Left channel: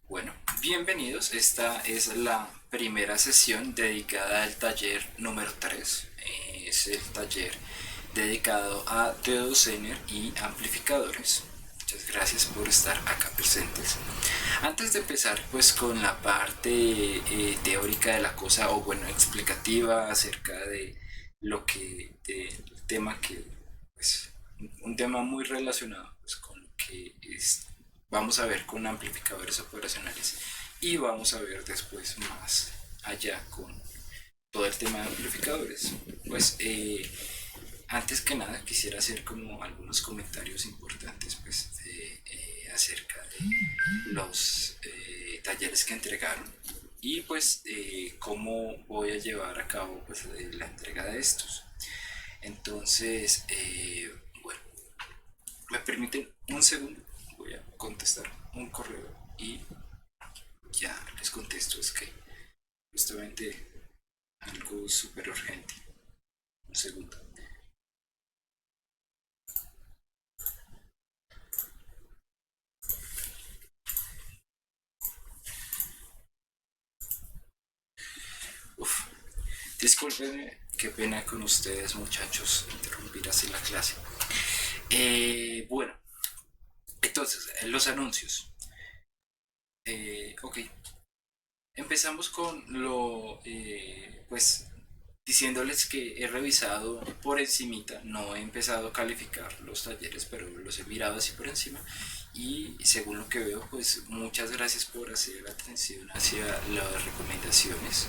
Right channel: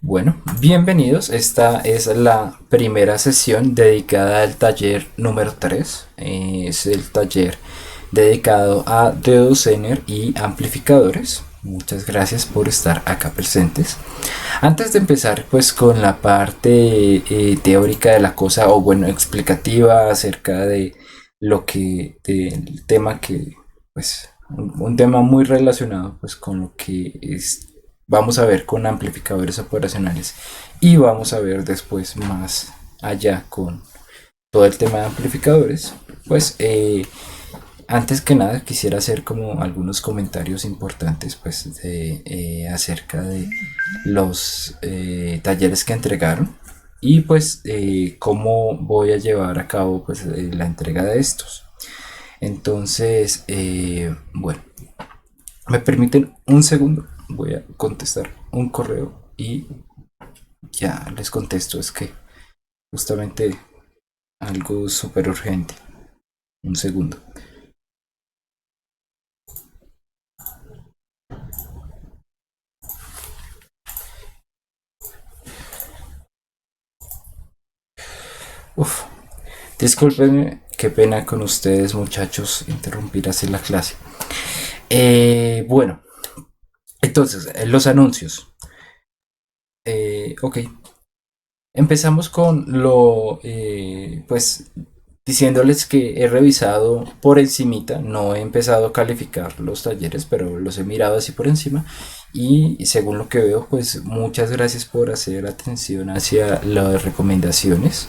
Bueno, bienvenidos. Esta es la primera sesión dedicada al taller número 3. Es el taller dedicado a deocener y amplificadores. Muchas gracias por estar acá presentes. Antes de empezar pues con la parte teórica de la cosa o bueno explicativa acerca de lo que del tema que pues un tema muy relacionado pues con lo que es vamos a ver con amplificadores operacionales y vamos a ver después más allá con todo el tema de amplificadores pues antes que nada quisiera hacer como algunos comentarios importantes pues acerca de los talleres que entregaron y pues cómo voy a llevar a cabo pues la entrega de estos. Entonces, bueno, me permiten un segundo, voy a contestar un correo y ya les contesto, es que justamente algo súper urgente. Un segundo. Uf, discúlpenme, qué pena con ustedes muchachos interrumpir así la clase. Bueno, entonces, los anuncios. Ok, empezamos con pues diciéndoles que he revisado por encimita, no he empezado a calificar los talleres, pero los he mirado así por encima y según lo que veo, pues muchas gracias por hacer atención hacia las recomendaciones.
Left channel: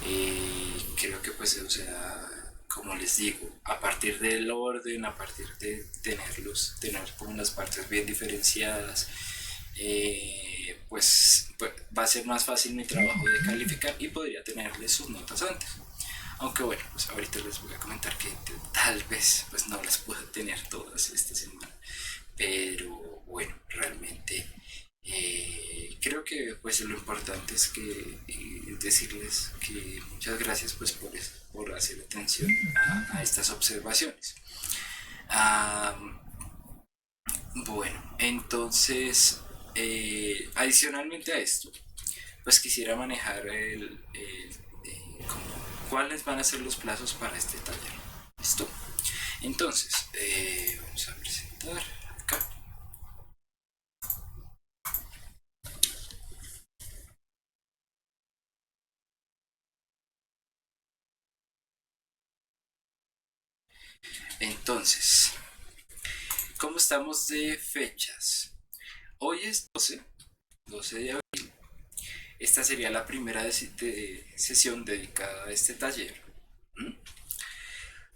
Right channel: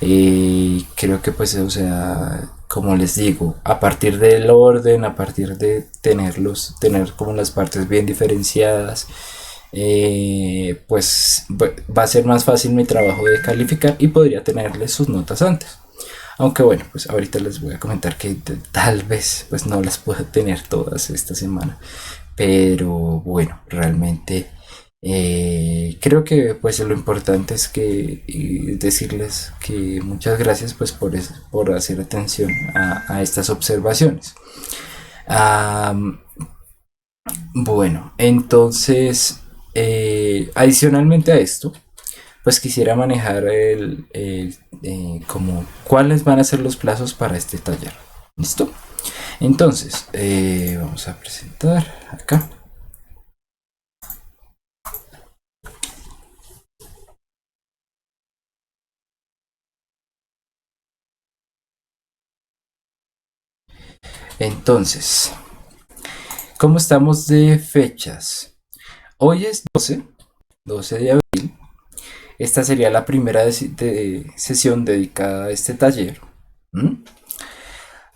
Creo que pues, o sea, como les digo, a partir del orden, a partir de tener como las partes bien diferenciadas, pues va a ser más fácil mi trabajo de calificar y podría tenerles sus notas antes. Aunque bueno, pues ahorita les voy a comentar que tal vez pues no las pueda tener todas esta semana. Pero bueno, realmente creo que pues lo importante es que decirles que muchas gracias pues por hacer atención a estas observaciones. Am, bueno, entonces adicionalmente a esto, pues quisiera manejar como cuáles van a ser los plazos para este taller. ¿Listo? Entonces, vamos a presentar acá. Entonces, ¿cómo estamos de fechas? Hoy es 12 de abril. Esta sería la primera sesión dedicada a este taller. ¿Mm?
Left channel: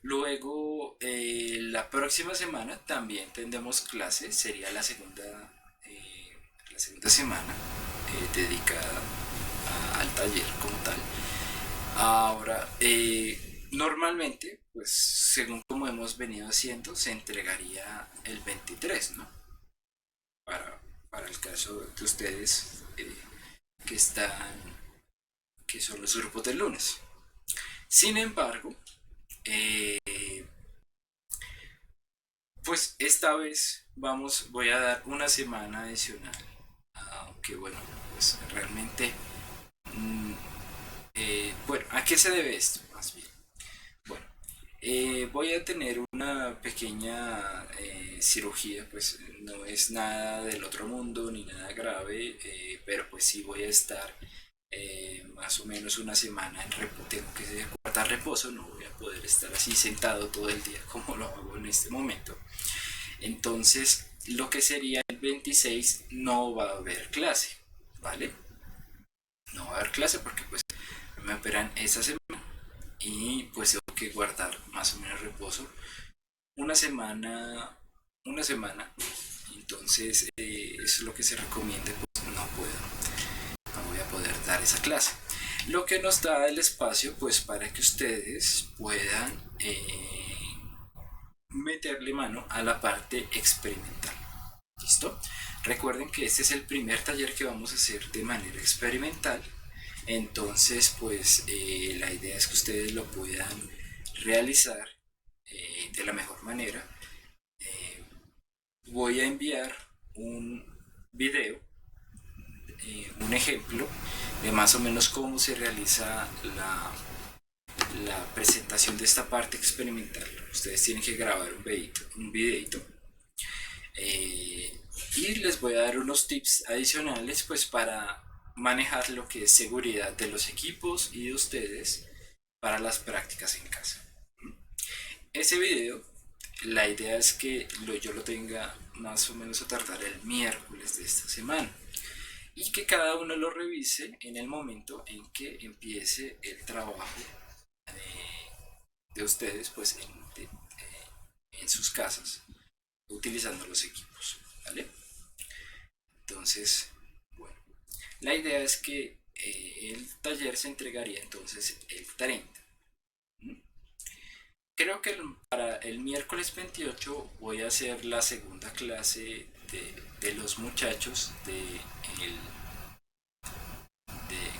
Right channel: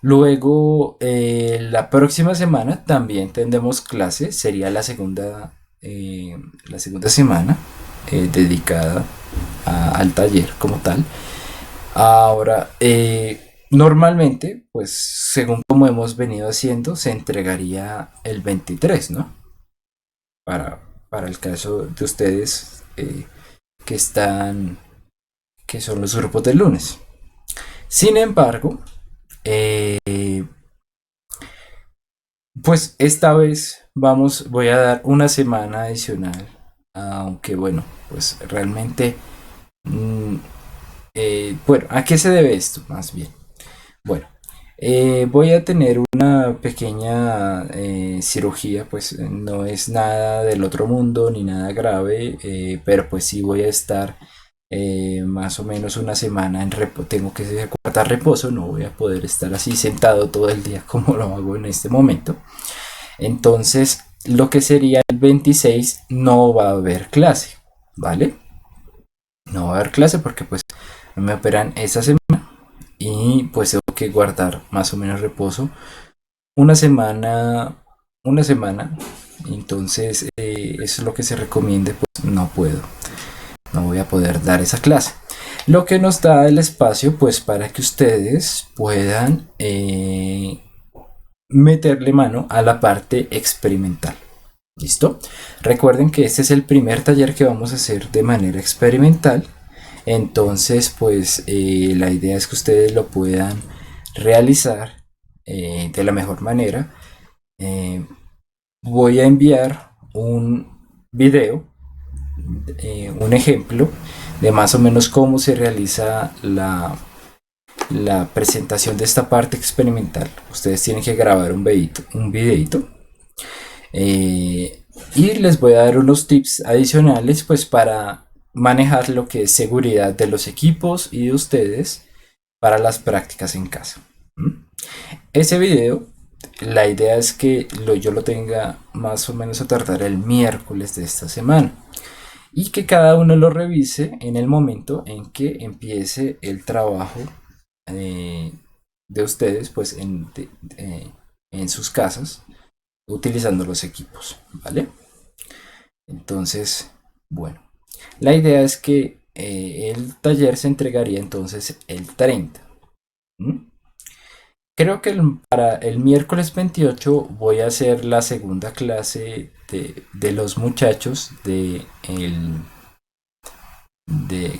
Luego, la próxima semana también tendremos clase. Sería la segunda semana dedicada al taller como tal. Ahora, normalmente, pues según como hemos venido haciendo, se entregaría el 23, ¿no? Para, para el caso de ustedes que están, que son los grupos del lunes. Sin embargo, eh, pues esta vez voy a dar una semana adicional, aunque bueno, pues realmente, mm, bueno, ¿a qué se debe esto? Más bien. Bueno, voy a tener una pequeña cirugía, pues no es nada del otro mundo ni nada grave, pero pues sí voy a estar más o menos una semana en reposo, tengo que guardar reposo, no voy a poder estar así sentado todo el día como lo hago en este momento. Entonces, lo que sería el 26 no va a haber clase, ¿vale? No va a haber clase porque pues me operan esa semana y pues tengo que guardar más o menos reposo una semana, una semana. Entonces, eso es lo que se recomienda, pues no puedo, no voy a poder dar esa clase. Lo que nos da el espacio, pues para que ustedes puedan meterle mano a la parte experimental. ¿Listo? Recuerden que este es el primer taller que vamos a hacer de manera experimental. Entonces, pues la idea es que ustedes lo puedan realizar de la mejor manera. Eh, Voy a enviar un video un ejemplo de más o menos cómo se realiza la presentación de esta parte experimental. Ustedes tienen que grabar un videito, y les voy a dar unos tips adicionales pues para manejar lo que es seguridad de los equipos y de ustedes para las prácticas en casa. ¿Mm? Ese video, la idea es que yo lo tenga más o menos a tardar el miércoles de esta semana y que cada uno lo revise en el momento en que empiece el trabajo eh, de ustedes pues en sus casas utilizando los equipos, ¿vale? Entonces, bueno, la idea es que el taller se entregaría entonces el 30. ¿Mm? Creo que para el miércoles 28 voy a hacer la segunda clase de los muchachos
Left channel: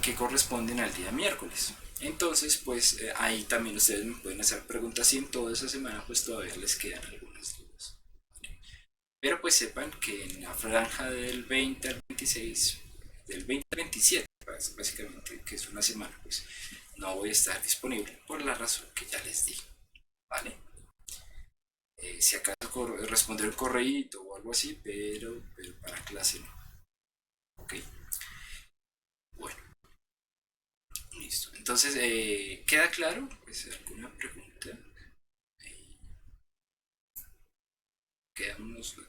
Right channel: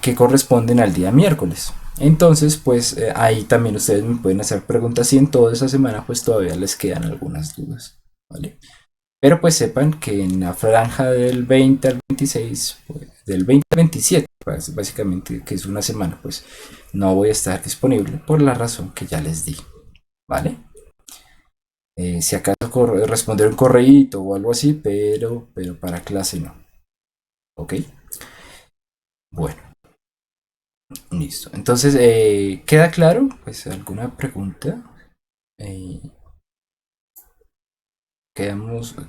que corresponden al día miércoles. Entonces, pues ahí también ustedes me pueden hacer preguntas y en toda esa semana pues todavía les quedan algunas dudas, ¿vale? Pero pues sepan que en la franja del 20 al 26, pues, del 20 al 27, pues, básicamente que es una semana, pues no voy a estar disponible por la razón que ya les di, ¿vale? Si acaso responder un correíto o algo así, pero para clase no, ¿ok? Bueno, listo. Entonces, ¿queda claro? Pues alguna pregunta. Eh,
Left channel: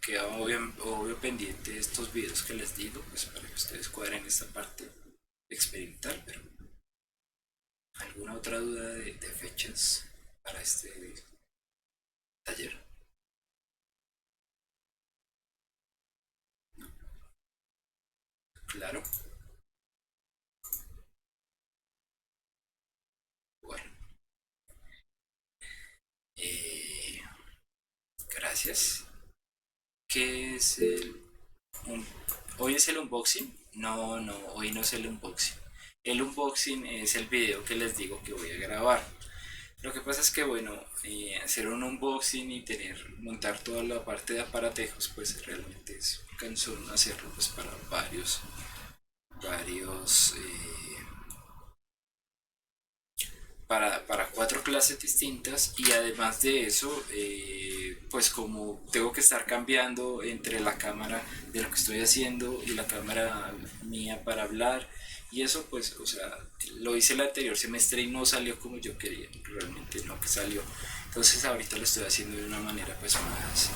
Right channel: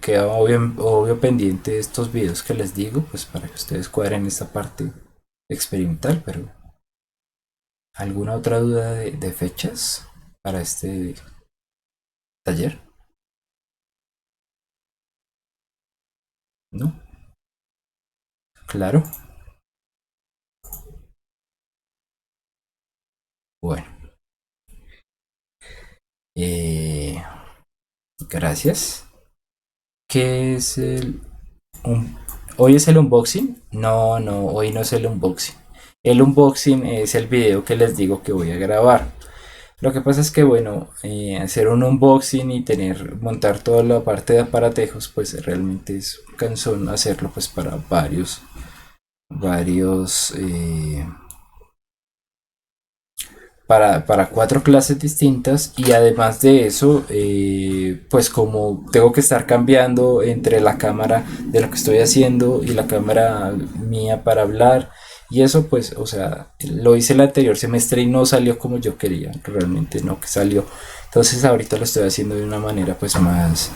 queda obvio pendiente de estos videos que les digo, pues para que ustedes cuadren esta parte experimental, pero ¿alguna otra duda de fechas para este taller? ¿No? Claro. Bueno, eh, gracias. ¿Qué es un- ¿Hoy es el unboxing? No, no, hoy no es el unboxing. El unboxing es el video que les digo que voy a grabar. Lo que pasa es que, bueno, hacer un unboxing y montar toda la parte de aparatejos, pues realmente es cansón hacerlo pues para varios, para cuatro clases distintas y además de eso, pues como tengo que estar cambiando entre la cámara de lo que estoy haciendo y la cámara mía para hablar y eso pues, o sea, lo hice el anterior semestre y no salió como yo quería, realmente no que salió. Entonces ahorita lo estoy haciendo de una manera pues más,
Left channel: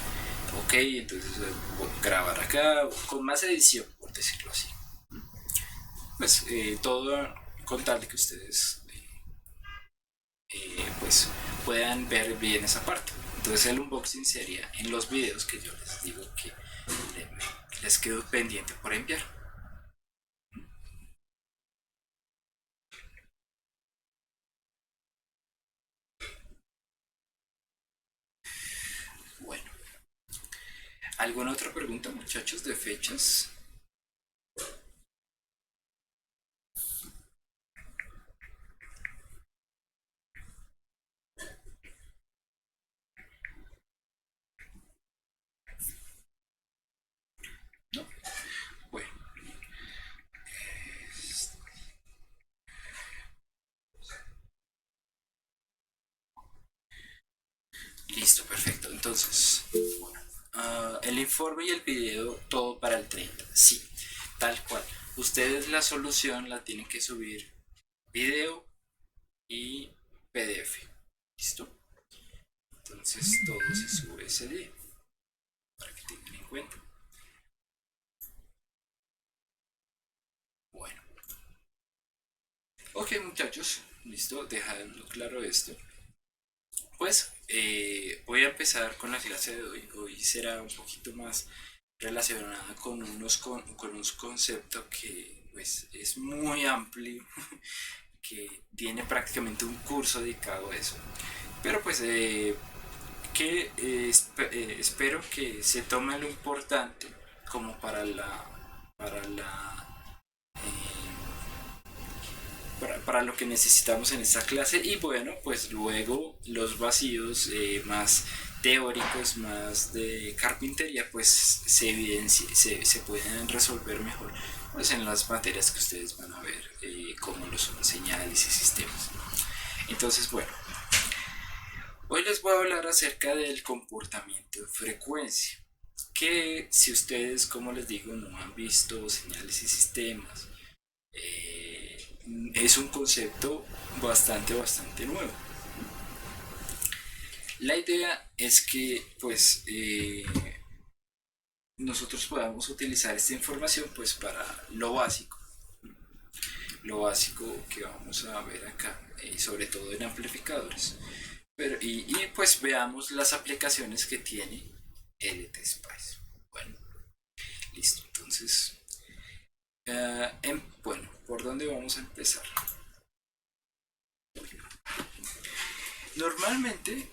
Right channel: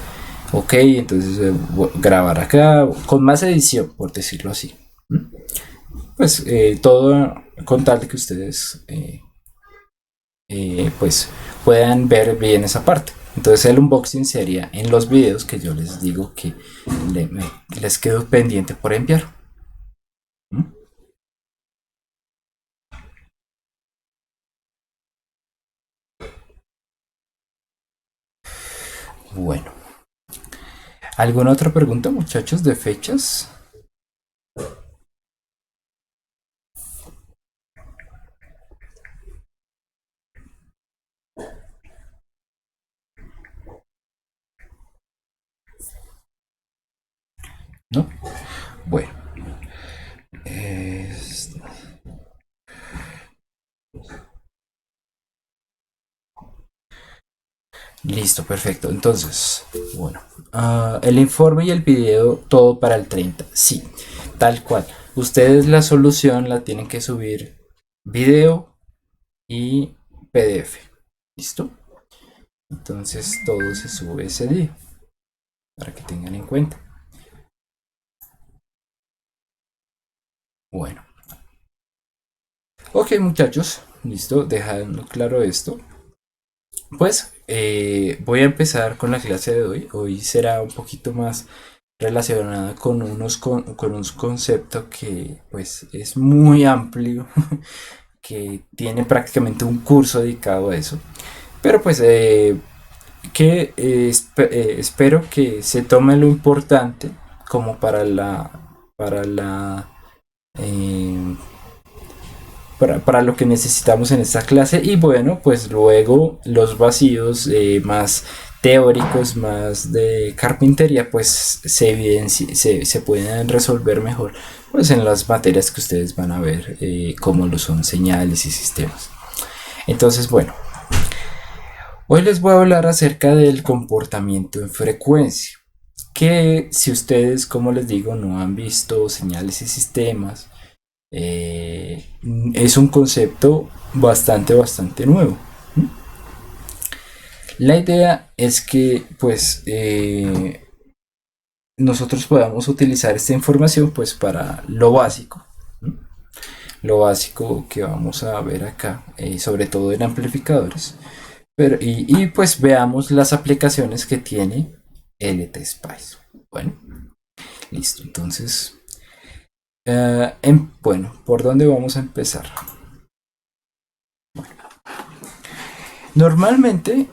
ok, entonces grabar acá con más edición, por decirlo así. ¿Mm? Pues todo con tal de que ustedes pues puedan ver bien esa parte. Entonces el unboxing sería en los videos que yo les digo que les quedo pendiente por enviar. ¿Mm? Bueno, ¿alguna otra pregunta, muchachos, de fechas? ¿No? Bueno, es- listo, perfecto. Entonces, bueno, el informe y el video, todo para el 30. Sí, tal cual. Ustedes la solución la tienen que subir video y PDF. ¿Listo? Entonces todo se sube ese día para que tengan en cuenta. Bueno, ok muchachos, listo, dejando claro esto. Pues voy a empezar con la clase de hoy. Hoy será un poquito más relacionada con con un concepto que pues es muy amplio, que tiene prácticamente un curso dedicado a eso. Pero pues espero que se tome lo importante como para la eh, para lo que necesitamos en esta clase y bueno pues luego los vacíos más teóricos, más de carpintería, pues se pueden resolver mejor pues en las materias que ustedes van a ver, como lo son señales y sistemas. Entonces, bueno, hoy les voy a hablar acerca del comportamiento en frecuencia, que si ustedes, como les digo, no han visto señales y sistemas, eh, es un concepto bastante nuevo. La idea es que pues nosotros podamos utilizar esta información pues para lo básico, ¿no? Lo básico que vamos a ver acá, sobre todo en amplificadores, pero, pues veamos las aplicaciones que tiene LT-Spice. Bueno, listo, entonces, bueno, ¿por dónde vamos a empezar? Normalmente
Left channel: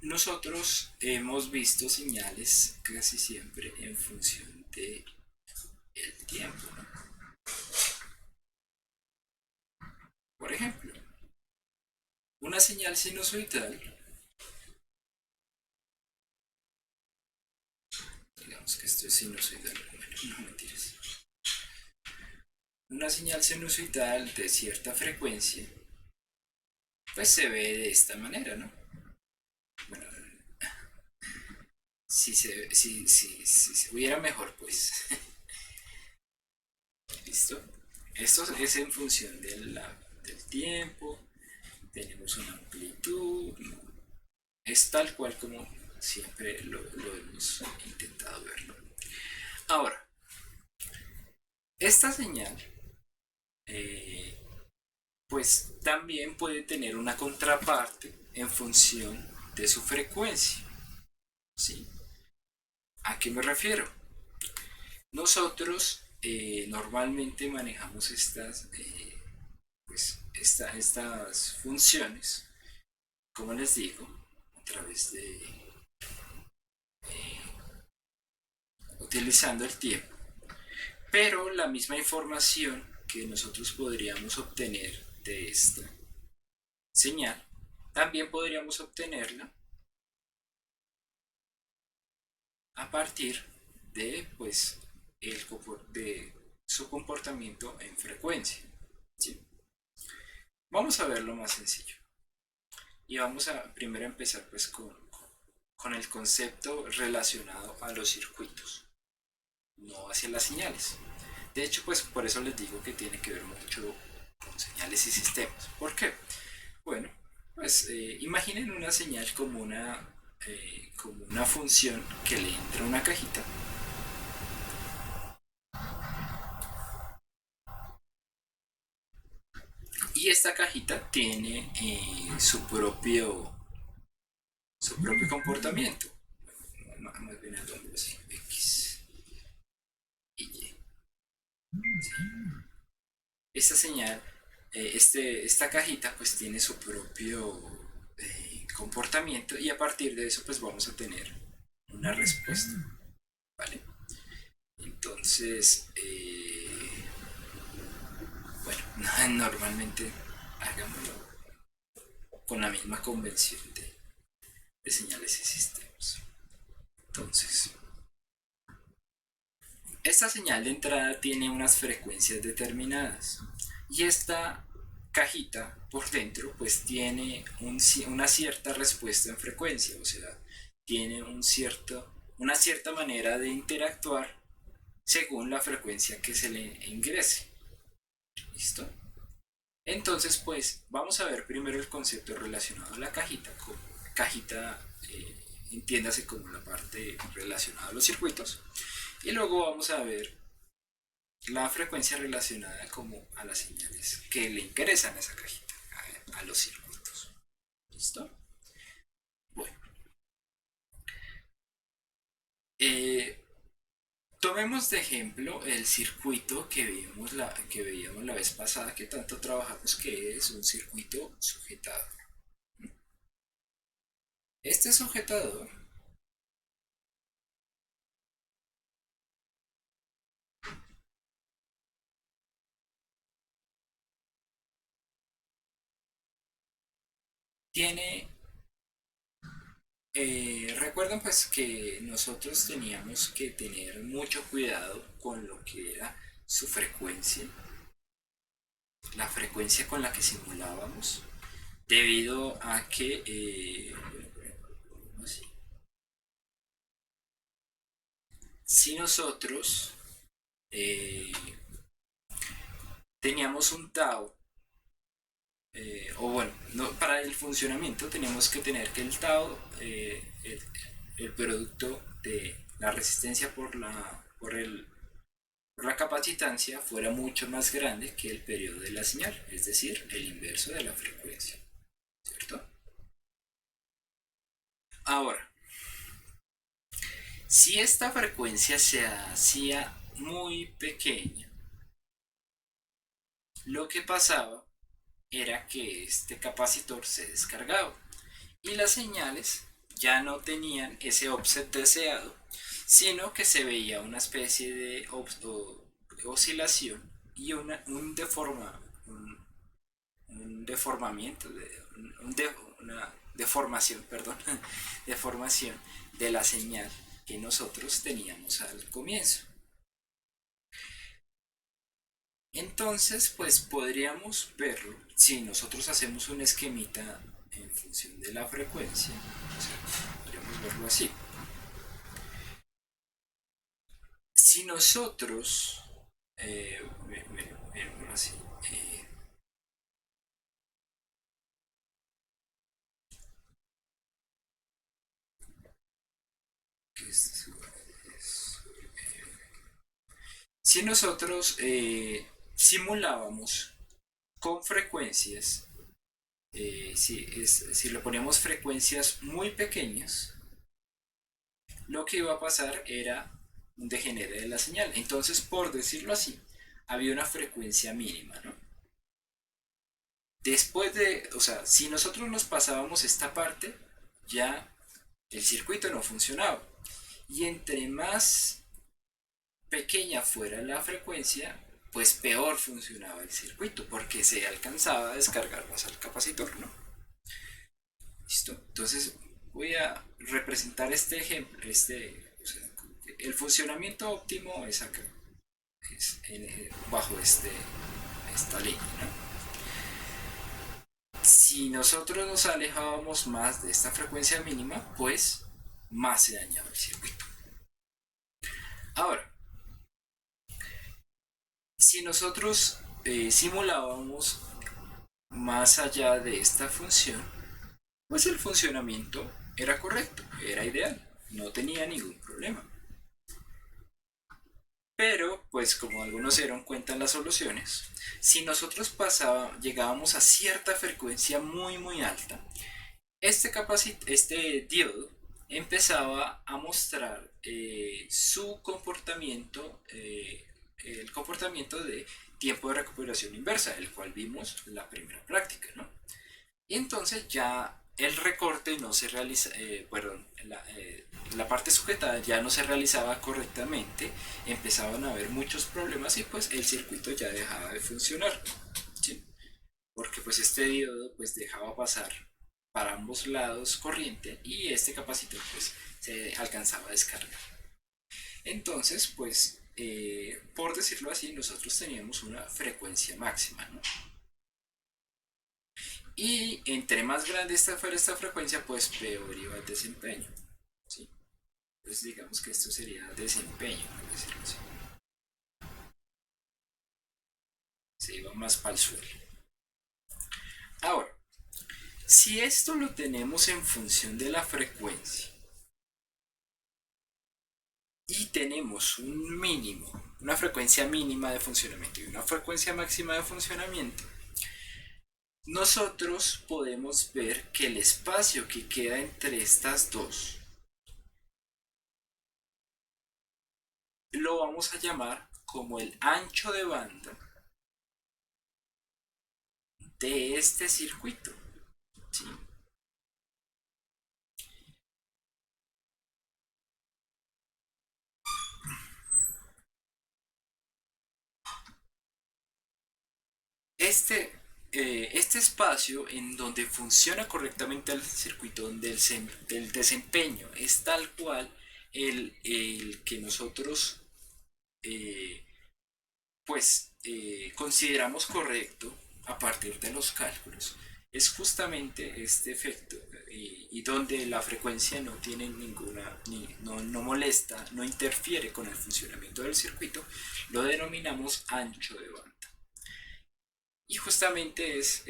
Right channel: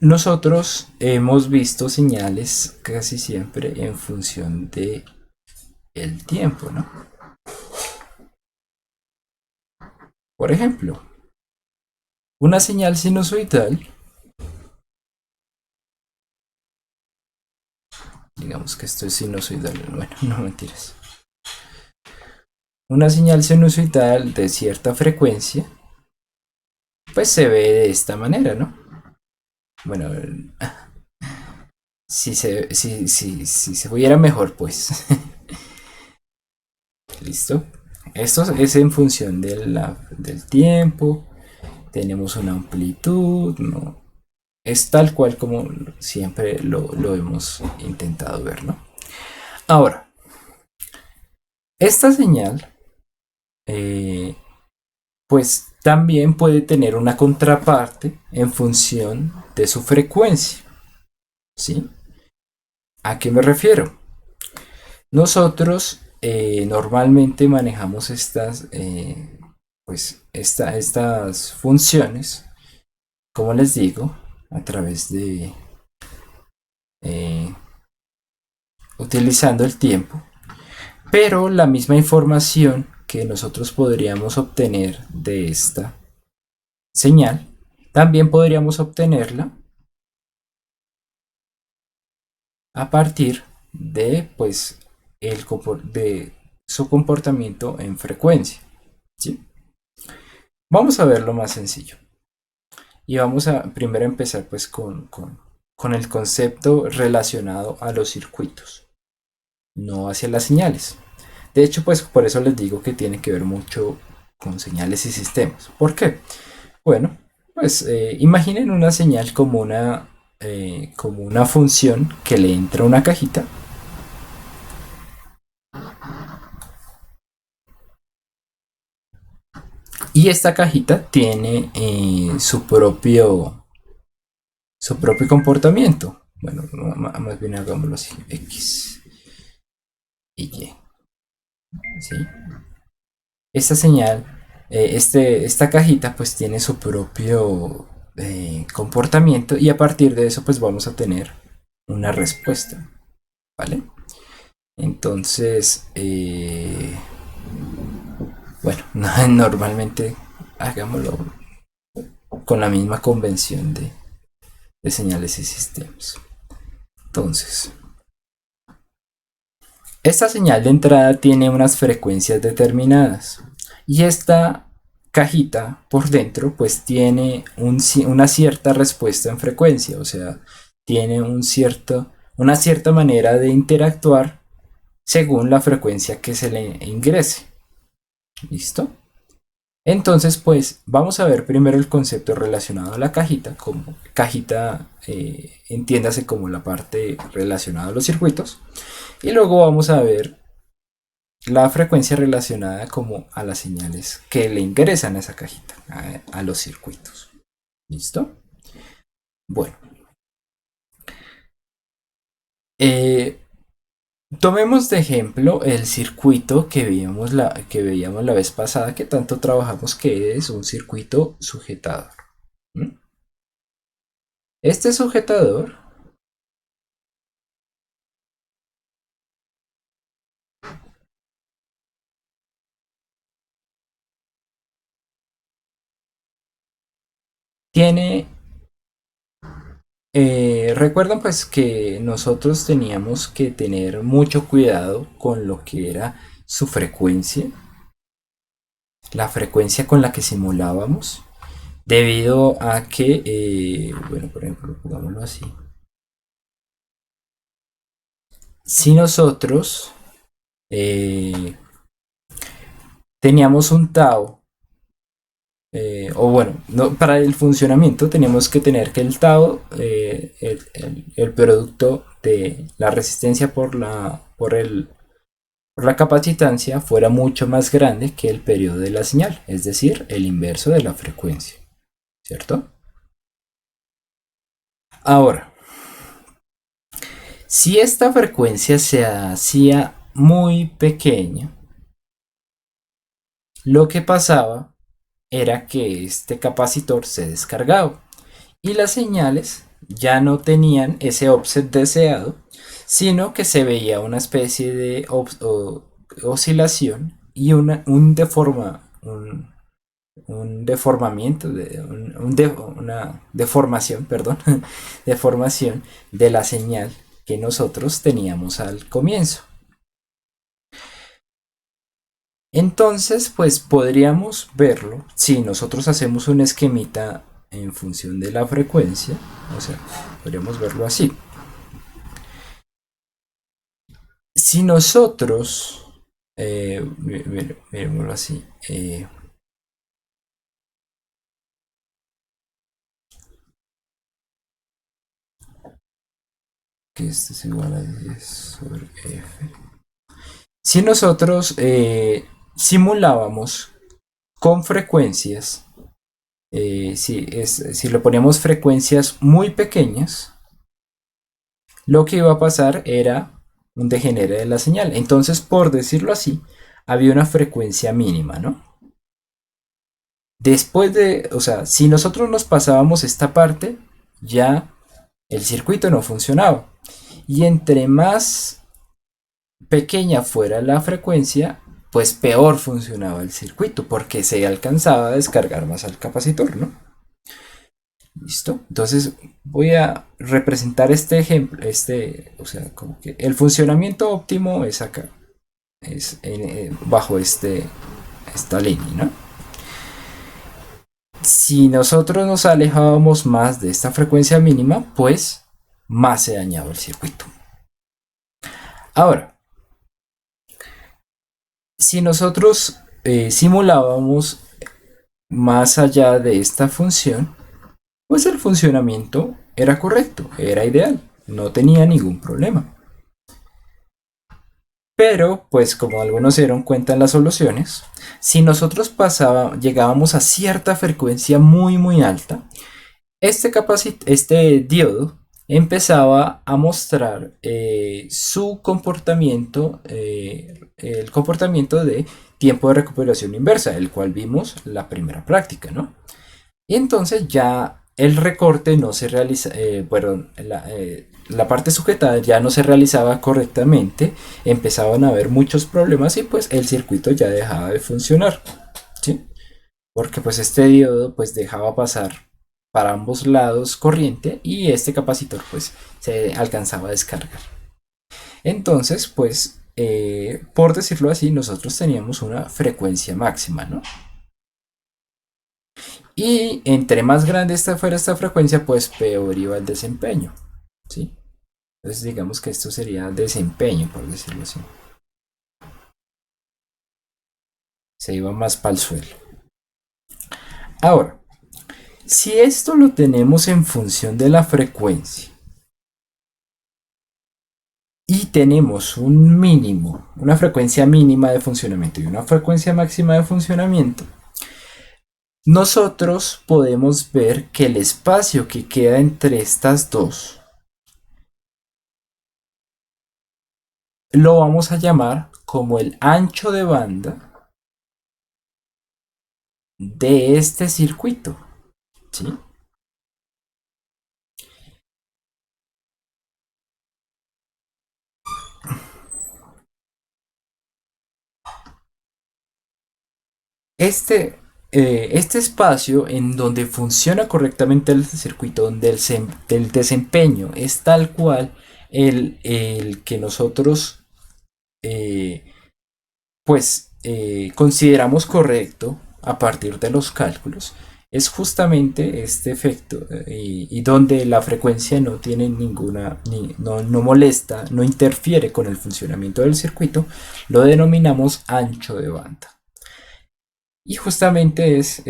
nosotros hemos visto señales casi siempre en función de el tiempo, ¿no? Por ejemplo, una señal sinusoidal, digamos que esto es sinusoidal, bueno, no mentiras. Una señal sinusoidal de cierta frecuencia, pues se ve de esta manera, ¿no? Bueno, si se viera mejor, pues. ¿Listo? Esto es en función del tiempo. Tenemos una amplitud, ¿no? Es tal cual como siempre lo hemos intentado ver, ¿no? Ahora, esta señal, eh, pues también puede tener una contraparte en función de su frecuencia, ¿sí? ¿A qué me refiero? Nosotros normalmente manejamos estas funciones, como les digo, a través de eh, utilizando el tiempo, pero la misma información que nosotros podríamos obtener de esta señal, también podríamos obtenerla a partir de, pues, de su comportamiento en frecuencia, ¿sí? Vamos a ver lo más sencillo. Y vamos a primero empezar pues con el concepto relacionado a los circuitos, no hacia las señales. De hecho, pues por eso les digo que tiene que ver mucho con señales y sistemas. ¿Por qué? Bueno, pues imaginen una señal como una función que le entra a una cajita. Y esta cajita tiene su propio comportamiento. Bueno, más bien hagámoslo así, X y Y. ¿Sí? Esta señal, esta cajita pues tiene su propio comportamiento y a partir de eso pues vamos a tener una respuesta, ¿vale? Entonces, bueno, normalmente hagámoslo con la misma convención de señales y sistemas. Entonces, esta señal de entrada tiene unas frecuencias determinadas y esta cajita por dentro pues tiene una cierta respuesta en frecuencia, o sea, tiene una cierta manera de interactuar según la frecuencia que se le ingrese. ¿Listo? Entonces, pues vamos a ver primero el concepto relacionado a la cajita, como cajita, entiéndase como la parte relacionada a los circuitos, y luego vamos a ver la frecuencia relacionada como a las señales que le ingresan a esa cajita, a los circuitos. ¿Listo? Bueno, eh, tomemos de ejemplo el circuito que veíamos la vez pasada, que tanto trabajamos, que es un circuito sujetador. ¿Mm? Este sujetador tiene Recuerdan pues que nosotros teníamos que tener mucho cuidado con lo que era su frecuencia, la frecuencia con la que simulábamos, debido a que, bueno, por ejemplo, pongámoslo así. Si nosotros eh, teníamos un tau, o bueno, no, para el funcionamiento tenemos que tener que el tau, el producto de la resistencia por la capacitancia fuera mucho más grande que el periodo de la señal, es decir, el inverso de la frecuencia, ¿cierto? Ahora, si esta frecuencia se hacía muy pequeña, lo que pasaba era que este capacitor se descargaba y las señales ya no tenían ese offset deseado, sino que se veía una especie de oscilación y un deformamiento, una deformación, perdón, deformación de la señal que nosotros teníamos al comienzo. Entonces, pues podríamos verlo si nosotros hacemos un esquemita en función de la frecuencia, o sea, podríamos verlo así. Si nosotros, miremoslo así, que esto es igual a 10 sobre F. Si nosotros simulábamos con frecuencias, si le poníamos frecuencias muy pequeñas, lo que iba a pasar era un degenere de la señal. Entonces, por decirlo así, había una frecuencia mínima, ¿no? Después de, o sea, si nosotros nos pasábamos esta parte, ya el circuito no funcionaba. Y entre más pequeña fuera la frecuencia, pues peor funcionaba el circuito, porque se alcanzaba a descargar más al capacitor, ¿no? ¿Listo? Entonces voy a representar este ejemplo, o sea, como que el funcionamiento óptimo es acá, es bajo esta línea, ¿no? Si nosotros nos alejábamos más de esta frecuencia mínima, pues más se dañaba el circuito. Ahora, si nosotros simulábamos más allá de esta función, pues el funcionamiento era correcto, era ideal, no tenía ningún problema. Pero, pues como algunos se dieron cuenta en las soluciones, si nosotros llegábamos a cierta frecuencia muy alta, este diodo empezaba a mostrar su comportamiento, el comportamiento de tiempo de recuperación inversa, el cual vimos la primera práctica, ¿no? Y entonces ya el recorte no se realiza, bueno, la parte sujetada ya no se realizaba correctamente, empezaban a haber muchos problemas y pues el circuito ya dejaba de funcionar, ¿sí? Porque pues este diodo pues dejaba pasar para ambos lados corriente y este capacitor pues se alcanzaba a descargar. Entonces pues por decirlo así nosotros teníamos una frecuencia máxima, ¿no? Y entre más grande fuera esta frecuencia pues peor iba el desempeño, ¿sí? Entonces digamos que esto sería desempeño, por decirlo así. Se iba más para el suelo. Ahora, si esto lo tenemos en función de la frecuencia y tenemos un mínimo, una frecuencia mínima de funcionamiento y una frecuencia máxima de funcionamiento, nosotros podemos ver que el espacio que queda entre estas dos lo vamos a llamar como el ancho de banda de este circuito, ¿sí? Este, este espacio en donde funciona correctamente el circuito, donde el desempeño es tal cual el que nosotros eh, consideramos correcto a partir de los cálculos, es justamente este efecto y donde la frecuencia no tiene ninguna, no molesta, no interfiere con el funcionamiento del circuito, lo denominamos ancho de banda. Y justamente es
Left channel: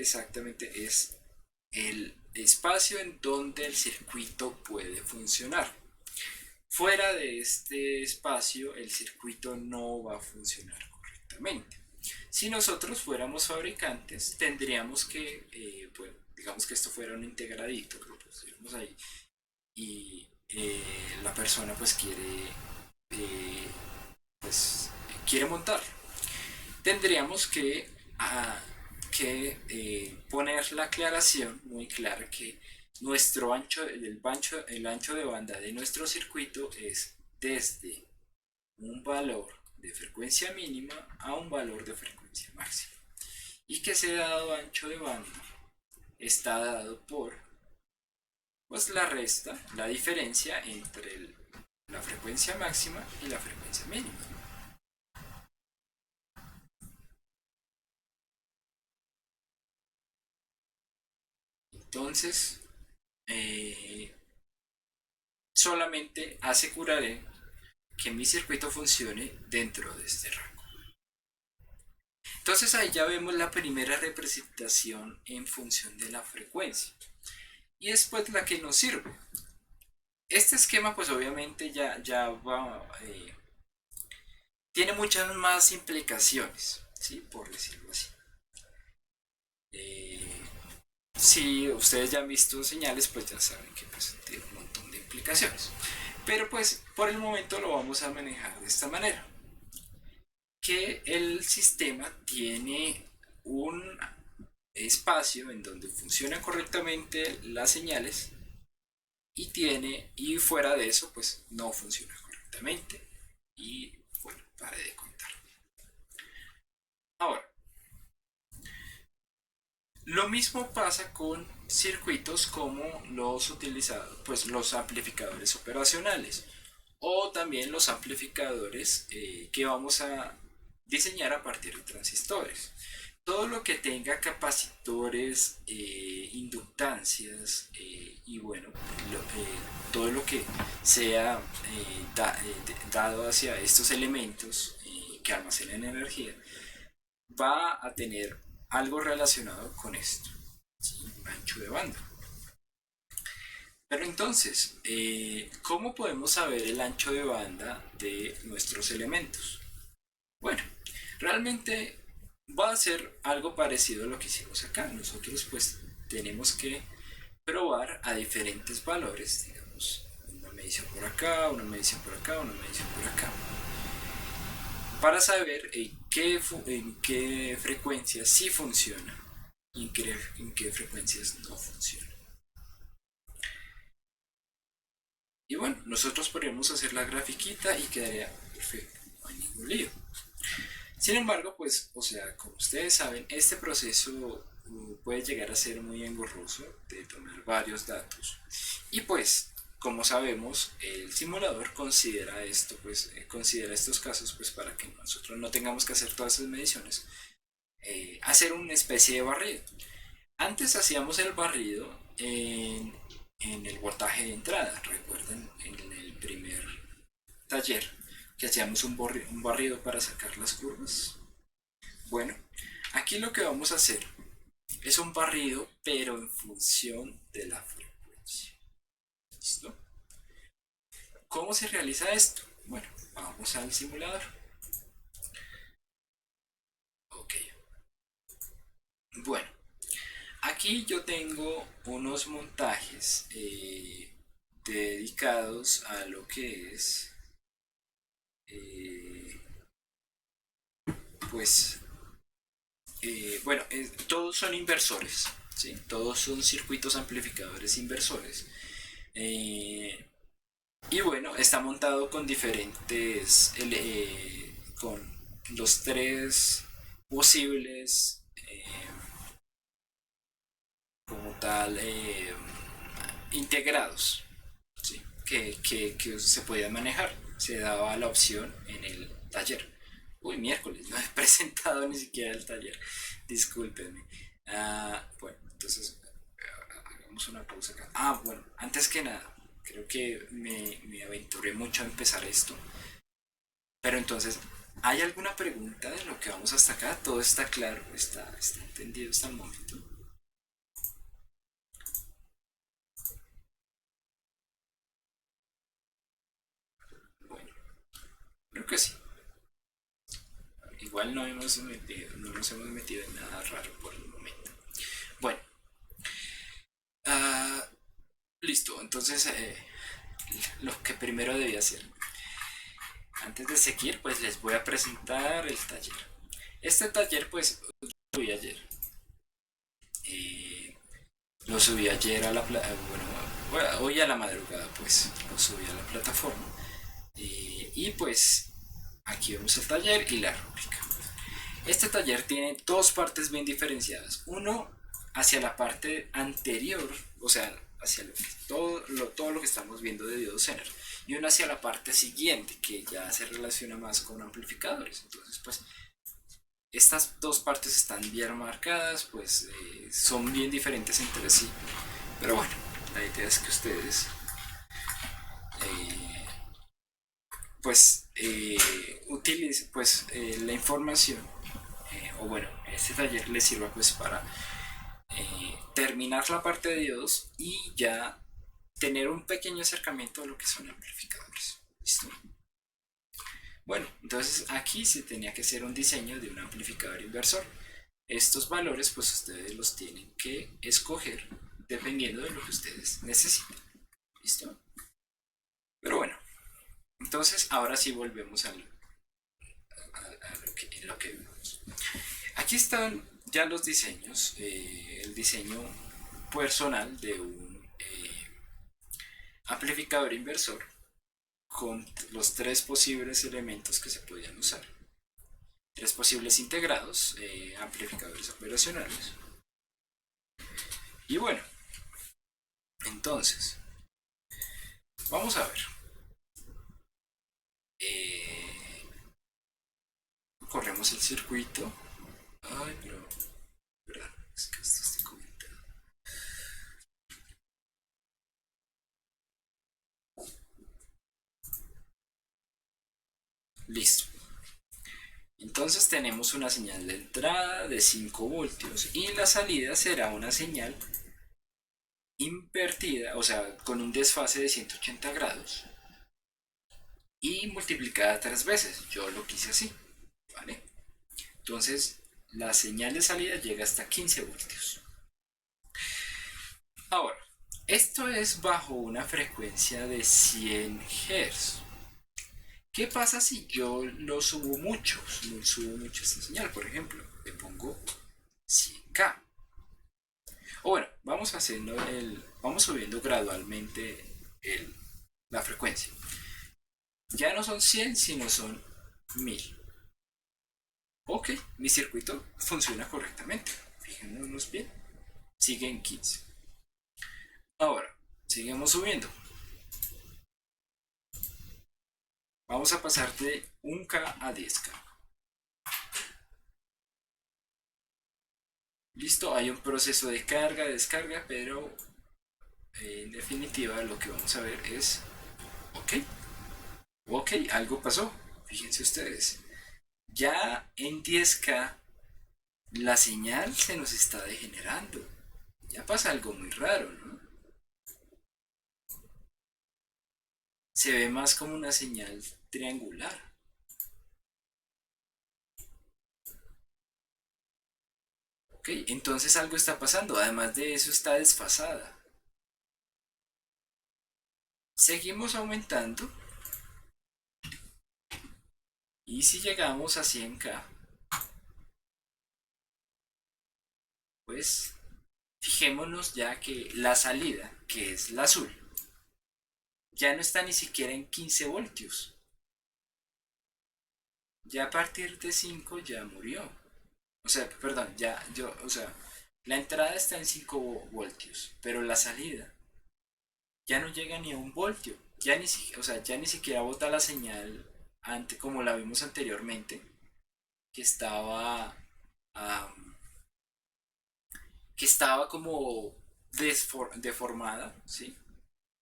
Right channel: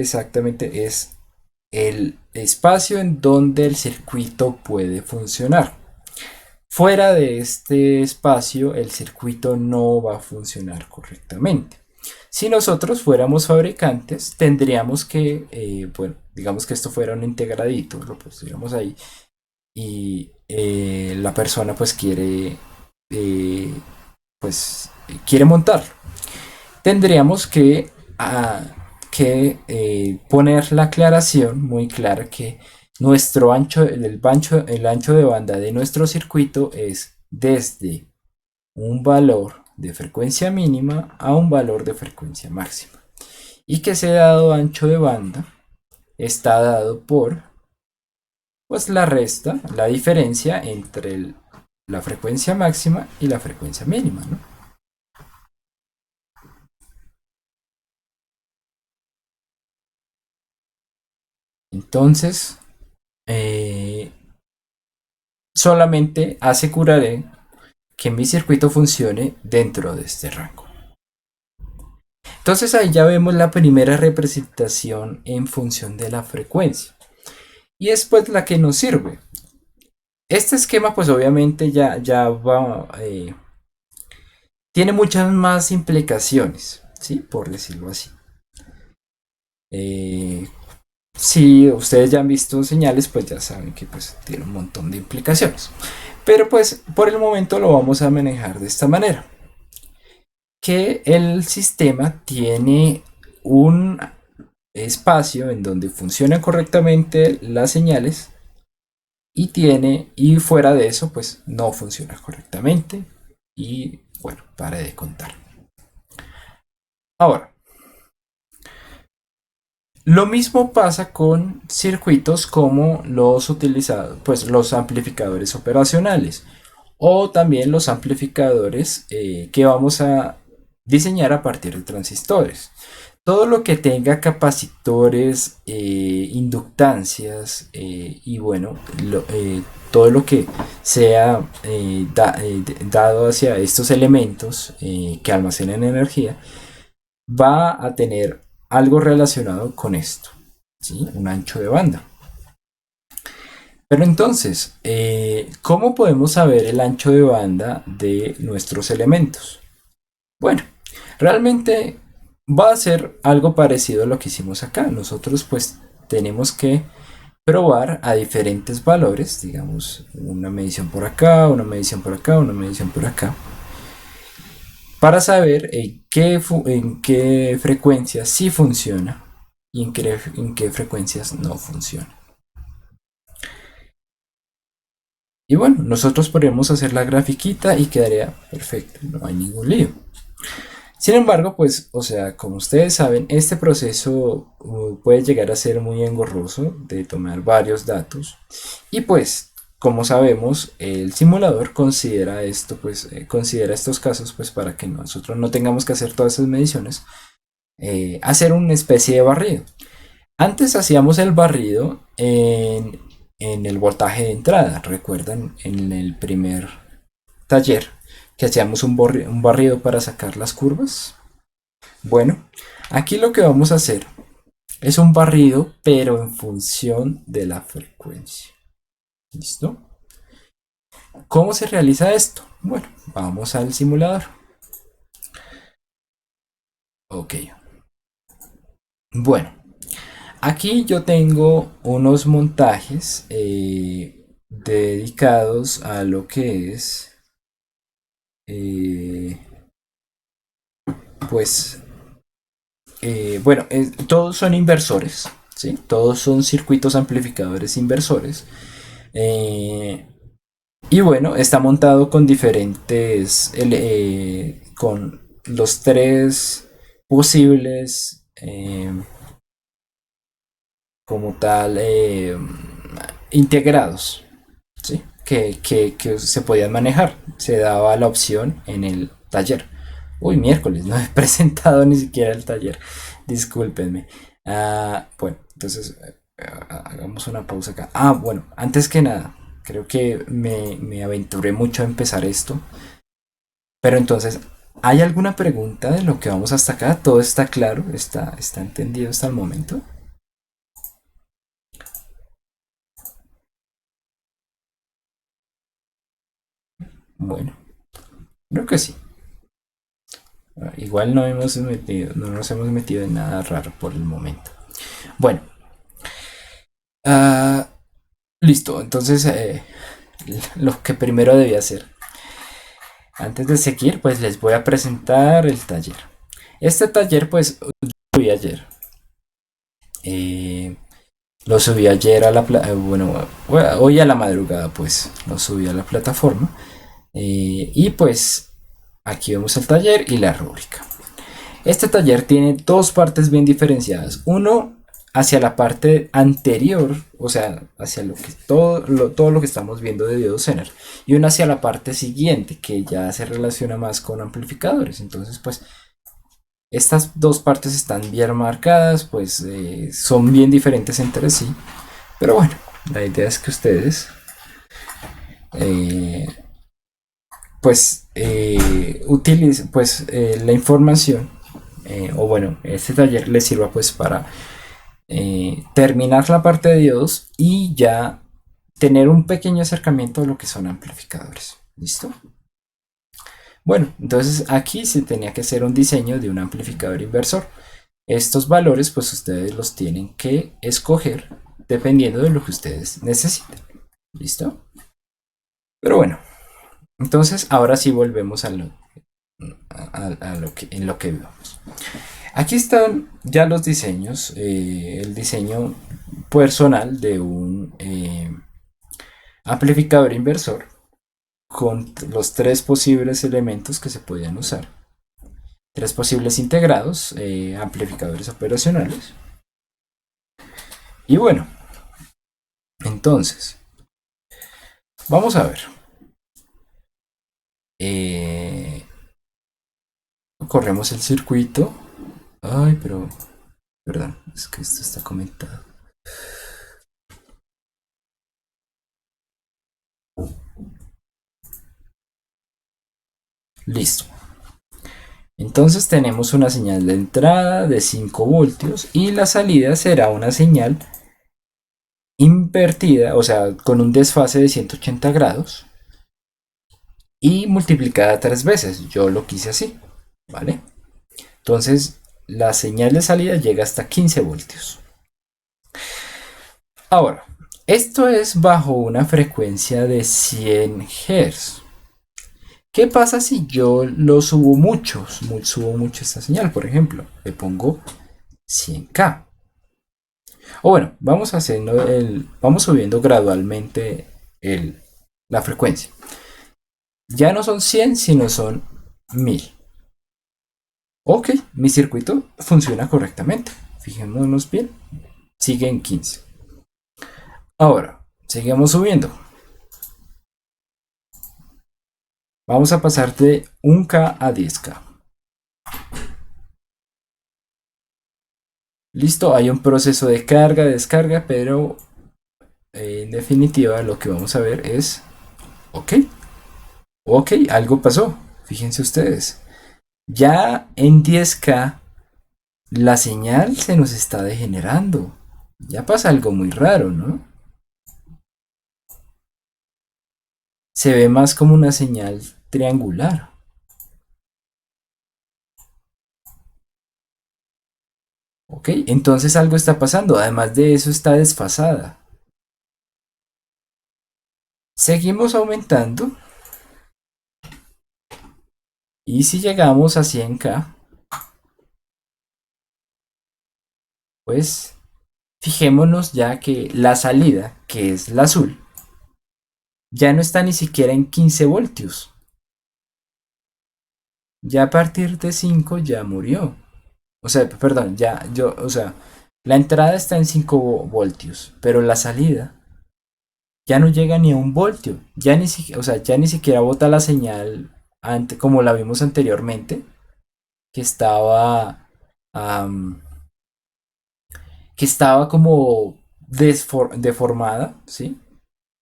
el espacio en donde el circuito puede funcionar. Fuera de este espacio, el circuito no va a funcionar correctamente. Si nosotros fuéramos fabricantes, tendríamos que, bueno, digamos que esto fuera un integradito, lo pusiéramos ahí, y la persona eh, pues, quiere montar. Tendríamos que poner la aclaración muy clara que nuestro el ancho de banda de nuestro circuito es desde un valor de frecuencia mínima a un valor de frecuencia máxima. Y que ese dado ancho de banda está dado por pues la resta, la diferencia entre la frecuencia máxima y la frecuencia mínima, ¿no? Entonces, eh, solamente aseguraré que mi circuito funcione dentro de este rango. Entonces ahí ya vemos la primera representación en función de la frecuencia. Y es pues la que nos sirve. Este esquema pues obviamente ya va, tiene muchas más implicaciones, ¿sí? Por decirlo así. Eh, si ustedes ya han visto señales, pues ya saben que pues tiene un montón de implicaciones. Pero pues por el momento lo vamos a manejar de esta manera. Que el sistema tiene un espacio en donde funcionan correctamente las señales y fuera de eso pues no funciona correctamente y bueno, pare de contar. Ahora, lo mismo pasa con circuitos como los utilizados, pues los amplificadores operacionales o también los amplificadores que vamos a diseñar a partir de transistores. Todo lo que tenga capacitores, inductancias y bueno, todo lo que sea dado hacia estos elementos que almacenan energía va a tener algo relacionado con esto, ¿sí? Un ancho de banda. Pero entonces, ¿cómo podemos saber el ancho de banda de nuestros elementos? Bueno, realmente va a ser algo parecido a lo que hicimos acá. Nosotros pues tenemos que probar a diferentes valores, digamos, una medición por acá, una medición por acá, una medición por acá, para saber en qué frecuencias sí funciona y en qué frecuencias no funciona. Y bueno, nosotros podemos hacer la grafiquita y quedaría perfecto, no hay ningún lío. Sin embargo, pues, o sea, como ustedes saben, este proceso puede llegar a ser muy engorroso de tomar varios datos. Y pues, como sabemos, el simulador considera esto, pues, considera estos casos, pues, para que nosotros no tengamos que hacer todas esas mediciones, hacer una especie de barrido. Antes hacíamos el barrido en el voltaje de entrada, recuerdan, en el primer taller que hacíamos un barrido para sacar las curvas. Bueno, aquí lo que vamos a hacer es un barrido, pero en función de la frecuencia. ¿Listo? ¿Cómo se realiza esto? Bueno, vamos al simulador. Ok. Bueno, aquí yo tengo unos montajes dedicados a lo que es, eh, pues, bueno, todos son inversores, ¿sí? Todos son circuitos amplificadores inversores. Eh, y bueno, está montado con con los tres posibles como tal integrados, ¿sí? Que se podían manejar. Se daba la opción en el taller. Uy, miércoles, no he presentado ni siquiera el taller. Discúlpenme. Bueno, entonces hagamos una pausa acá. Bueno, antes que nada, creo que me aventuré mucho a empezar esto. Pero entonces, ¿hay alguna pregunta de lo que vamos hasta acá? ¿Todo está claro? ¿Está entendido hasta el momento? Bueno, creo que sí. Igual no nos hemos metido en nada raro por el momento. Bueno, ah, listo. Entonces, lo que primero debía hacer, antes de seguir, pues les voy a presentar el taller. Este taller, pues, lo vi ayer. Eh, lo subí ayer a bueno, hoy a la madrugada, pues, lo subí a la plataforma. Y pues, aquí vemos el taller y la rúbrica. Este taller tiene dos partes bien diferenciadas. Uno hacia la parte anterior, o sea, hacia lo que todo lo que estamos viendo de Biocener, y uno hacia la parte siguiente, que ya se relaciona más con amplificadores. Entonces, pues, estas dos partes están bien marcadas, pues son bien diferentes entre sí. Pero bueno, la idea es que ustedes, eh, pues, utilicen pues, la información, o bueno, este taller les sirva pues para terminar la parte de diodos y ya tener un pequeño acercamiento a lo que son amplificadores. ¿Listo? Bueno, entonces aquí se tenía que hacer un diseño de un amplificador inversor. Estos valores pues ustedes los tienen que escoger dependiendo de lo que ustedes necesiten. ¿Listo? Pero bueno, entonces ahora sí volvemos a lo que, en lo que vivamos. Aquí están ya los diseños, el diseño personal de un amplificador inversor con los tres posibles elementos que se podían usar. Tres posibles integrados, amplificadores operacionales. Y bueno, entonces, vamos a ver. Eh, corremos el circuito. Ay, pero, perdón, es que esto está comentado. Listo. Entonces tenemos una señal de entrada de 5 voltios y la salida será una señal invertida, o sea, con un desfase de 180 grados y multiplicada tres veces. Yo lo quise así, ¿vale? Entonces la señal de salida llega hasta 15 voltios. Ahora, esto es bajo una frecuencia de 100 Hz. ¿Qué pasa si yo lo subo mucho? Subo mucho esta señal, por ejemplo, le pongo 100K. O bueno, vamos subiendo gradualmente la frecuencia. Ya no son 100, sino son 1000. Ok, mi circuito funciona correctamente. Fijémonos bien. Sigue en 15. Ahora, seguimos subiendo. Vamos a pasar de 1K a 10K. Listo, hay un proceso de carga, descarga, pero en definitiva lo que vamos a ver es, ok, ok, algo pasó. Fíjense ustedes. Ya en 10K la señal se nos está degenerando. Ya pasa algo muy raro, ¿no? Se ve más como una señal triangular. ¿Ok? Entonces algo está pasando. Además de eso está desfasada. Seguimos aumentando. Y si llegamos a 100K, pues fijémonos ya que la salida, que es la azul, ya no está ni siquiera en 15 voltios. Ya a partir de 5 ya murió. O sea, perdón, ya yo, o sea, La entrada está en 5 voltios, pero la salida ya no llega ni a 1 voltio. Ya ni siquiera, o sea, ya ni siquiera bota la señal como la vimos anteriormente, que estaba, am, que estaba como deformada, ¿sí?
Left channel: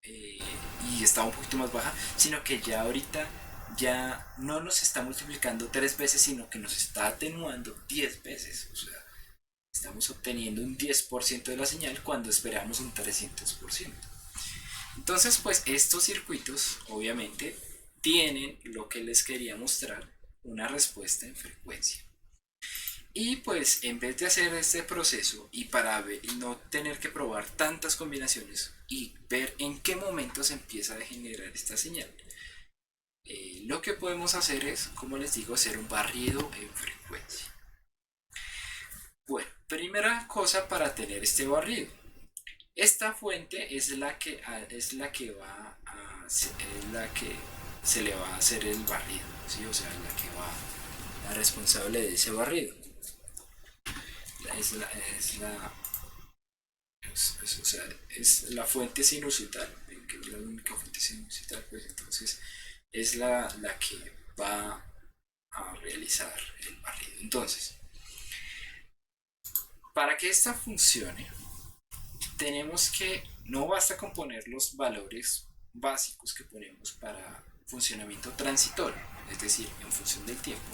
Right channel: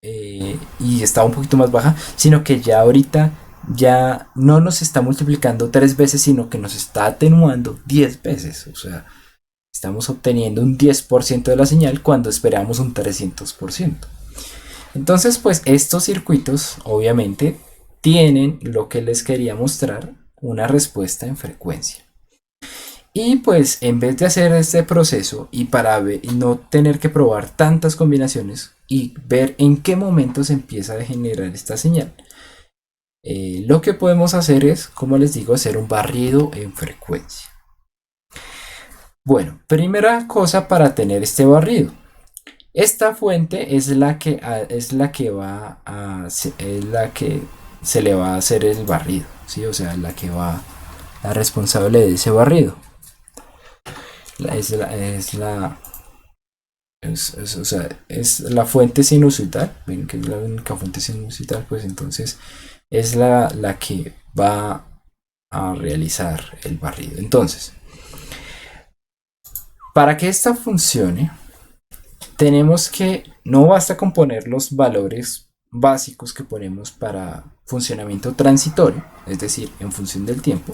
Y estaba un poquito más baja, sino que ya ahorita ya no nos está multiplicando 3 veces, sino que nos está atenuando 10 veces. O sea, estamos obteniendo un 10% de la señal cuando esperamos un 300%. Entonces, pues estos circuitos obviamente tienen lo que les quería mostrar, una respuesta en frecuencia. Y pues en vez de hacer este proceso y para no tener que probar tantas combinaciones y ver en qué momento se empieza a generar esta señal, lo que podemos hacer es, como les digo, hacer un barrido en frecuencia. Bueno, primera cosa para tener este barrido. Esta fuente es la que va a es la que se le va a hacer el barrido, ¿sí? O sea, la responsable de ese barrido. Es la o sea, es la fuente sinusoidal, ven que es la única fuente sinusoidal, pues entonces es la que va a realizar el barrido. Entonces, para que esta funcione, tenemos que, no basta con poner los valores básicos que ponemos para funcionamiento transitorio, es decir, en función del tiempo,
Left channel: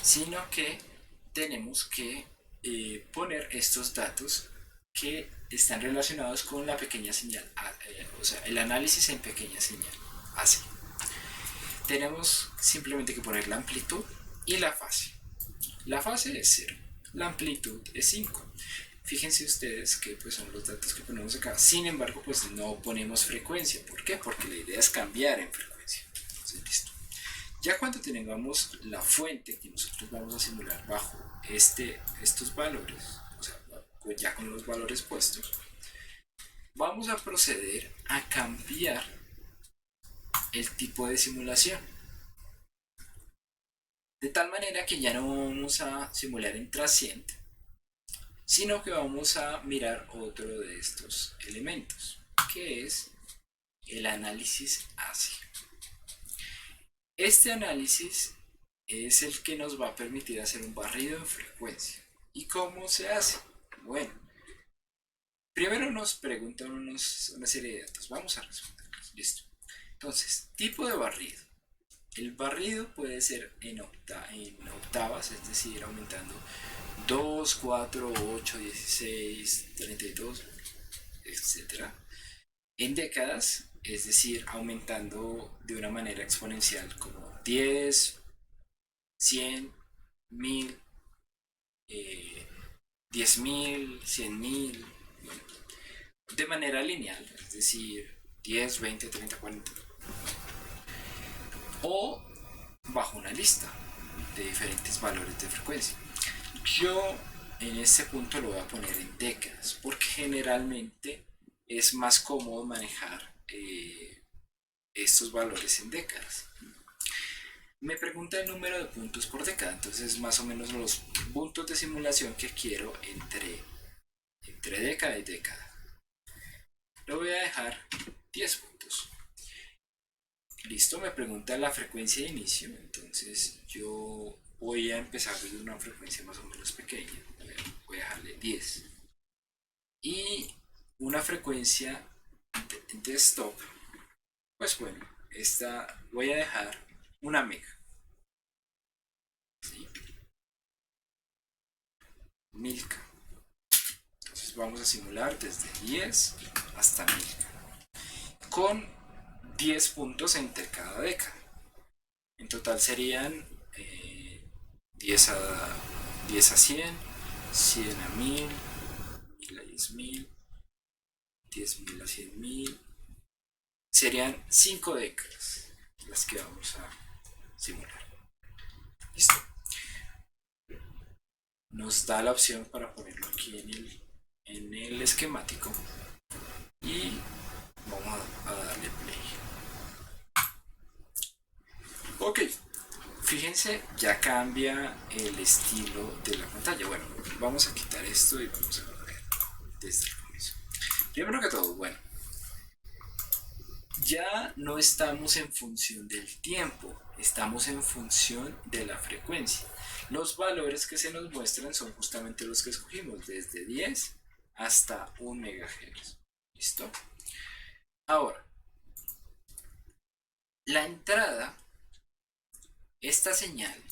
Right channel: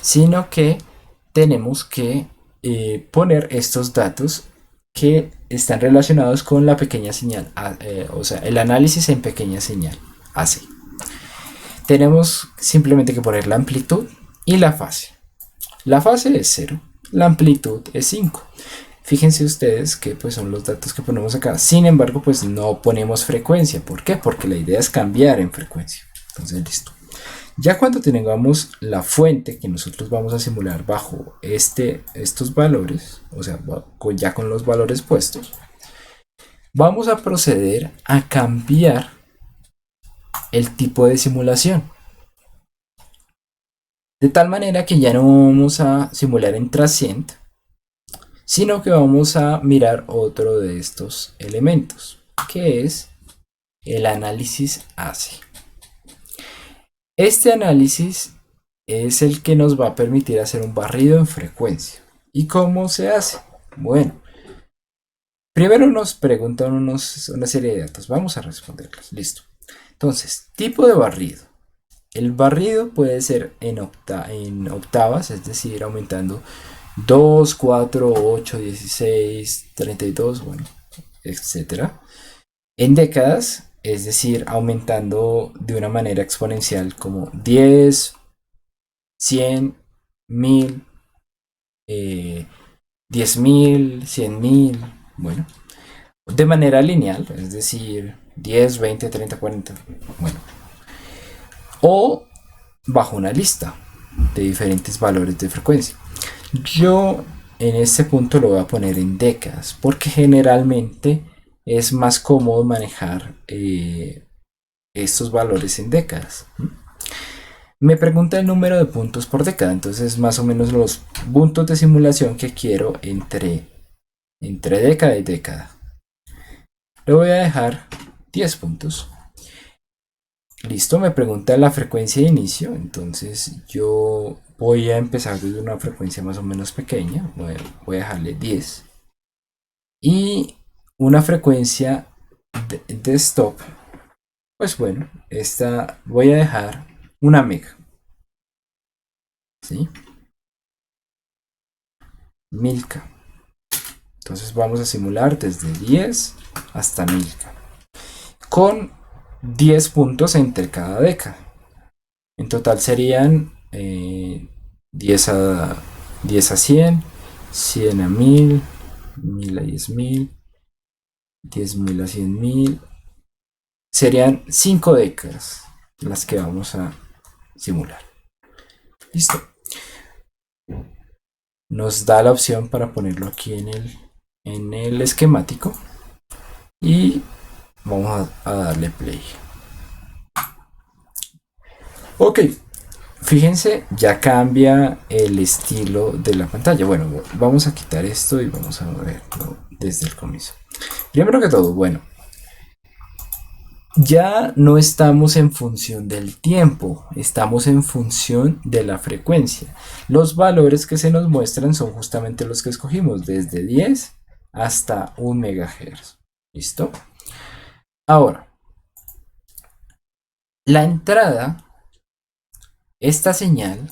sino que tenemos que poner estos datos que están relacionados con la pequeña señal, o sea, el análisis en pequeña señal, así. Tenemos simplemente que poner la amplitud y la fase. La fase es 0, la amplitud es 5. Fíjense ustedes que pues son los datos que ponemos acá. Sin embargo, pues no ponemos frecuencia. ¿Por qué? Porque la idea es cambiar en frecuencia. Entonces, listo. Ya cuando tengamos la fuente que nosotros vamos a simular bajo estos valores, o sea, ya con los valores puestos, vamos a proceder a cambiar el tipo de simulación. De tal manera que ya no vamos a simular en transient, sino que vamos a mirar otro de estos elementos, que es el análisis ACE. Este análisis es el que nos va a permitir hacer un barrido en frecuencia. ¿Y cómo se hace? Bueno, primero nos preguntan una serie de datos. Vamos a responderlos. Listo. Entonces, tipo de barrido. El barrido puede ser en octavas, es decir, aumentando 2, 4, 8, 16, 32, bueno, etcétera. En décadas, es decir, aumentando de una manera exponencial como 10, 100, 1000, 10.000, 100.000, bueno, de manera lineal, es decir, 10, 20, 30, 40, bueno, o bajo una lista de diferentes valores de frecuencia. Yo en este punto lo voy a poner en décadas porque generalmente es más cómodo manejar estos valores en décadas. Me pregunta el número de puntos por década, entonces más o menos los puntos de simulación que quiero entre década y década. Le voy a dejar 10 puntos. Listo, me pregunta la frecuencia de inicio, entonces yo voy a empezar desde una frecuencia más o menos pequeña, voy a dejarle 10. Y una frecuencia de stop, pues bueno, esta voy a dejar 1 mega, ¿sí? 1000K. Entonces vamos a simular desde 10 hasta 1000K, con 10 puntos entre cada década. En total serían 10 a 10 a 100, 100 a 1000, 1000 a 10.000, 10.000 a 100.000. Serían 5 décadas las que vamos a simular. Listo. Nos da la opción para ponerlo aquí en el esquemático y vamos a darle play. Ok, Fíjense, ya cambia el estilo de la pantalla. Bueno, vamos a quitar esto y vamos a verlo desde el comienzo. Primero que todo, bueno, ya no estamos en función del tiempo, estamos en función de la frecuencia. Los valores que se nos muestran son justamente los que escogimos, desde 10 hasta 1 MHz. ¿Listo? Ahora, la entrada, esta señal,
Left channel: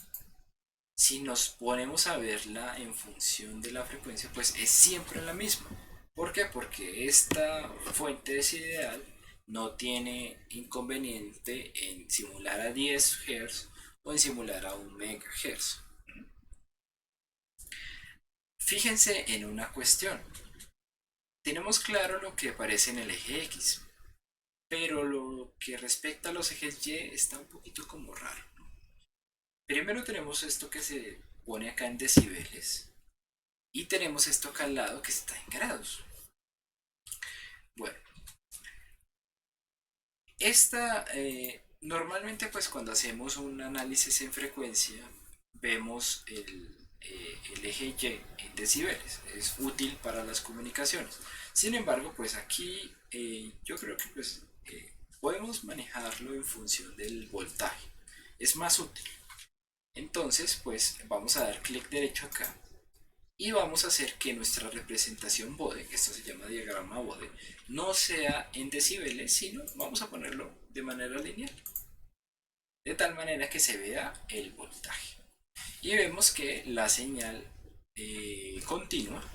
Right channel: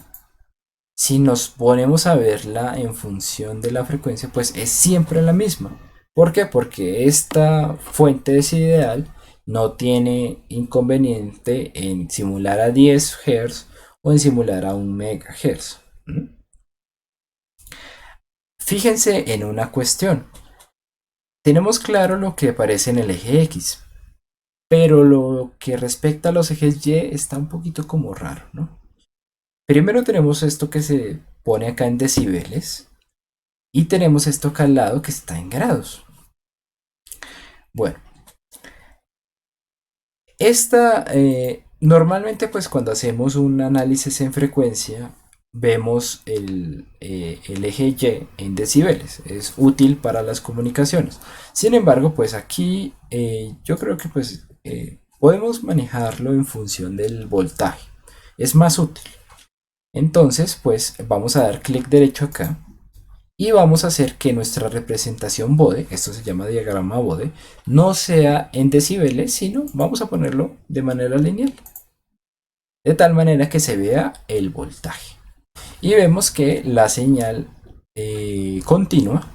si nos ponemos a verla en función de la frecuencia, pues es siempre la misma. ¿Por qué? Porque esta fuente desideral no tiene inconveniente en simular a 10 Hz o en simular a 1 MHz. Fíjense en una cuestión. Tenemos claro lo que aparece en el eje X, pero lo que respecta a los ejes Y está un poquito como raro, ¿no? Primero tenemos esto que se pone acá en decibeles y tenemos esto acá al lado que está en grados. Bueno, normalmente pues cuando hacemos un análisis en frecuencia vemos el eje Y en decibeles, es útil para las comunicaciones. Sin embargo, pues aquí yo creo que pues podemos manejarlo en función del voltaje, es más útil. Entonces pues vamos a dar clic derecho acá y vamos a hacer que nuestra representación Bode, esto se llama diagrama Bode, no sea en decibeles, sino vamos a ponerlo de manera lineal, de tal manera que se vea el voltaje. Y vemos que la señal continua,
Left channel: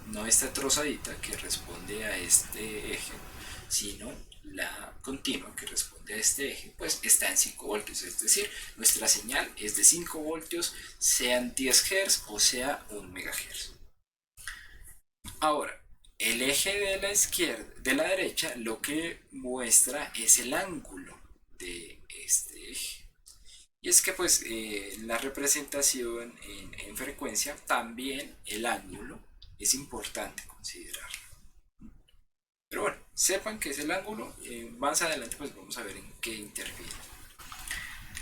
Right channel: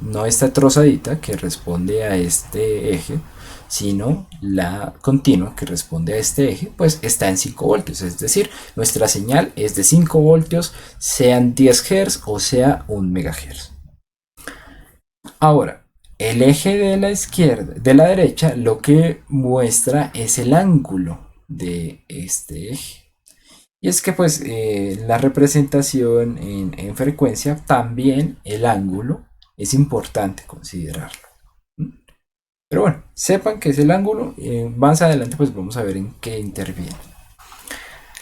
no esta trozadita que responde a este eje, sino la continua que responde a este eje, pues está en 5 voltios. Es decir, nuestra señal es de 5 voltios, sean 10 Hz o sea 1 MHz. Ahora, el eje de la izquierda, de la derecha, lo que muestra es el ángulo de este eje. Y es que pues la representación en frecuencia, también el ángulo es importante considerarlo. Pero bueno, sepan que es el ángulo. Más adelante pues vamos a ver en qué interviene.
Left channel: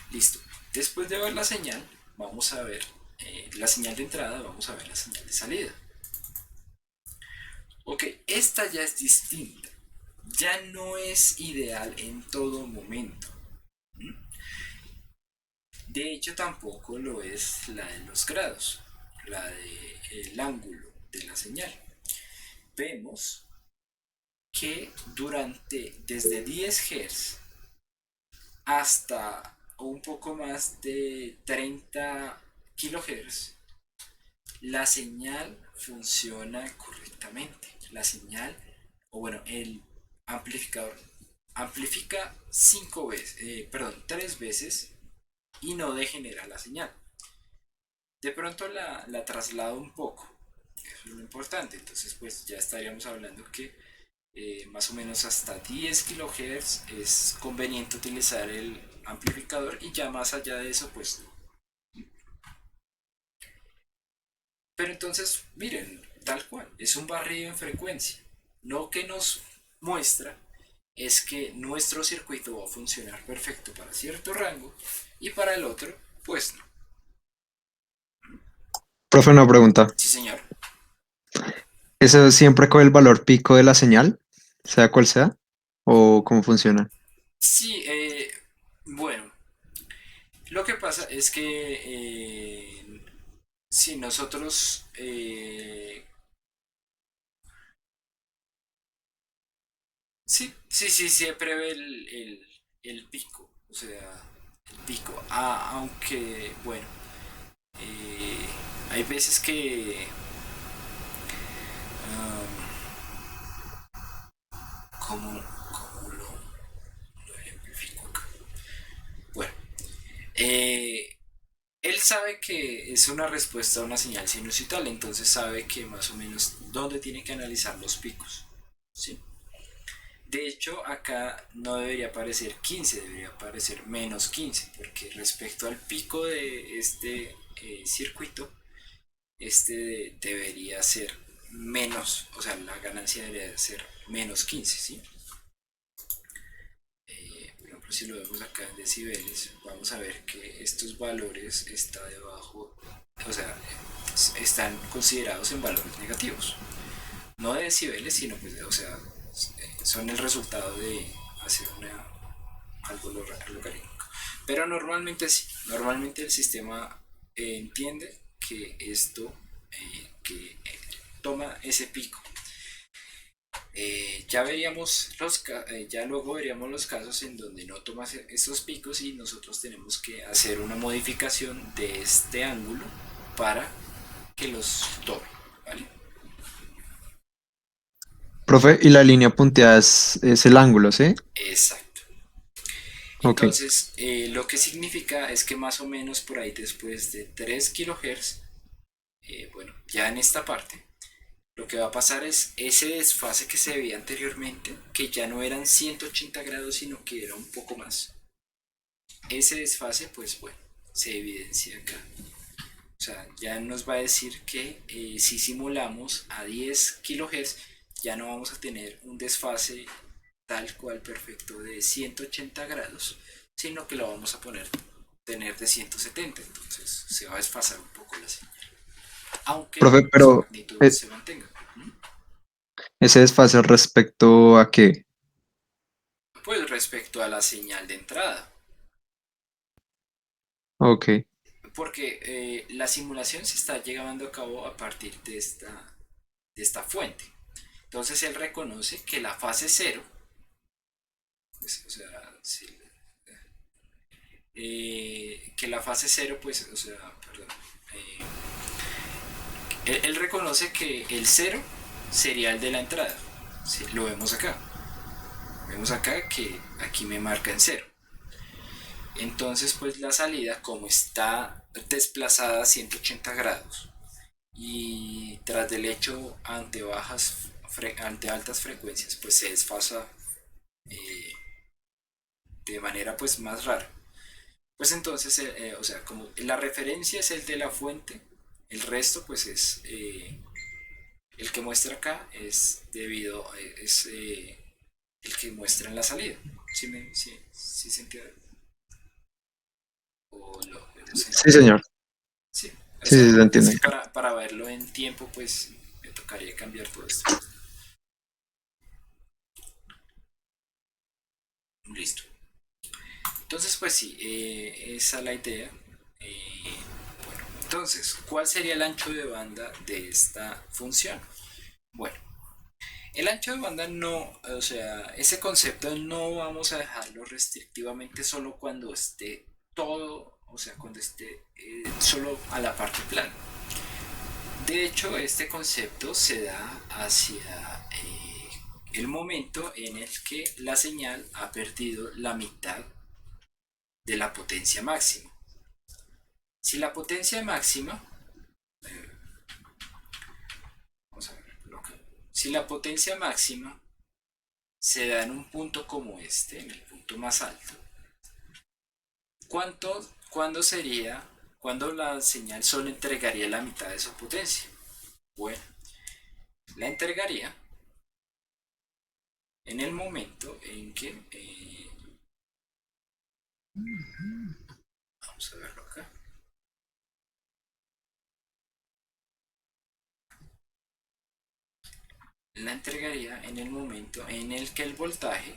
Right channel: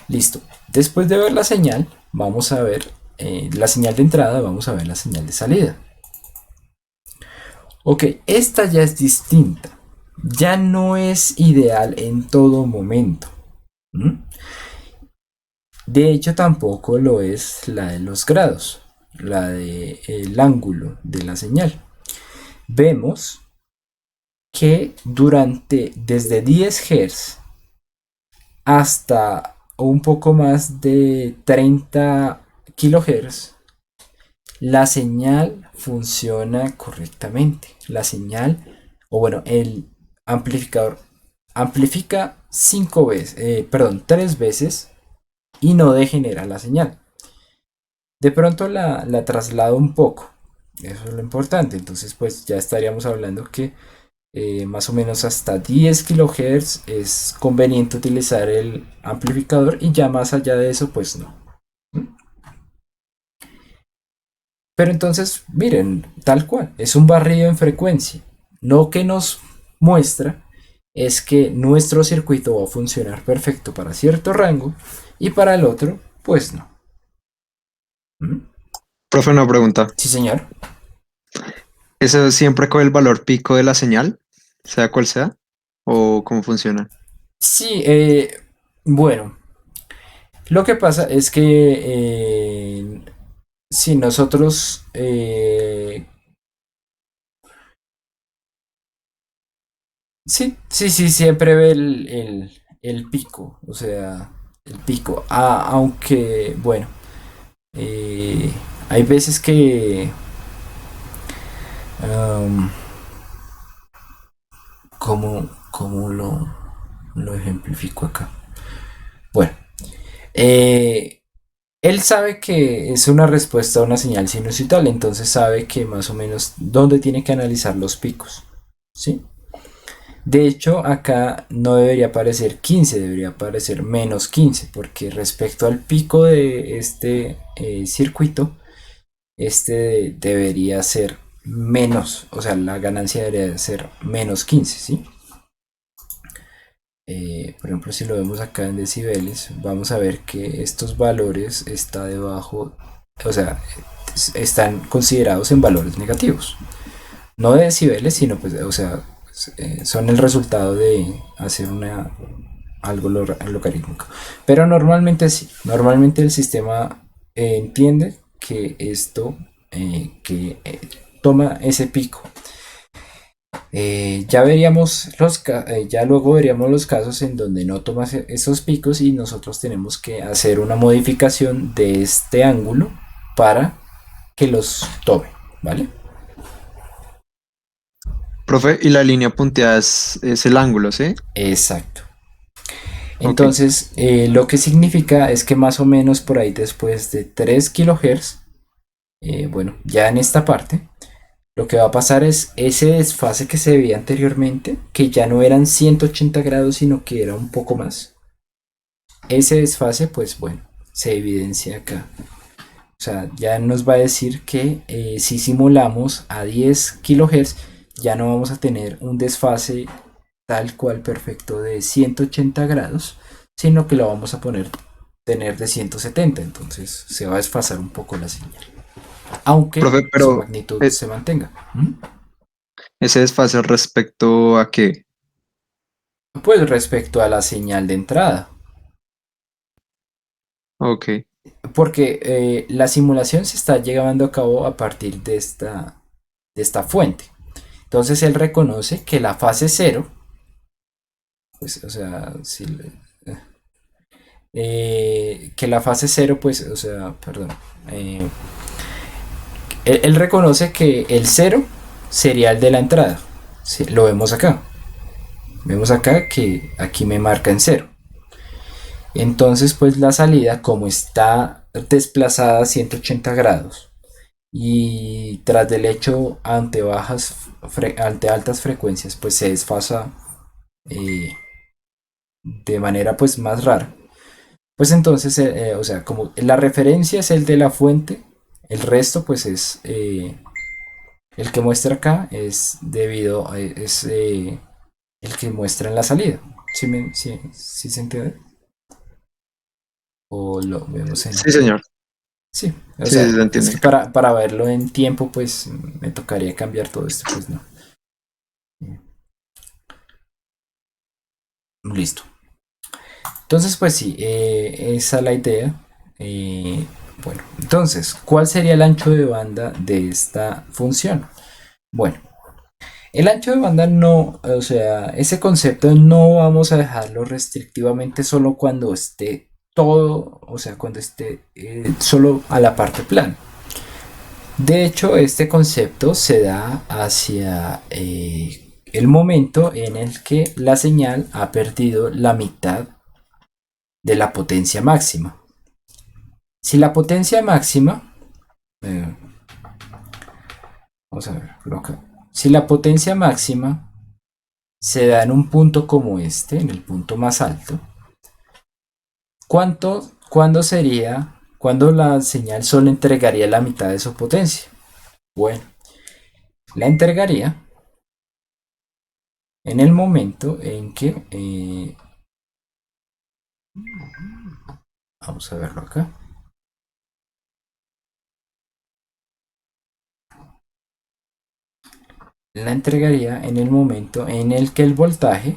Listo. Después de ver la señal, vamos a ver la señal de entrada, vamos a ver la señal de salida. Ok, esta ya es distinta. Ya no es ideal en todo momento. ¿Mm? De hecho, tampoco lo es la de los grados, la del ángulo de la señal. Vemos que desde 10 Hz hasta un poco más de 30 kHz, la señal funciona correctamente. La señal, o bueno, el amplificador amplifica 5 veces, perdón, 3 veces y no degenera la señal. De pronto la traslado un poco, eso es lo importante. Entonces, pues ya estaríamos hablando que más o menos hasta 10 kHz es conveniente utilizar el amplificador y ya más allá de eso, pues no. Pero entonces, miren, tal cual, es un barrido en frecuencia. Lo que nos muestra es que nuestro circuito va a funcionar perfecto para cierto rango y para el otro, pues no. ¿Mm? Profe, una pregunta. Sí, señor. ¿Eso siempre con el valor pico de la señal, sea cual sea? ¿O cómo funciona? Sí, bueno, lo que pasa es que si nosotros, sí, sí, sí, siempre ve el pico, o sea, el pico. Aunque, bueno, eh, hay veces que, am, ¿cómo lo ejemplifico acá? Bueno, eh, él sabe que es una respuesta a una señal sinusoidal, entonces sabe que más o menos dónde tiene que analizar los picos, ¿sí? De hecho, acá no debería aparecer 15, debería aparecer -15, porque respecto al pico de este circuito, este debería ser menos, o sea, la ganancia debería ser -15, ¿sí? Por ejemplo, si lo vemos acá en decibeles, vamos a ver que estos valores está debajo, o sea, están considerados en valores negativos. No de decibeles, sino pues, o sea, son el resultado de hacer algo logarítmico. Pero normalmente sí, normalmente el sistema entiende que esto, toma ese pico. Ya veríamos ya luego veríamos los casos en donde no toma esos picos y nosotros tenemos que hacer una modificación de este ángulo para que los tome, ¿vale? Profe, y la línea punteada es el ángulo, ¿sí? Exacto. Ok. Entonces, lo que significa es que más o menos por ahí después de 3 kilohertz, bueno, ya en esta parte, lo que va a pasar es ese desfase que se veía anteriormente, que ya no eran 180 grados, sino que era un poco más. Ese desfase, pues bueno, se evidencia acá. O sea, ya nos va a decir que si simulamos a 10 kilohertz, ya no vamos a tener un desfase tal cual perfecto de 180 grados, sino que lo vamos a tener de 170. Entonces se va a desfasar un poco la señal, aunque Profe, su pero magnitud eh, se mantenga. ¿Mm? ese desfase respecto a qué. Pues respecto a la señal de entrada, Ok, porque la simulación se está llevando a cabo a partir de esta fuente. Entonces él reconoce que la fase cero, pues, o sea, si, que la fase cero, pues, o sea, perdón, eh, él reconoce que el cero sería el de la entrada. Sí, lo vemos acá. Vemos acá que aquí me marca en cero. Entonces, pues la salida, como está desplazada a 180 grados y tras del hecho ante altas frecuencias, pues se desfasa eh, de manera pues más rara. Pues entonces, o sea, como la referencia es el de la fuente, el resto pues es el que muestra acá es debido a, es el que muestra en la salida. ¿Sí se entiende? O lo vemos en... sí, señor. Sí, o Sí, sea, sí, se es entiende que acá. para verlo en tiempo pues me tocaría cambiar todo esto, pues no. Listo. Entonces pues sí, esa es la idea. Eh, bueno, entonces, ¿cuál sería el ancho de banda de esta función? Bueno, el ancho de banda no, o sea, ese concepto no vamos a dejarlo restrictivamente solo cuando esté todo, o sea, cuando esté solo a la parte plana. De hecho, este concepto se da hacia el momento en el que la señal ha perdido la mitad de la potencia máxima. Si la potencia máxima, eh, vamos a ver, si la potencia máxima se da en un punto como este, en el punto más alto, ¿cuándo sería, cuándo la señal solo entregaría la mitad de su potencia? Bueno, la entregaría en el momento en que, vamos a verlo acá, la entregaría en el momento en el que el voltaje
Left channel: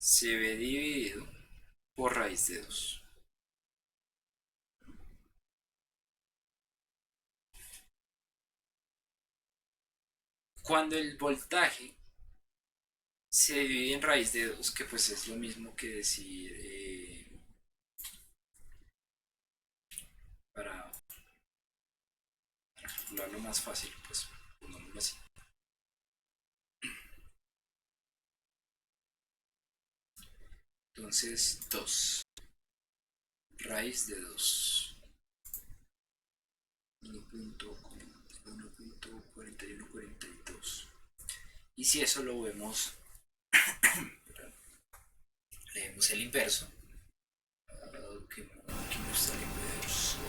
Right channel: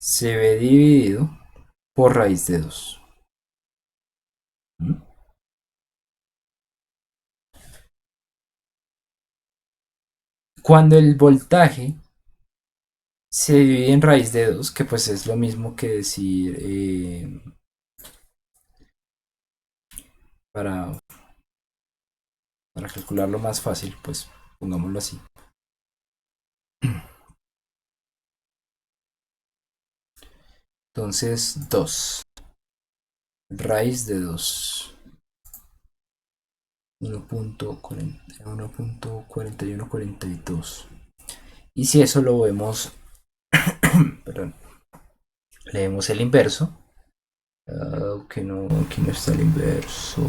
se ve dividido por raíz de 2. Cuando el voltaje se divide en raíz de 2, que pues es lo mismo que decir, para, para calcularlo más fácil, pues pongámoslo así. Entonces, 2 raíz de 2, 1.4142. Y si eso lo vemos, perdón, leemos el inverso. Que no está el inverso.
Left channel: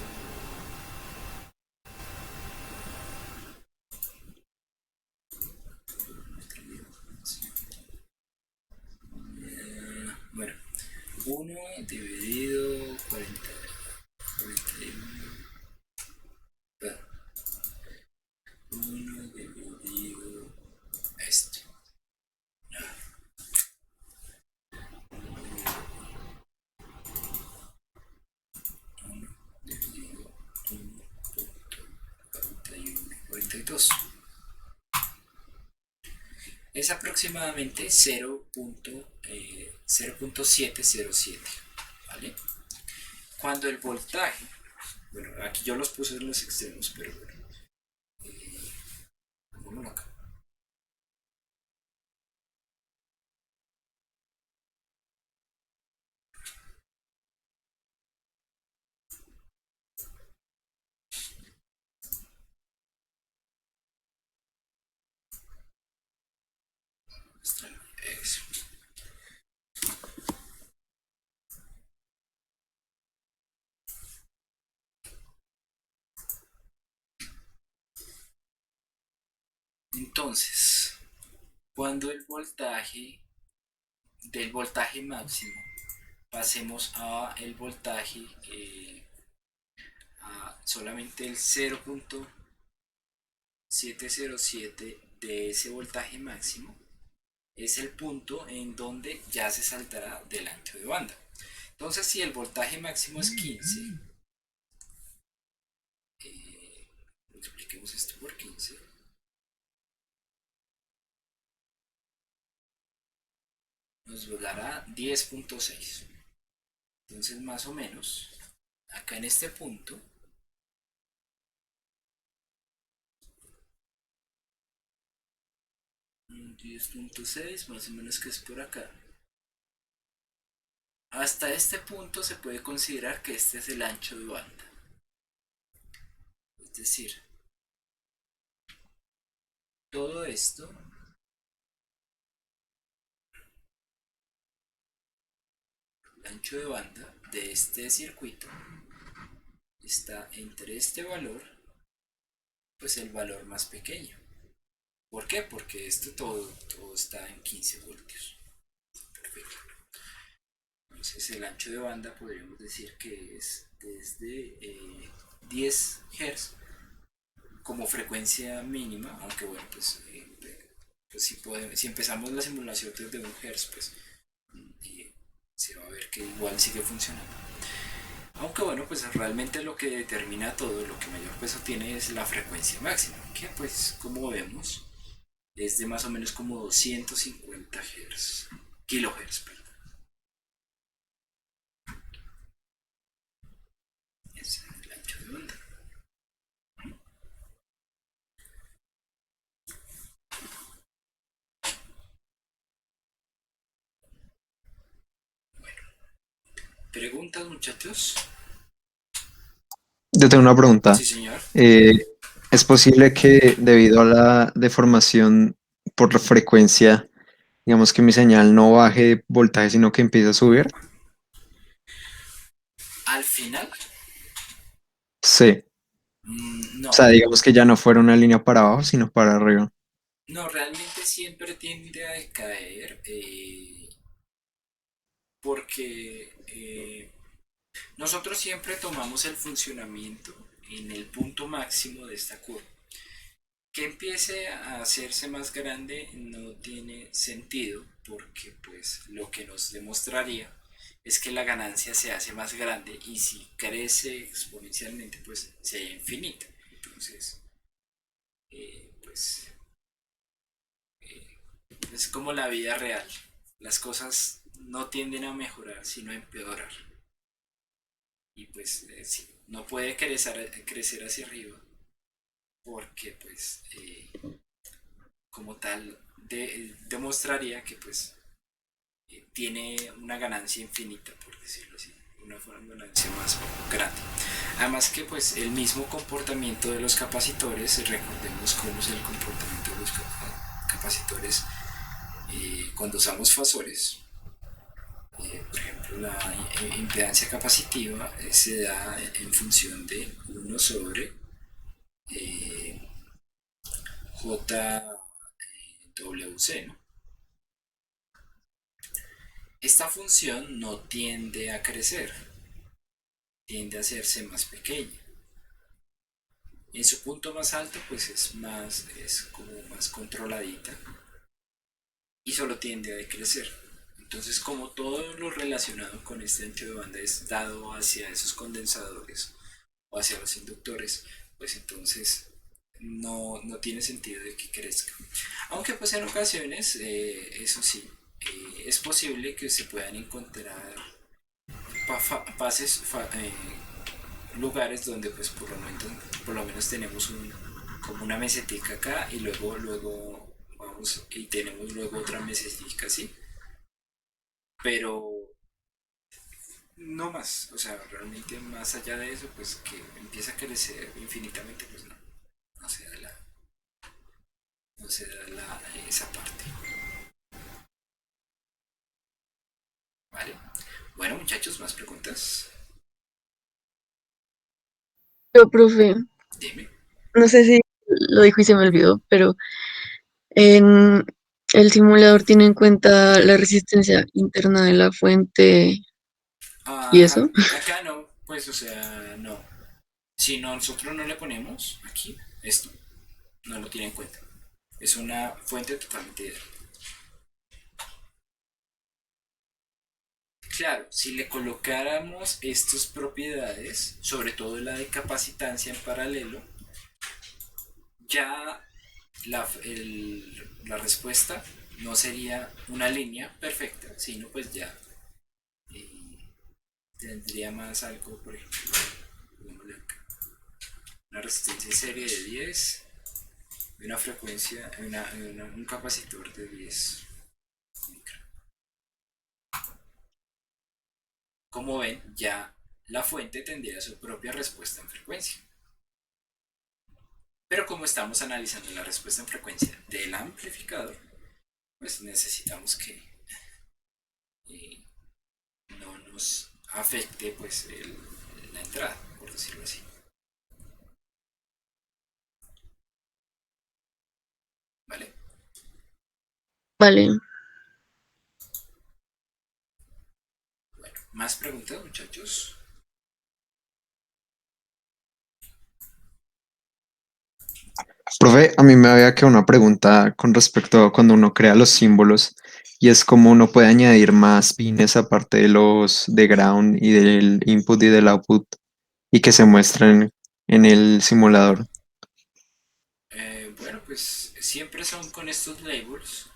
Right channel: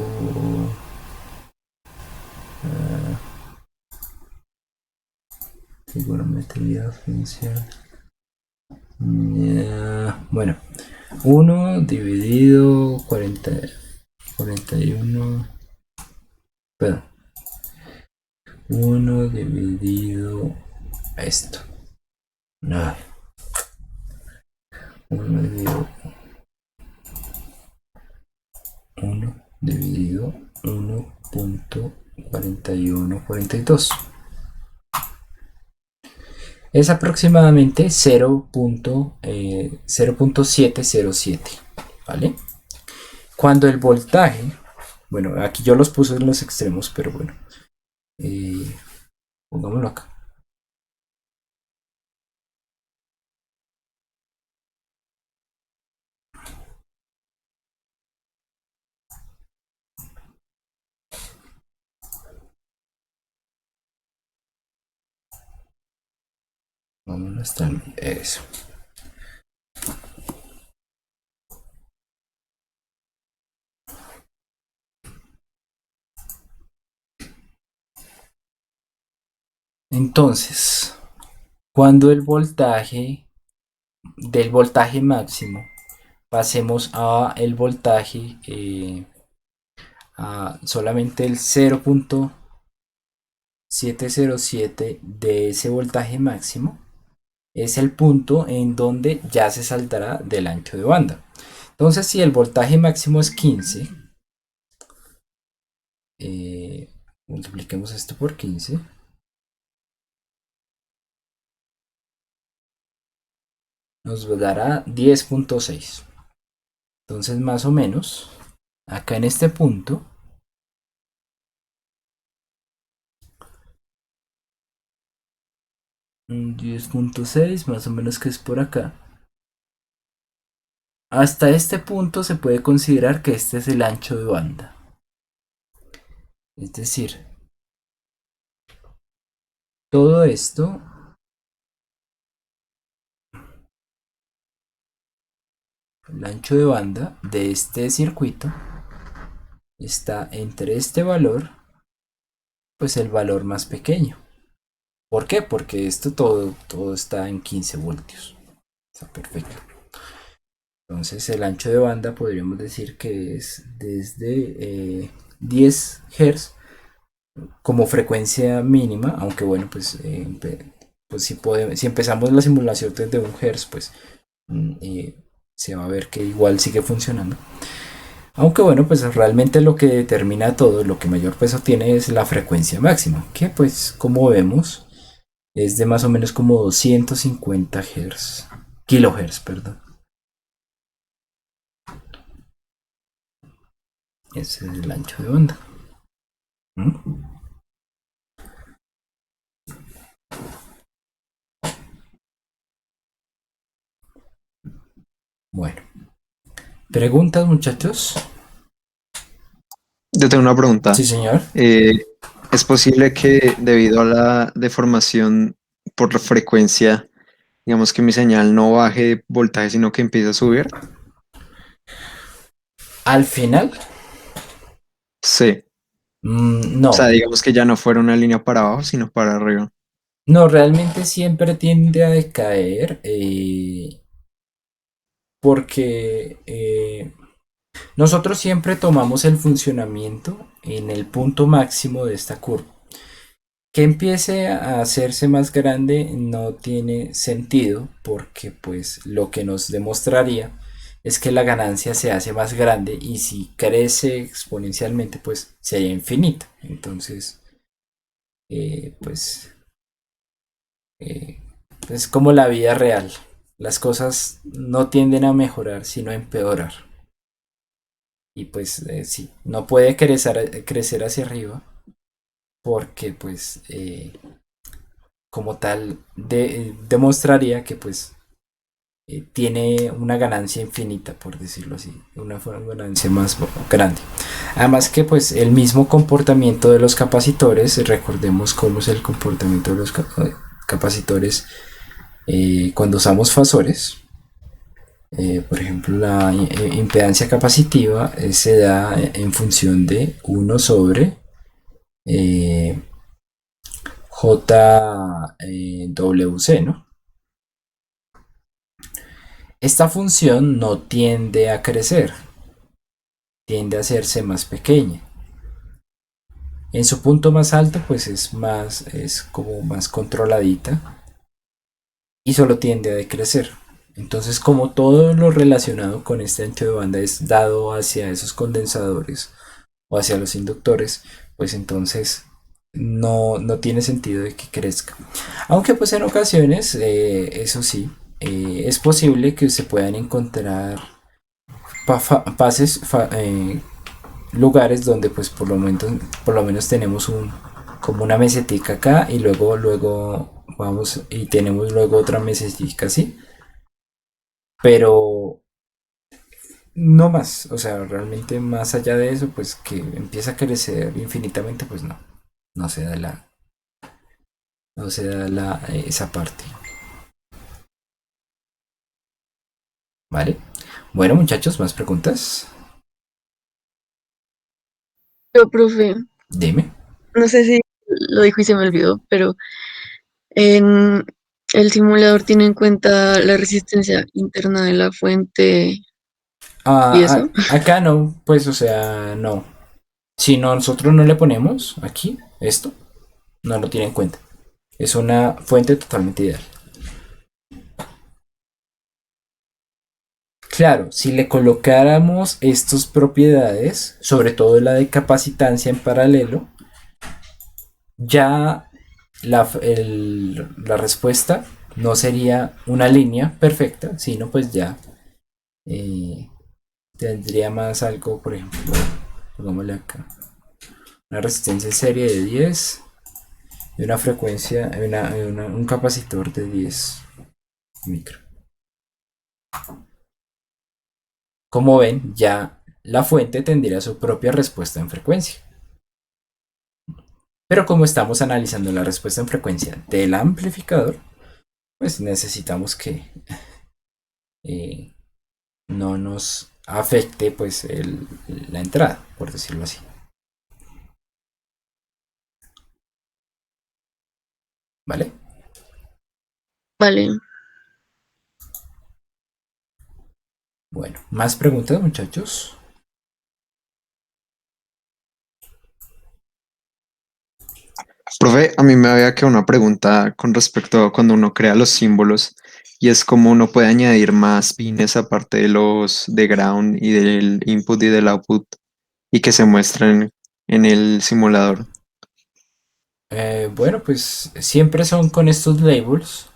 trigonometría función. Bueno, 1 dividido 40, 41. Perdón, 1 dividido esto. No, 1 dividido 1 dividido 1.4142. Es aproximadamente 0.707, ¿vale? Cuando el voltaje, bueno, aquí yo los puse en los extremos, pero bueno, eh, pongámoslo acá. Vámonos hasta eso. Entonces, cuando el voltaje del voltaje máximo pasemos a el voltaje a solamente el 0.707 de ese voltaje máximo, es el punto en donde ya se saltará del ancho de banda. Entonces, si el voltaje máximo es 15, multipliquemos esto por 15, nos dará 10.6. Entonces, más o menos, acá en este punto, 10.6, más o menos que es por acá. Hasta este punto se puede considerar que este es el ancho de banda. Es decir, todo esto, el ancho de banda de este circuito, está entre este valor, pues el valor más pequeño. ¿Por qué? Porque esto todo está en 15 voltios. Está perfecto. Entonces el ancho de banda podríamos decir que es desde 10 Hz como frecuencia mínima, aunque bueno, pues si empezamos la simulación desde 1 Hz, pues se va a ver que igual sigue funcionando. Aunque bueno, pues realmente lo que determina todo, lo que mayor peso tiene es la frecuencia máxima, que pues como vemos es de más o menos como 250 Hz, kilohertz, perdón. Ese es el ancho de banda. ¿Mm? Bueno, preguntas muchachos. Yo tengo una Sí, pregunta. señor. Eh, ¿Es posible que debido a la deformación por la frecuencia, digamos que mi señal no baje de voltaje, sino que empiece a subir? Al final, Sí. O sea, no. digamos que ya no fuera una línea para abajo, sino para arriba. No, realmente siempre tiende a decaer porque nosotros siempre tomamos el funcionamiento en el punto máximo de esta curva. Que empiece a hacerse más grande no tiene sentido porque pues lo que nos demostraría es que la ganancia se hace más grande y si crece exponencialmente pues sería infinita. Entonces, pues eh, es como la vida real. Las cosas no tienden a mejorar sino a empeorar. Y pues sí, no puede crecer hacia arriba porque pues como tal demostraría que pues tiene una ganancia infinita, por decirlo así, una ganancia más grande. Además que pues el mismo comportamiento de los capacitores, recordemos cómo es el comportamiento de los capacitores cuando usamos fasores. Por ejemplo, la impedancia capacitiva se da en función de 1 sobre JWC, ¿no? Esta función no tiende a crecer, tiende a hacerse más pequeña. En su punto más alto, pues es como más controladita y solo tiende a decrecer. Entonces, como todo lo relacionado con este ancho de banda es dado hacia esos condensadores o hacia los inductores, pues entonces no tiene sentido de que crezca. Aunque pues en ocasiones, eso sí, es posible que se puedan encontrar pases, lugares donde pues por lo menos tenemos como una mesetica acá y luego vamos y tenemos luego otra mesetica así, pero no más, o sea, realmente más allá de eso, pues que empieza a crecer infinitamente, pues no se da no se da esa parte, ¿vale? Bueno, muchachos, más preguntas. Pero, profe, Dime. no sé si lo dijo y se me olvidó, pero en el simulador tiene en cuenta la resistencia interna de la fuente y eso. Acá no, pues, o sea, no. Si nosotros no le ponemos aquí esto, no lo tiene en cuenta. Es una fuente totalmente ideal. Claro, si le colocáramos estas propiedades, sobre todo la de capacitancia en paralelo, ya la respuesta no sería una línea perfecta, sino pues ya eh, tendría más algo, por ejemplo, pongámosle acá, una resistencia en serie de 10 y una frecuencia, un capacitor de 10 micro. Como ven, ya la fuente tendría su propia respuesta en frecuencia. Pero como estamos analizando la respuesta en frecuencia del amplificador, pues necesitamos que eh, no nos afecte pues la entrada, por decirlo así. ¿Vale? Vale, Bueno, más preguntas, muchachos. Profe, a mí me había quedado una pregunta con respecto a cuando uno crea los símbolos y es cómo uno puede añadir más pines aparte de los de ground y del input y del output y que se muestren en el simulador. Bueno, pues siempre son con estos labels.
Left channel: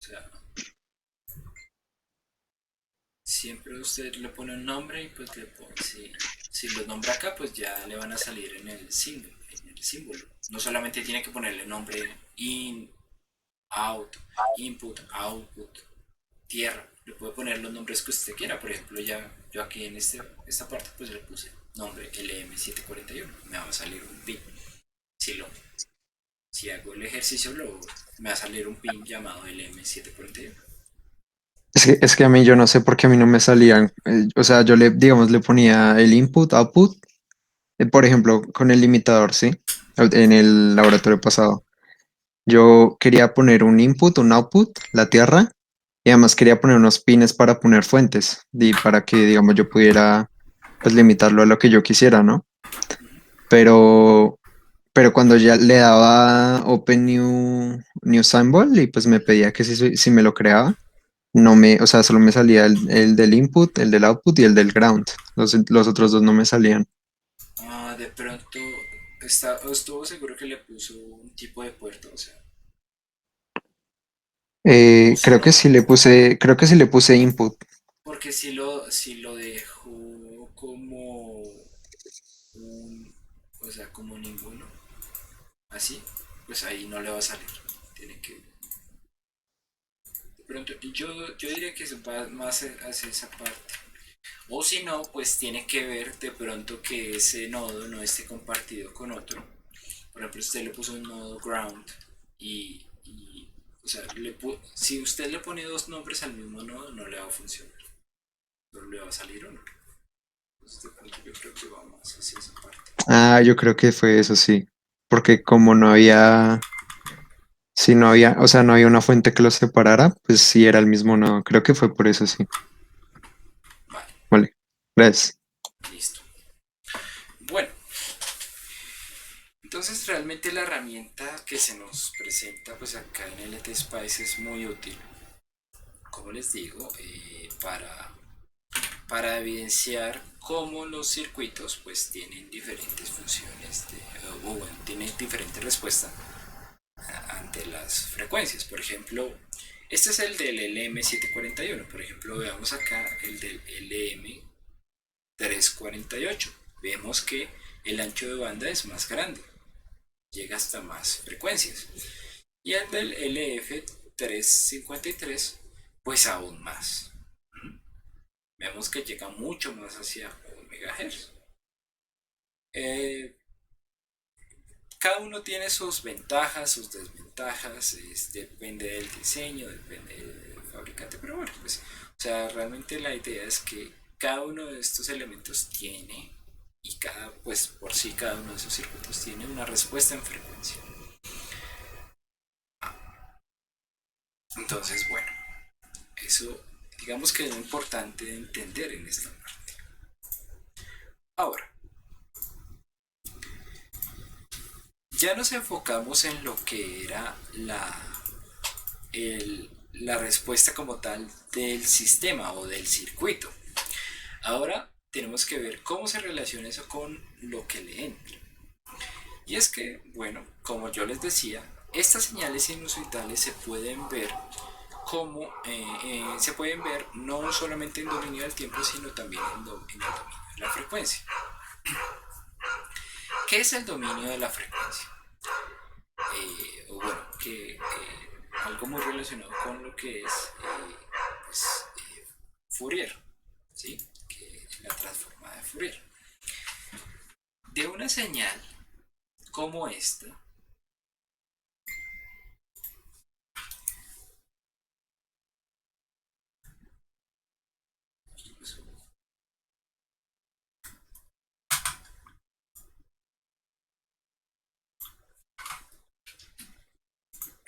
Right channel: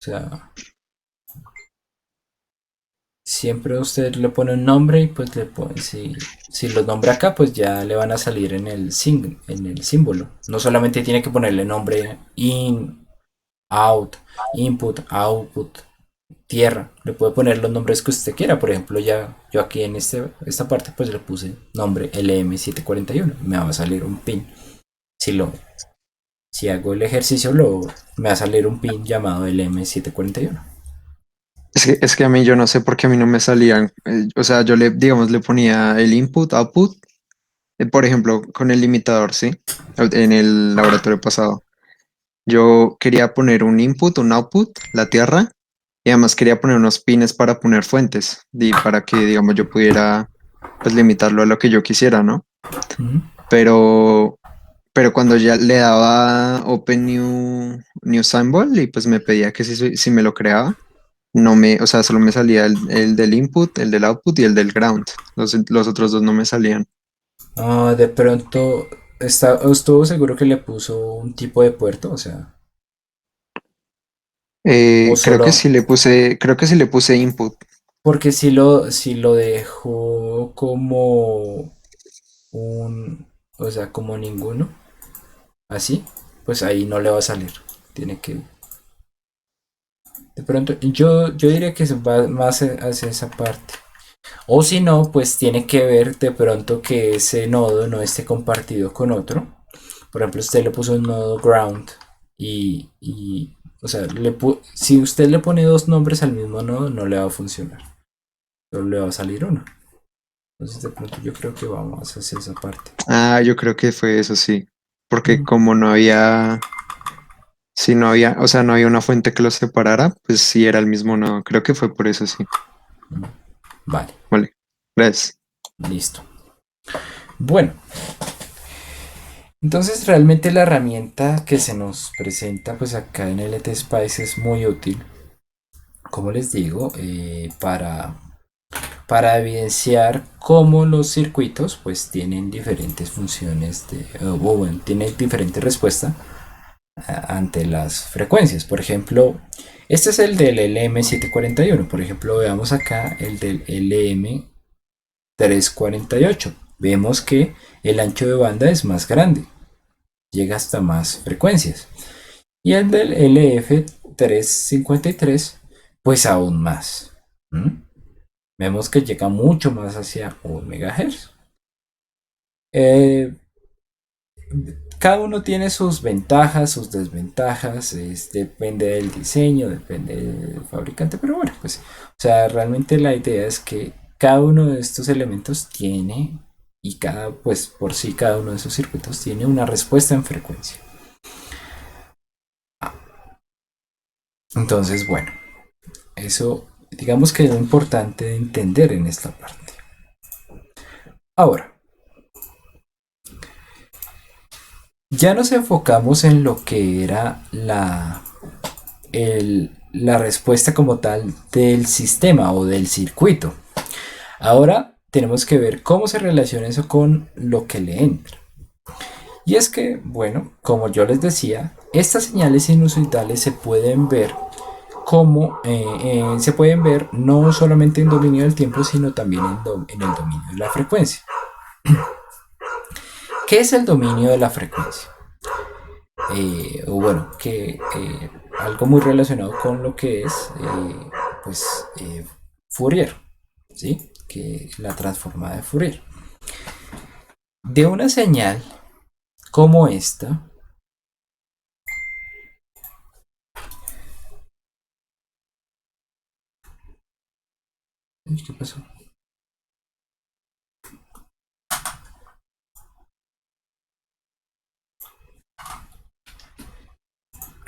O sea, siempre usted le pone un nombre y pues le pone, si los nombra acá, pues ya le van a salir en el símbolo. No solamente tiene que ponerle nombre in, out, input, output, tierra. Le puede poner los nombres que usted quiera. Por ejemplo, ya yo aquí en esta parte pues le puse nombre LM741. Me va a salir un pin. Si lo si hago el ejercicio me va a salir un pin llamado LM741. Es que a mí yo no sé por qué a mí no me salían, o sea, yo le, digamos, le ponía el input, output, por ejemplo, con el limitador, ¿sí? En el laboratorio pasado. Yo quería poner un input, un output, la tierra, y además quería poner unos pines para poner fuentes, y para que, digamos, yo pudiera, pues, limitarlo a lo que yo quisiera, ¿no? Ujú. Pero, pero cuando ya le daba Open New Symbol y pues me pedía que si me lo creaba, no me, o sea, solo me salía el del input, el del output y el del ground. Los otros dos no me salían. De pronto estuvo seguro que le puso un tipo de puerto, o sea, o Creo que solo sí le puse, creo que sí le puse input. porque si lo dejó como un, o sea, como ninguno, así, pues ahí no le va a salir. Tiene que, de pronto, yo diría que se va más hacia esa parte. O si no, pues tiene que ver de pronto que ese nodo no esté compartido con otro. Por ejemplo, usted le puso un nodo ground o sea, si usted le pone dos nombres al mismo nodo, no le va a funcionar. Solo le va a salir uno. Entonces, de pronto yo creo que vamos hacia esa parte. Ah, yo creo que fue eso, sí. porque como no había, si no había, o sea, no había una fuente que los separara, pues sí era el mismo nodo. Creo que fue por eso, sí. Vale, Vale, gracias. listo. Bueno, entonces realmente la herramienta que se nos presenta pues acá en LT Spice es muy útil, como les digo, para evidenciar cómo los circuitos pues tienen diferentes funciones o bueno, tienen diferentes respuestas ante las frecuencias. Por ejemplo, este es el del LM741. Por ejemplo, veamos acá el del LM348. Vemos que el ancho de banda es más grande, llega hasta más frecuencias. Y el del LF353, pues aún más. ¿Mm? Vemos que llega mucho más hacia 1 MHz. Eh, cada uno tiene sus ventajas, sus desventajas, depende del diseño, depende del fabricante, pero bueno, pues, o sea, realmente la idea es que cada uno de estos elementos tiene, y cada, pues por sí, cada uno de esos circuitos tiene una respuesta en frecuencia. Entonces, bueno, eso digamos que es lo importante de entender en esta parte. Ahora, ya nos enfocamos en lo que era la respuesta como tal del sistema o del circuito. Ahora tenemos que ver cómo se relaciona eso con lo que le entra. Y es que, bueno, como yo les decía, estas señales sinusitales se pueden ver se pueden ver no solamente en dominio del tiempo, sino también en el dominio de la frecuencia. ¿Qué es el dominio de la frecuencia? O bueno, algo muy relacionado con lo que es pues, Fourier, ¿sí? Que la transformada de Fourier. De una señal como esta, ¿qué pasó?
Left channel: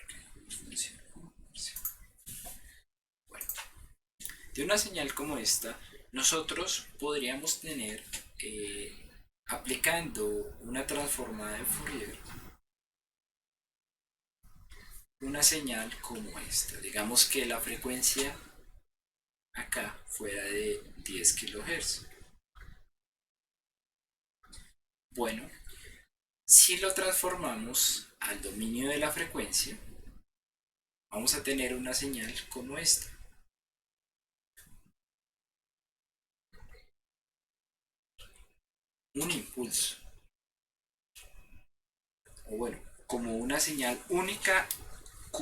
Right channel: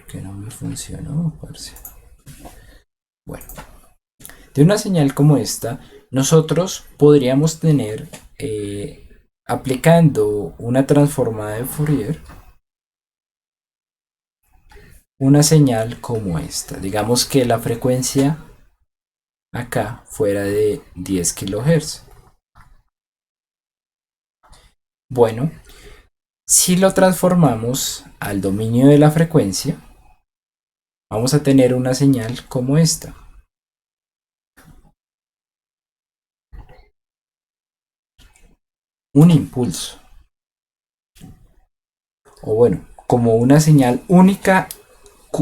Que no me funcionó, parce. Bueno, de una señal como esta, nosotros podríamos tener, aplicando una transformada de Fourier, una señal como esta. Digamos que la frecuencia acá fuera de 10 kHz. Bueno, si lo transformamos al dominio de la frecuencia, vamos a tener una señal como esta. Un impulso. O bueno, como una señal única,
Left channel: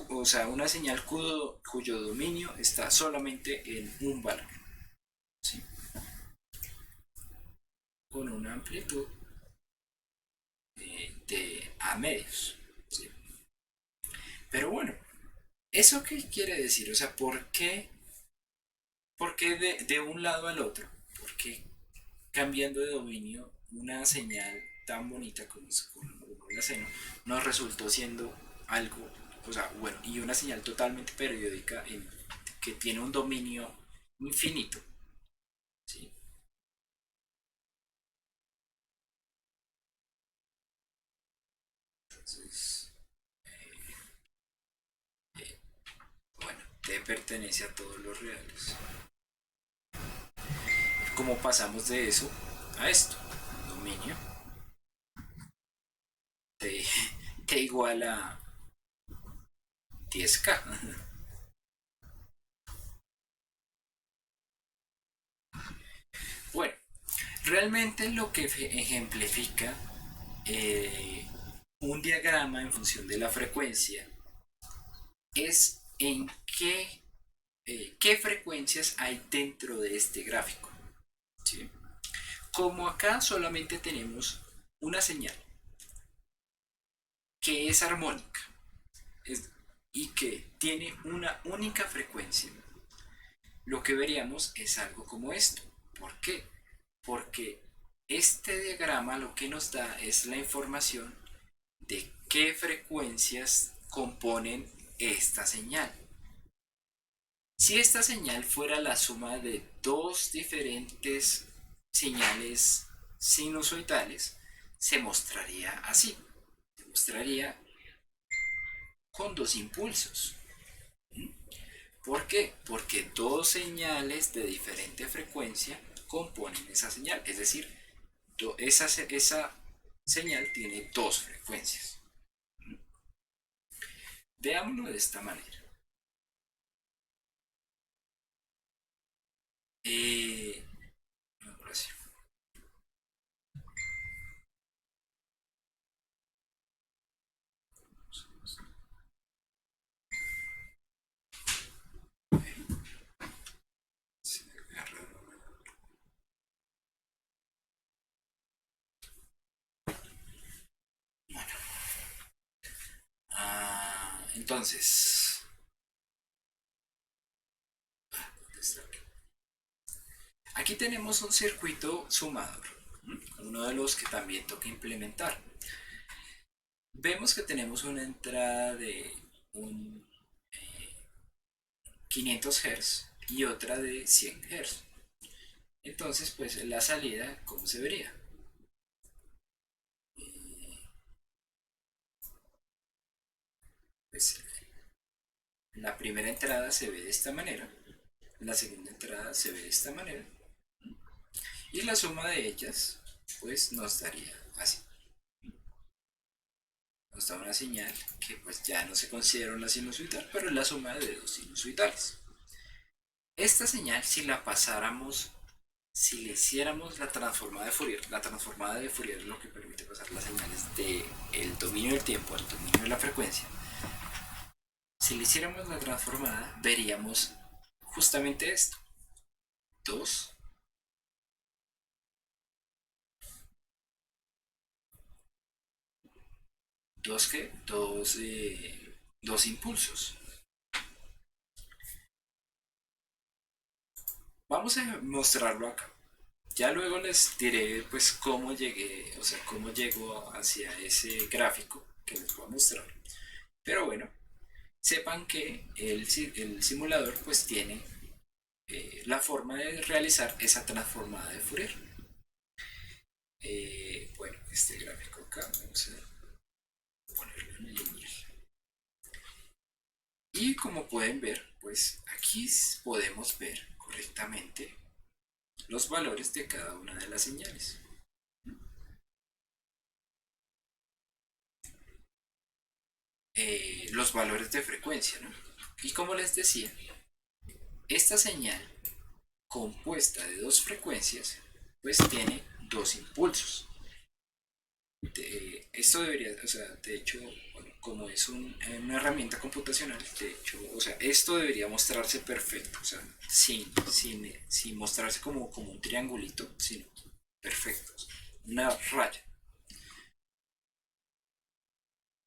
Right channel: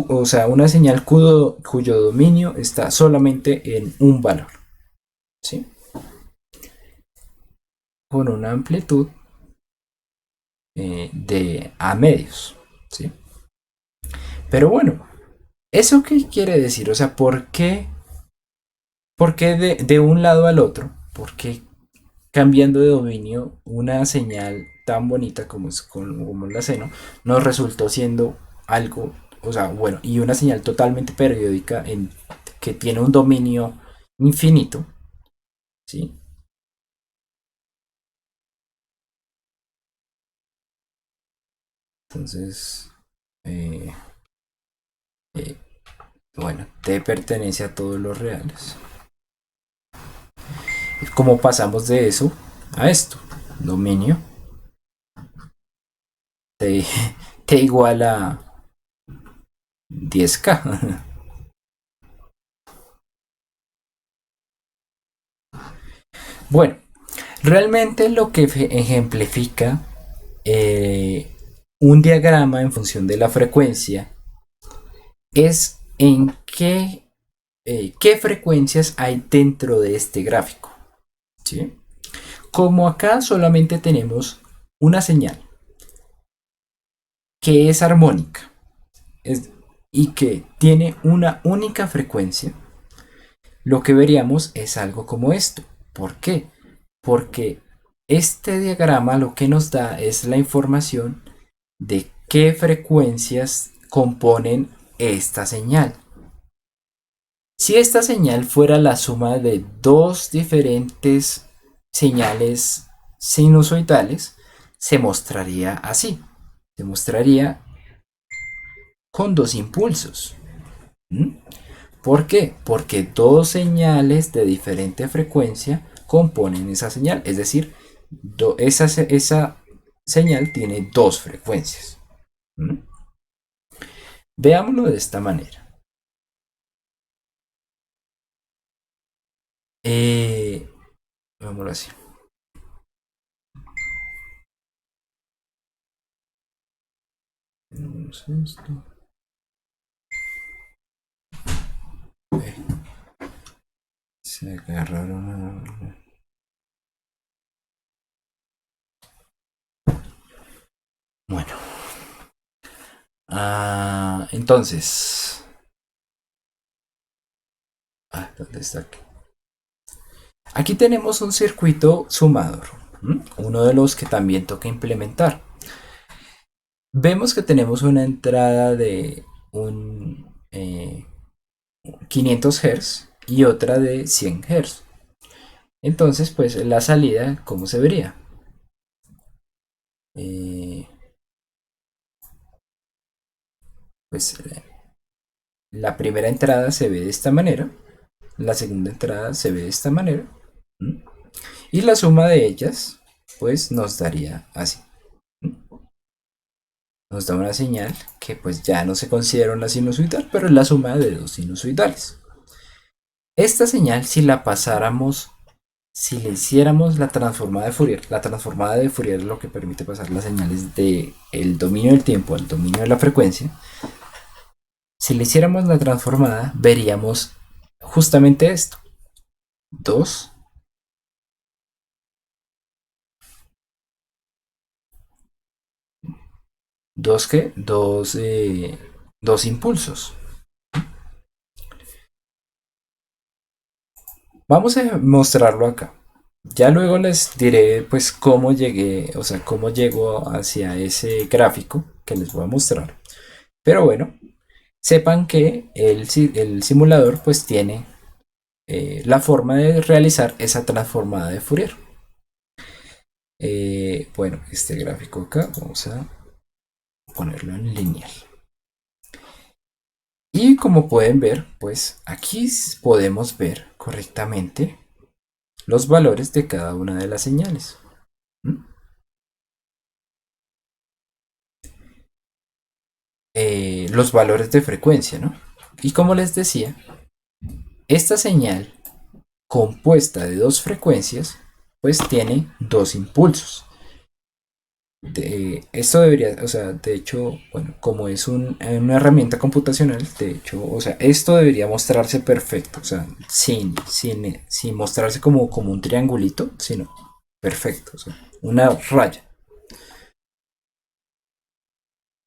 o sea, una señal cuyo dominio está solamente en un valor. ¿Sí? Con una amplitud de a medios. ¿Sí? Pero bueno, ¿eso qué quiere decir? O sea, por qué de un lado al otro? ¿Por qué cambiando de dominio una señal tan bonita como la seno nos resultó siendo algo, o sea, bueno, y una señal totalmente periódica que tiene un dominio infinito, ¿sí? Entonces, eh, eh, bueno, T pertenece a todos los reales. ¿Cómo pasamos de eso a esto? Dominio T, T igual a 10K. Bueno, realmente lo que ejemplifica eh, un diagrama en función de la frecuencia es en qué frecuencias hay dentro de este gráfico. ¿Sí? Como acá solamente tenemos una señal que es armónica y que tiene una única frecuencia, lo que veríamos es algo como esto. ¿Por qué? Porque este diagrama lo que nos da es la información de qué frecuencias componen esta señal. Si esta señal fuera la suma de dos diferentes señales sinusoidales, se mostraría así. Se mostraría con dos impulsos. ¿Mm? ¿Por qué? Porque dos señales de diferente frecuencia componen esa señal. Es decir, esa señal tiene dos frecuencias. ¿Mm? Veámoslo de esta manera. Veámoslo así. Se agarraron. Bueno. Entonces. ¿Dónde está aquí? Aquí tenemos un circuito sumador. Uno de los que también toca implementar. Vemos que tenemos una entrada de un 500 Hz y otra de 100 Hz. Entonces, pues la salida, ¿cómo se vería? Eh, pues la primera entrada se ve de esta manera, la segunda entrada se ve de esta manera, ¿m? Y la suma de ellas, pues nos daría así. ¿M? Nos da una señal que pues ya no se considera una sinusoidal, pero es la suma de dos sinusoidales. Esta señal, si la pasáramos, si le hiciéramos la transformada de Fourier es lo que permite pasar las señales del dominio del tiempo al dominio de la frecuencia. Si le hiciéramos la transformada, veríamos justamente esto. Dos, dos qué, dos impulsos. Vamos a mostrarlo acá. Ya luego les diré pues cómo llegué, o sea, cómo llego hacia ese gráfico que les voy a mostrar. Pero bueno, sepan que el simulador pues tiene la forma de realizar esa transformada de Fourier. Bueno, este gráfico acá vamos a ponerlo en lineal. Y como pueden ver, pues aquí podemos ver correctamente los valores de cada una de las señales. ¿Mm? Los valores de frecuencia, ¿no? Y como les decía, esta señal compuesta de dos frecuencias, pues tiene dos impulsos. Esto debería, o sea, de hecho, bueno, como es una herramienta computacional, de hecho, o sea, esto debería mostrarse perfecto, o sea, sin mostrarse como un triangulito, sino perfecto, o sea, una raya.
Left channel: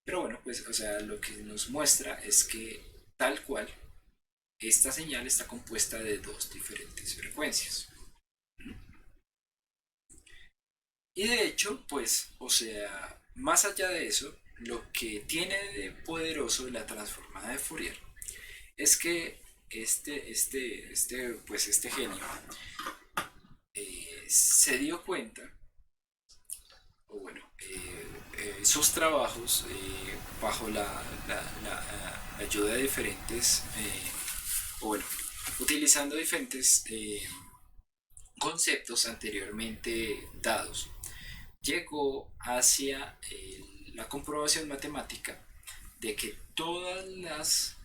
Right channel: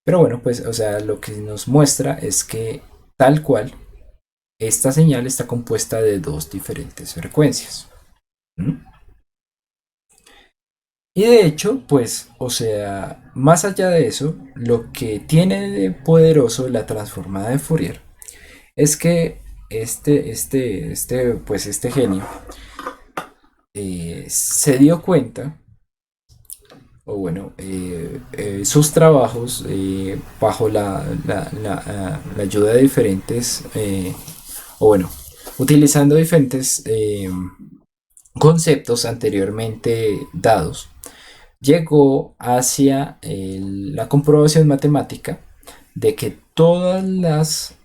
Pero bueno, pues, o sea, lo que nos muestra es que tal cual, esta señal está compuesta de dos diferentes frecuencias. ¿Mm? Y de hecho, pues, o sea, más allá de eso, lo que tiene de poderoso la transformada de Fourier es que pues este genio se dio cuenta, o bueno, sus trabajos bajo la ayuda de diferentes, o bueno, utilizando diferentes conceptos anteriormente dados, llegó hacia la comprobación matemática de que todas las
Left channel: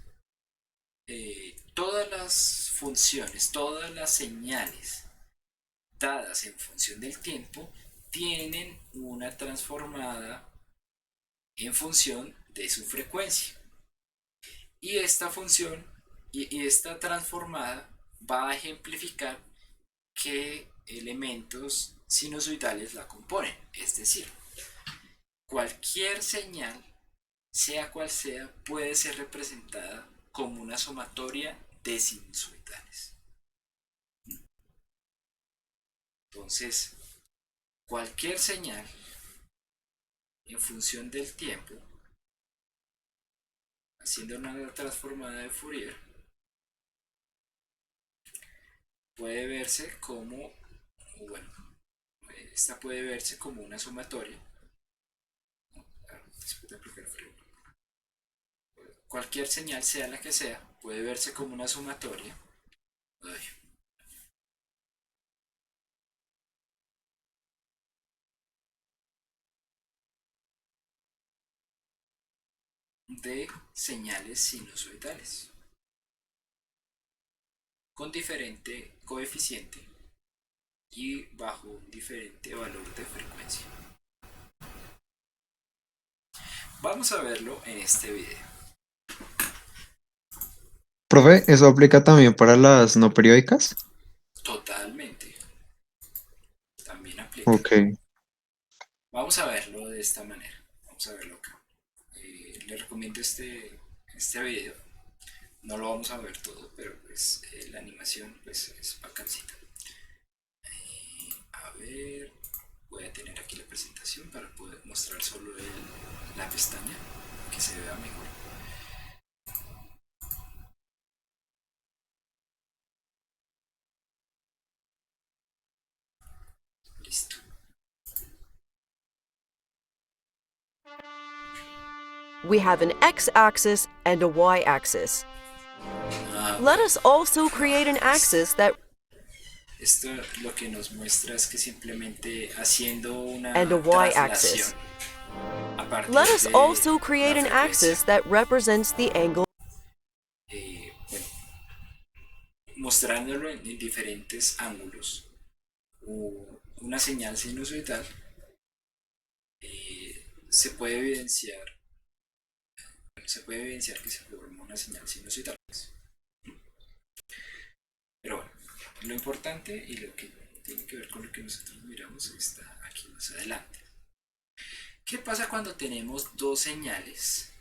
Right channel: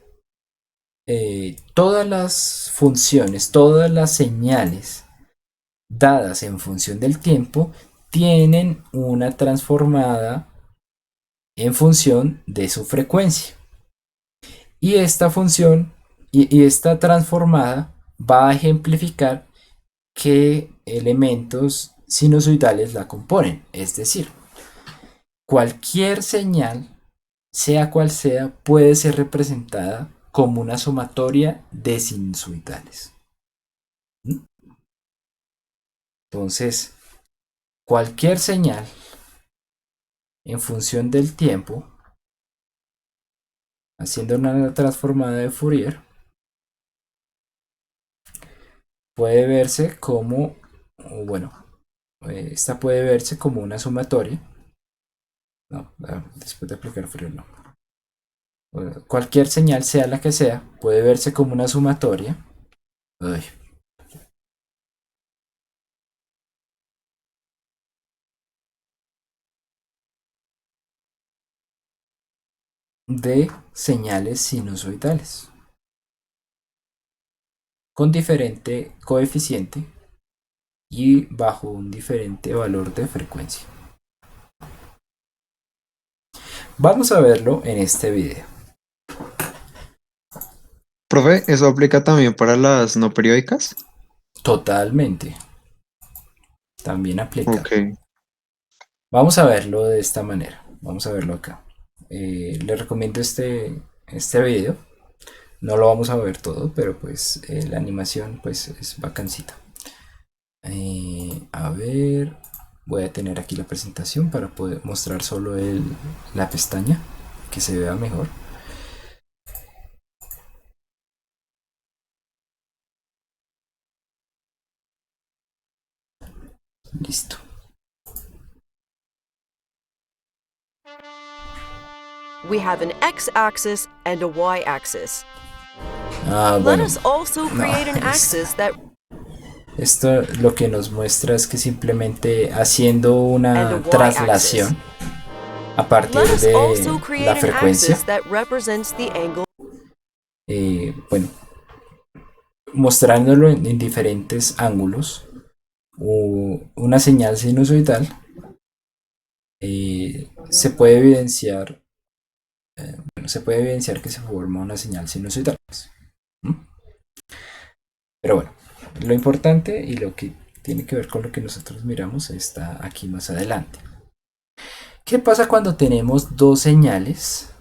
funciones, todas las señales dadas en función del tiempo tienen una transformada en función de su frecuencia. Y esta función y esta transformada va a ejemplificar qué elementos sinusoidales la componen. Es decir, cualquier señal, sea cual sea, puede ser representada como una sumatoria de sinusoidales. ¿Mm? Entonces, cualquier señal en función del tiempo, haciendo una transformada de Fourier, puede verse como, bueno, esta puede verse como una sumatoria. No, después de aplicar Fourier no. Cualquier señal, sea la que sea, puede verse como una sumatoria. Uy, de señales sinusoidales con diferente coeficiente y bajo un diferente valor de frecuencia. Vamos a verlo en este video. Profe, ¿eso aplica también para las no periódicas? Totalmente, también aplica. Ok. Vamos a verlo de esta manera. Vamos a verlo acá. Le recomiendo este video. No lo vamos a ver todo, pero pues la animación pues es bacancita. A ver, voy a tener aquí la presentación para poder mostrar solo la pestaña, que se vea mejor. Listo. We have an x-axis and a y-axis. Let Bueno, us also create an no, axis that esto lo que nos muestra es que simplemente haciendo and a una y-axis. traslación a partir Let us de also la create an frecuencia, axis that represents the angle. bueno, mostrándolo en diferentes ángulos, o una señal sinusoidal, se puede evidenciar, bueno, se puede evidenciar que se forma una señal sinusoidal. ¿Mm? Pero bueno, lo importante y lo que tiene que ver con lo que nosotros miramos está aquí más adelante. ¿Qué pasa cuando tenemos dos señales?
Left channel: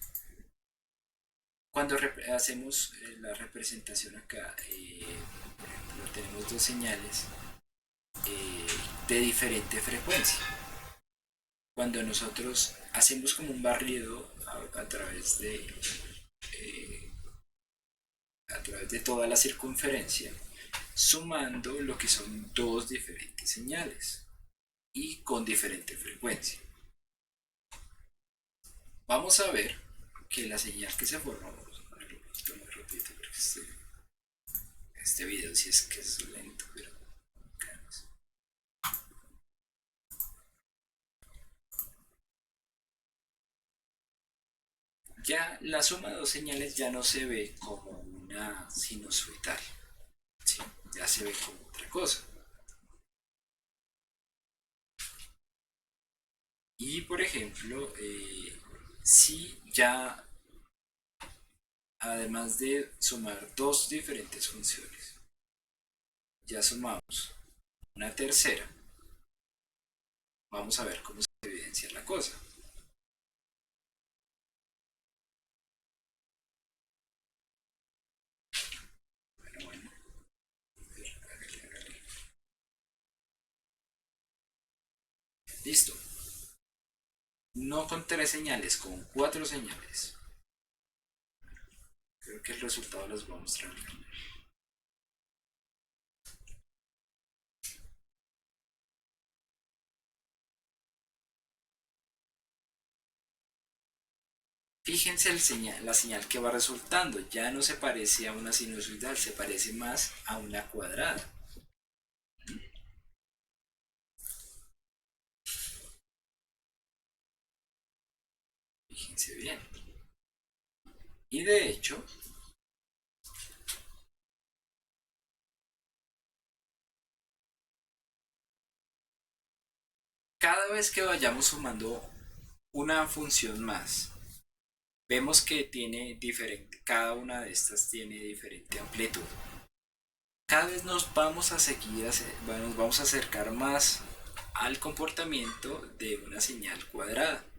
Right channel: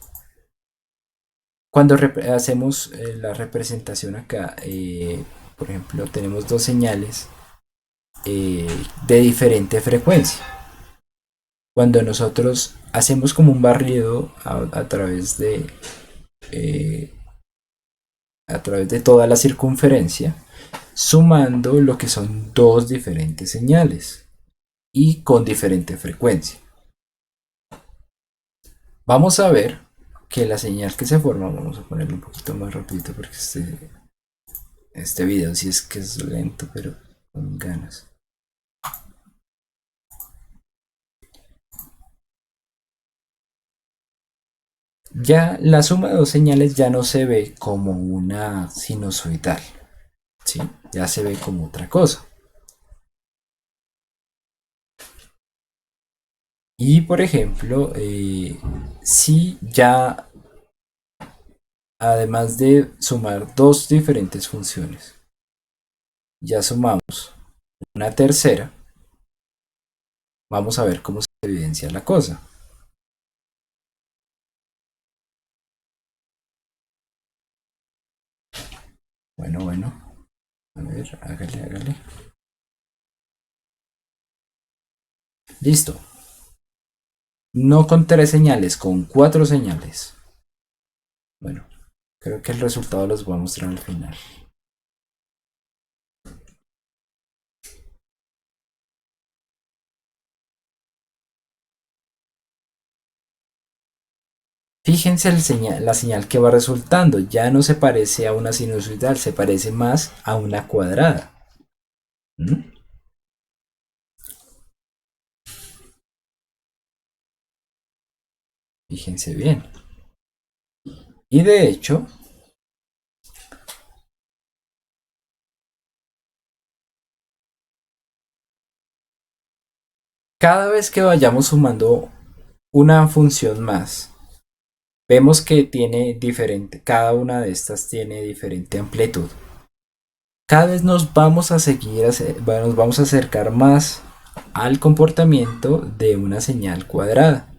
Cuando hacemos la representación acá, por ejemplo, tenemos dos señales de diferente frecuencia. Cuando nosotros hacemos como un barrido eh, a través de toda la circunferencia, sumando lo que son dos diferentes señales y con diferente frecuencia. Vamos a ver que la señal que se forma, vamos a ponerlo un poquito más rapidito porque este video sí es que es lento, pero con ganas. Ya la suma de dos señales ya no se ve como una sinusoidal, ¿sí? Ya se ve como otra cosa. Y por ejemplo, si ya, además de sumar dos diferentes funciones, ya sumamos una tercera, vamos a ver cómo se evidencia la cosa. Bueno, a ver, hágale. Listo. No con tres señales, con cuatro señales. Bueno, creo que el resultado los voy a mostrar al final. Fíjense la señal que va resultando. Ya no se parece a una sinusoidal, se parece más a una cuadrada. ¿Mm? Fíjense bien. Y de hecho, cada vez que vayamos sumando una función más, vemos que tiene diferente, cada una de estas tiene diferente amplitud. Cada vez nos vamos a nos vamos a acercar más al comportamiento de una señal cuadrada.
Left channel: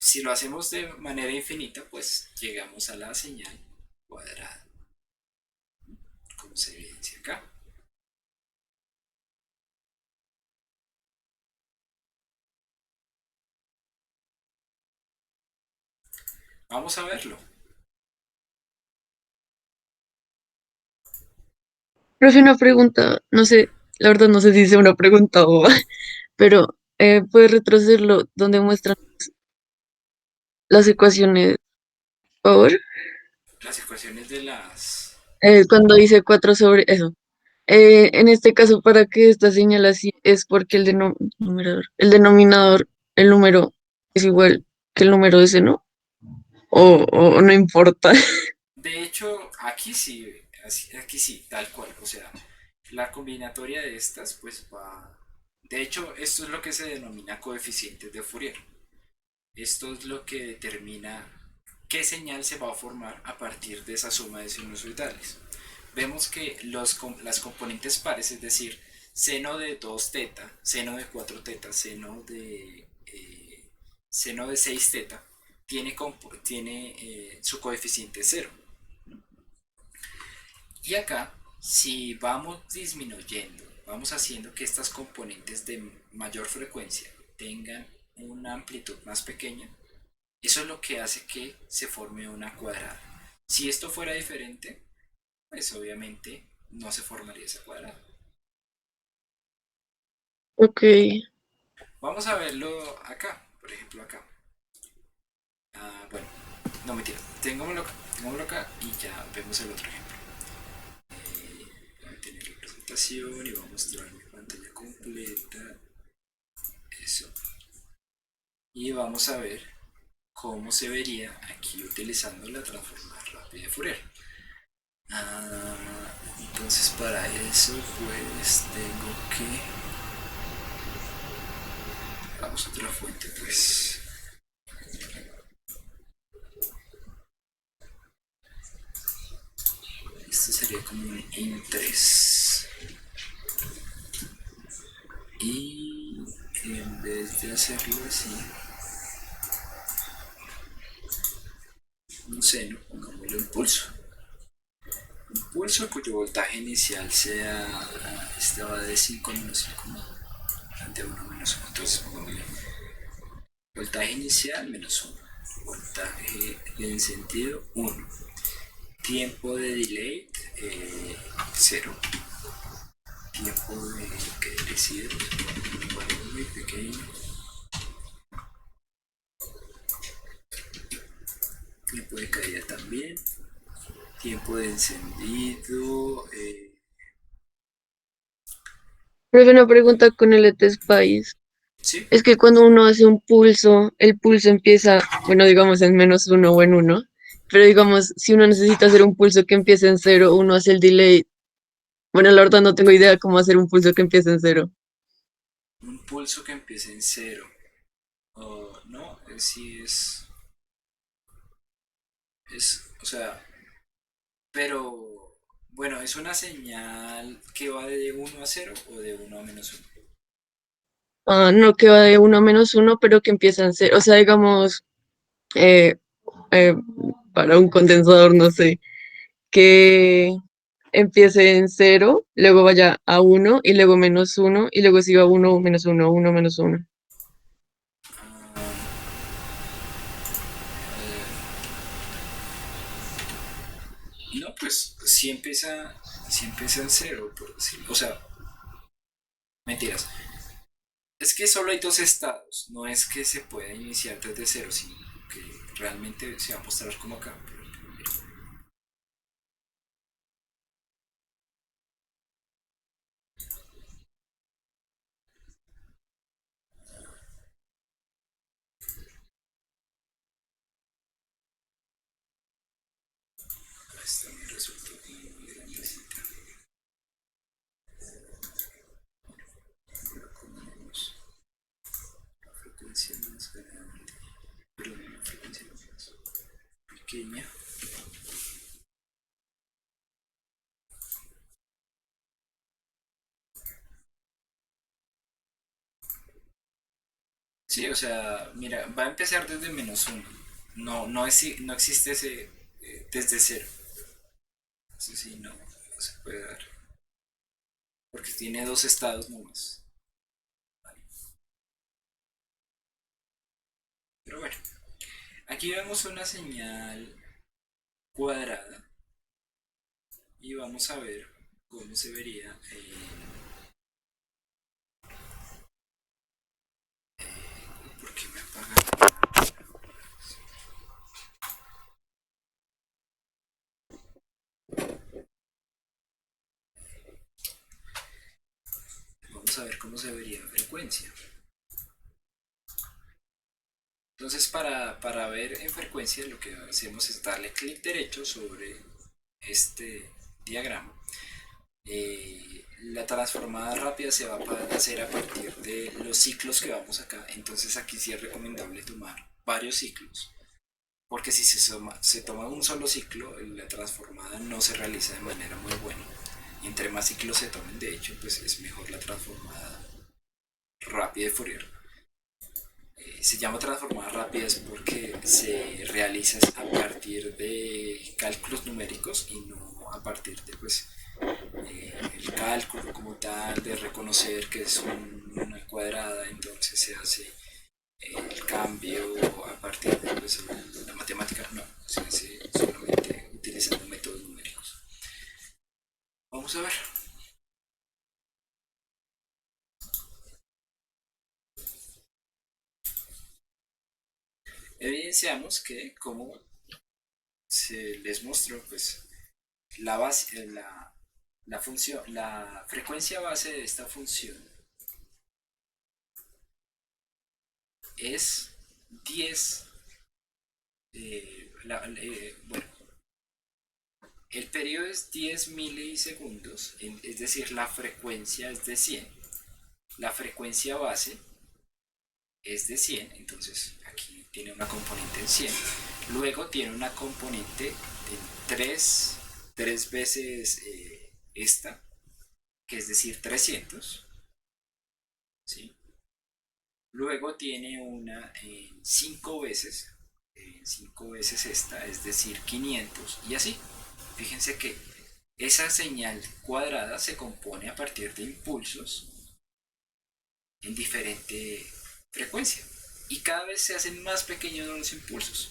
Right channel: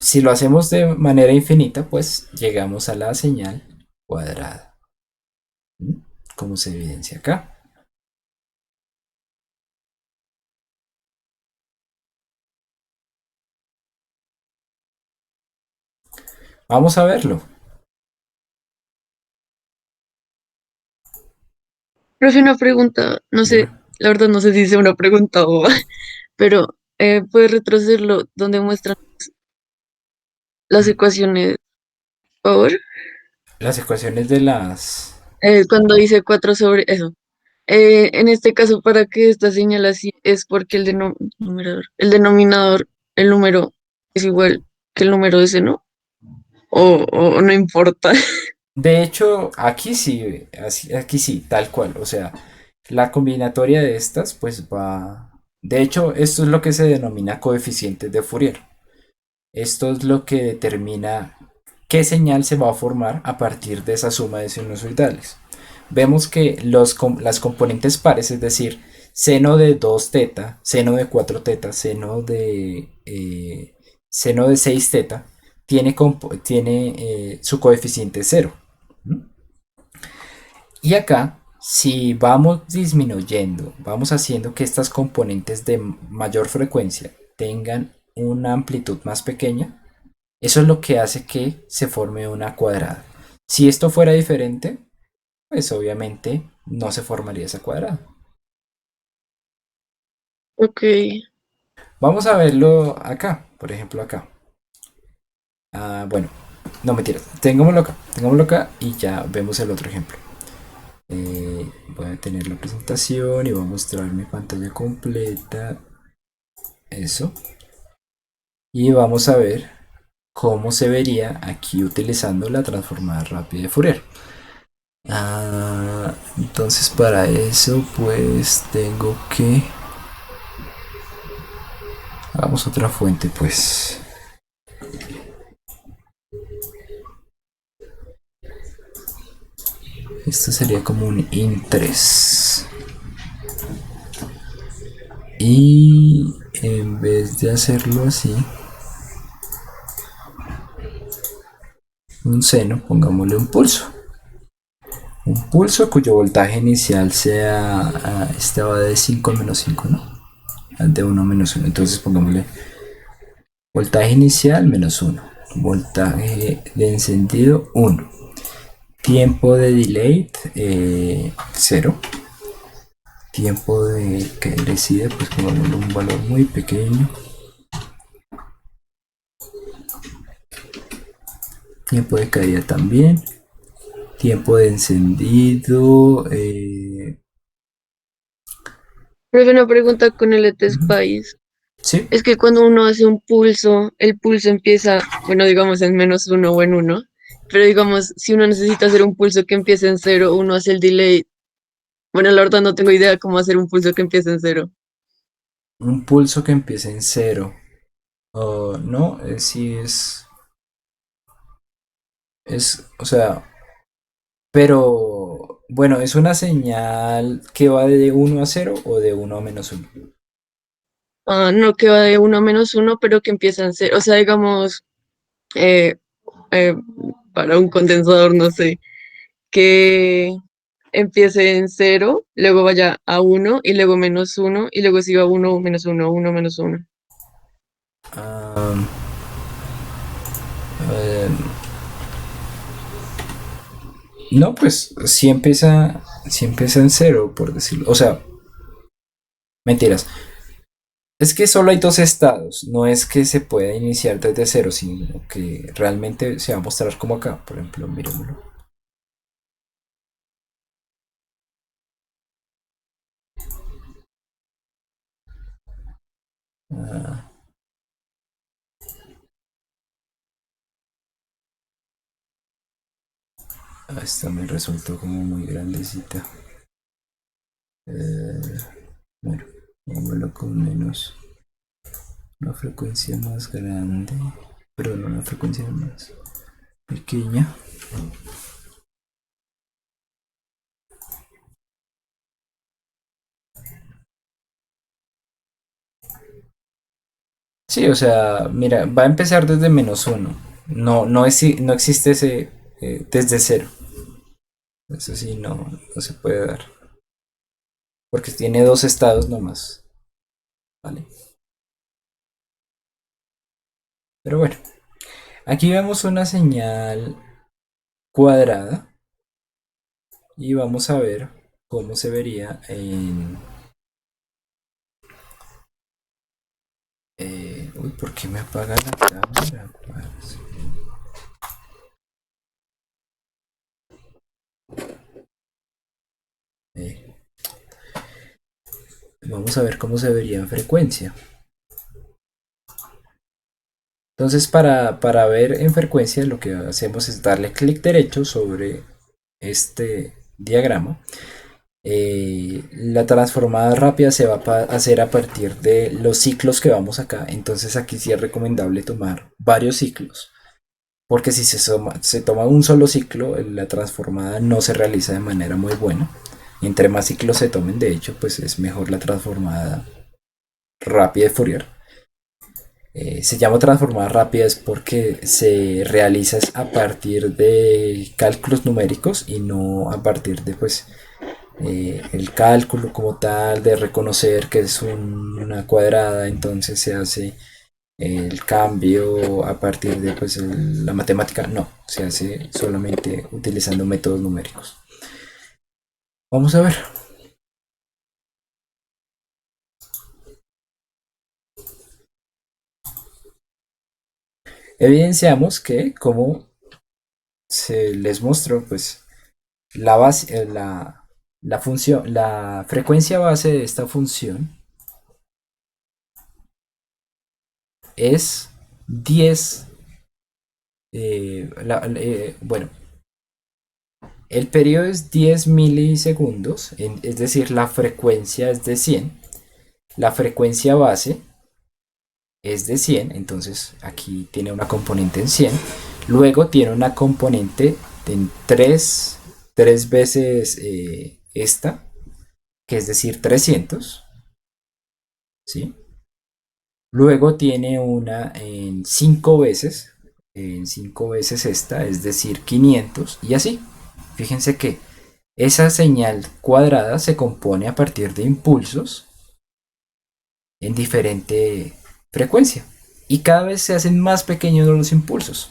Si lo hacemos de manera infinita, pues llegamos a la señal cuadrada, como se evidencia acá. Vamos a verlo. Profe, una pregunta, no Dime. sé, la verdad no sé si sea una pregunta o, pero ¿puedes retrocederlo donde muestran las ecuaciones, por favor? Las ecuaciones de las... Cuando dice 4 sobre eso. En este caso, para que esta señal así es porque el denominador, el número es igual que el número ese, ¿no? O no importa. De hecho, aquí sí, aquí sí, tal cual. O sea, la combinatoria de estas, pues va... De hecho, esto es lo que se denomina coeficientes de Fourier. Esto es lo que determina qué señal se va a formar a partir de esa suma de sinusoidales. Vemos que las componentes pares, es decir, seno de 2 teta, seno de 4 teta, seno de 6 teta, tiene su coeficiente cero. ¿Mm? Y acá, si vamos disminuyendo, vamos haciendo que estas componentes de mayor frecuencia tengan una amplitud más pequeña, eso es lo que hace que se forme una cuadrada. Si esto fuera diferente, pues obviamente no se formaría esa cuadrada. Ok, Vamos a verlo acá, por ejemplo acá. Bueno, no mentira, tengámoslo acá y ya vemos el otro ejemplo. Voy a tener la presentación y voy a mostrar mi pantalla completa. Eso. Y vamos a ver cómo se vería aquí utilizando la transformada rápida de Fourier. Entonces para eso pues tengo que... Hagamos otra fuente pues. Esto sería como un int3. Y en vez de hacerlo así, un seno, pongámosle un pulso. Un pulso cuyo voltaje inicial sea... este va de 5 menos 5, ¿no? De 1 menos 1. Entonces pongámosle voltaje inicial menos 1. Voltaje de encendido 1. Tiempo de delay 0. Tiempo de que decide, pues pongámosle un valor muy pequeño. Tiempo de caída también. Tiempo de encendido. profe, una pregunta con el ET-SPICE. Sí. Es que cuando uno hace un pulso, el pulso empieza, bueno, digamos en menos uno o en uno, pero digamos, si uno necesita hacer un pulso que empiece en cero, uno hace el delay. Bueno, la verdad no tengo idea cómo hacer un pulso que empiece en cero. Un pulso que empiece en cero. No, sí o sea, pero bueno, ¿es una señal que va de 1 a 0 o de 1 a -1? No, que va de uno a menos uno, pero que empieza en cero. O sea, digamos, eh, eh, para un condensador, no sé, que empiece en cero, luego vaya a uno y luego menos uno y luego siga uno, menos uno, menos uno. Ah, eh, no, pues sí empieza en cero, por decirlo. O sea, mentiras. Es que solo hay dos estados. No es que se pueda iniciar desde cero, sino que realmente se va a mostrar como acá. Por ejemplo, miremoslo. Ah, esta me resultó como muy grandecita. Eh, bueno, vámonos con menos. Una frecuencia más grande. Perdón, una frecuencia más pequeña. Sí, o sea, mira, va a empezar desde -1. No existe ese desde cero. Eso sí, no se puede dar. Porque tiene dos estados nomás. ¿Vale? Pero bueno. Aquí vemos una señal cuadrada y vamos a ver cómo se vería en... uy, ¿por qué me apaga la cámara? Eh, Vamos a ver cómo se vería en frecuencia. Entonces, para ver en frecuencia, lo que hacemos es darle clic derecho sobre este diagrama. La transformada rápida se va a hacer a partir de los ciclos que vamos acá. Entonces, aquí sí es recomendable tomar varios ciclos. Porque si se toma un solo ciclo, la transformada no se realiza de manera muy buena. Y entre más ciclos se tomen, de hecho, pues es mejor la transformada rápida de Fourier. Se llama transformada rápida es porque se realiza a partir de cálculos numéricos y no a partir de pues el cálculo como tal de reconocer que es una cuadrada, entonces se hace el cambio a partir de pues, la matemática. No, se hace solamente utilizando métodos numéricos. Vamos a ver. Evidenciamos que como se les mostró pues la base, la función, la frecuencia base de esta función es 10. Bueno, el periodo es 10 milisegundos, es decir, la frecuencia es de 100. La frecuencia base es de 100, entonces aquí tiene una componente en 100. Luego tiene una componente en 3 veces esta, que es decir 300, ¿sí? Luego tiene una en 5 veces esta, es decir 500, y así. Fíjense que esa señal cuadrada se compone a partir de impulsos en diferente frecuencia. Y cada vez se hacen más pequeños los impulsos.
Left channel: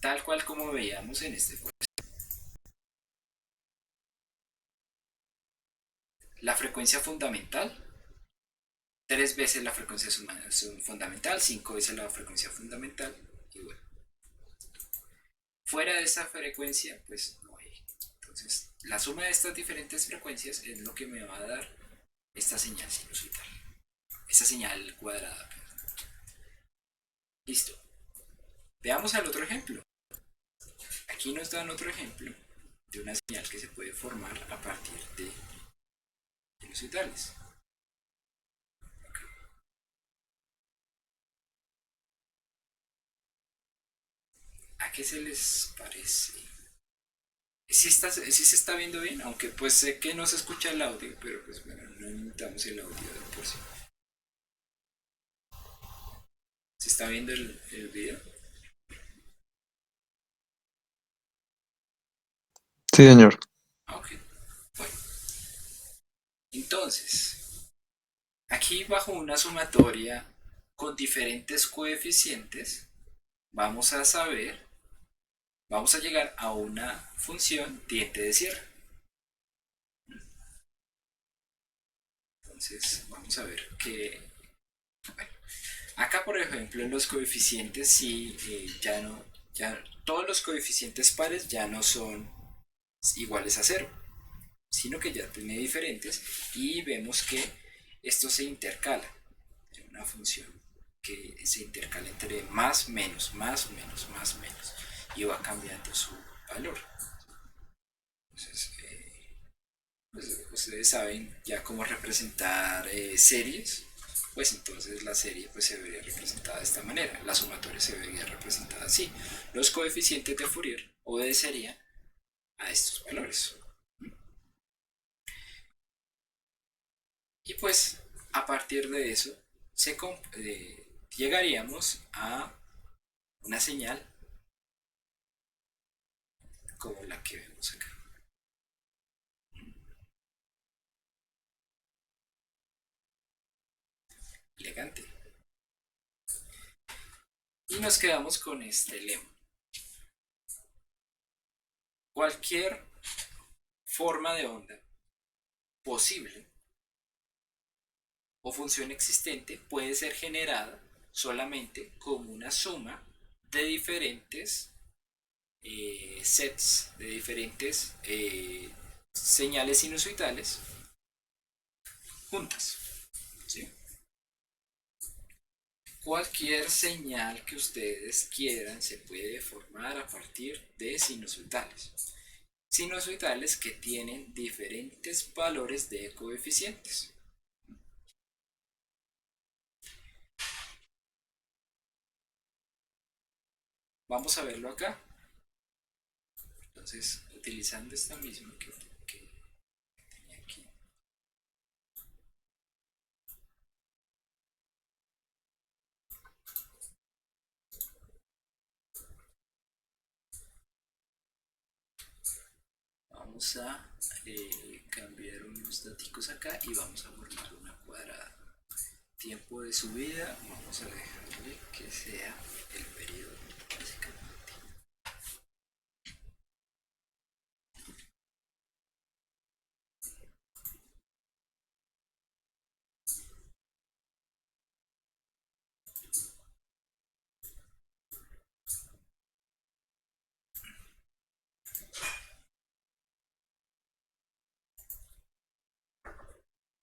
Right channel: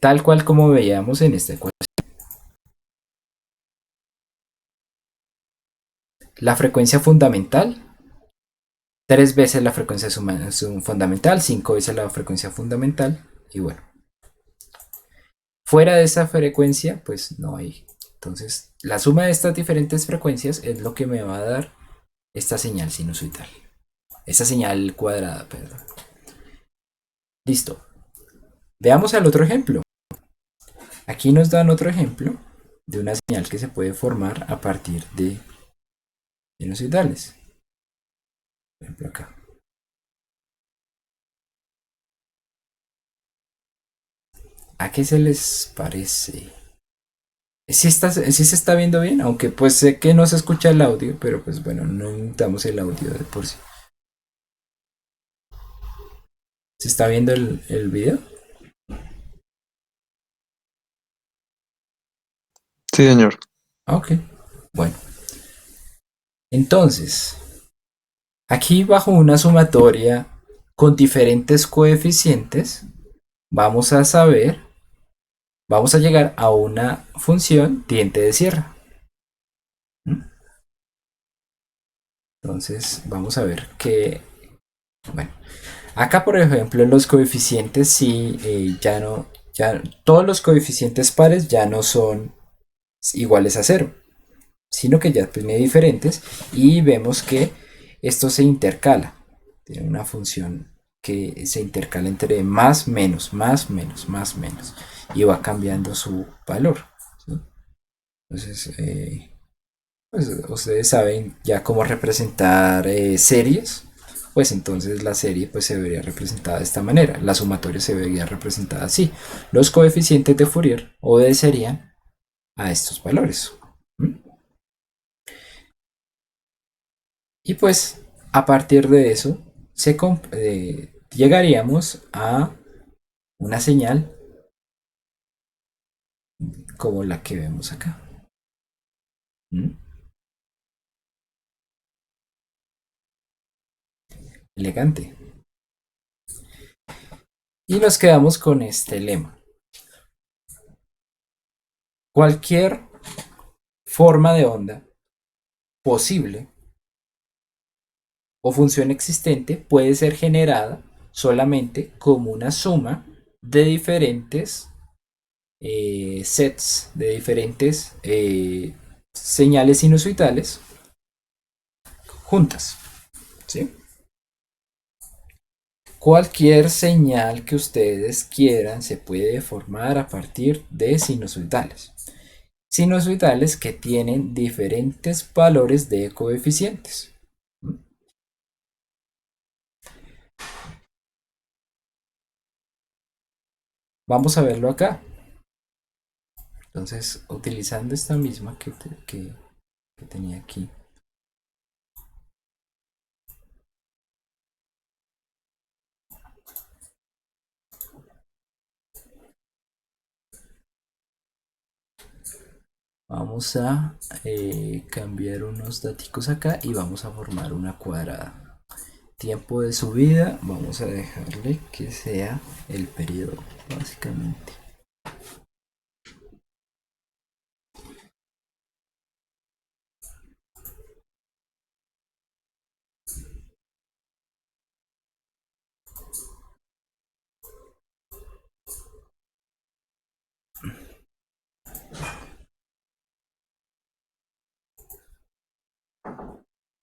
Tal cual como veíamos en esta ecuación. La frecuencia fundamental, 3 veces la frecuencia fundamental, 5 veces la frecuencia fundamental. Y bueno, fuera de esa frecuencia, pues no hay. Entonces, la suma de estas diferentes frecuencias es lo que me va a dar esta señal sinusoidal. Esta señal cuadrada, perdón. Listo. Veamos el otro ejemplo. Aquí nos dan otro ejemplo de una señal que se puede formar a partir de sinusoidales. Por ejemplo, acá. ¿A qué se les parece? Sí se está viendo bien, aunque pues sé que no se escucha el audio, pero pues bueno, no necesitamos el audio de por sí. ¿Se está viendo el video? Sí, señor. Ah, ok. Bueno, entonces, aquí bajo una sumatoria con diferentes coeficientes, vamos a saber, vamos a llegar a una función diente de sierra. ¿Mm? Entonces, vamos a ver que, bueno, acá por ejemplo los coeficientes sí, ya no, ya todos los coeficientes pares ya no son iguales a cero, sino que ya tiene diferentes y vemos que esto se intercala. Tiene una función que se intercala entre más, menos, más, menos, más, menos y va cambiando su valor. ¿Sí? Entonces, pues, ustedes saben ya cómo representar series. Pues entonces la serie pues, se vería representada de esta manera. La sumatoria se vería representada así. Los coeficientes de Fourier obedecerían a estos valores. ¿Mm? Y pues a partir de eso llegaríamos a una señal como la que vemos acá. ¿Mm? Elegante. Y nos quedamos con este lema. Cualquier forma de onda posible o función existente puede ser generada solamente como una suma de diferentes sets, de diferentes señales sinusoidales juntas, ¿sí? Cualquier señal que ustedes quieran se puede formar a partir de sinusoidales. Sinusoidales que tienen diferentes valores de coeficientes. Vamos a verlo acá. Entonces, utilizando esta misma que tenía aquí. Vamos a cambiar unos datos acá y vamos a formar una cuadrada. Tiempo de subida, vamos a dejarle que sea el periodo, básicamente.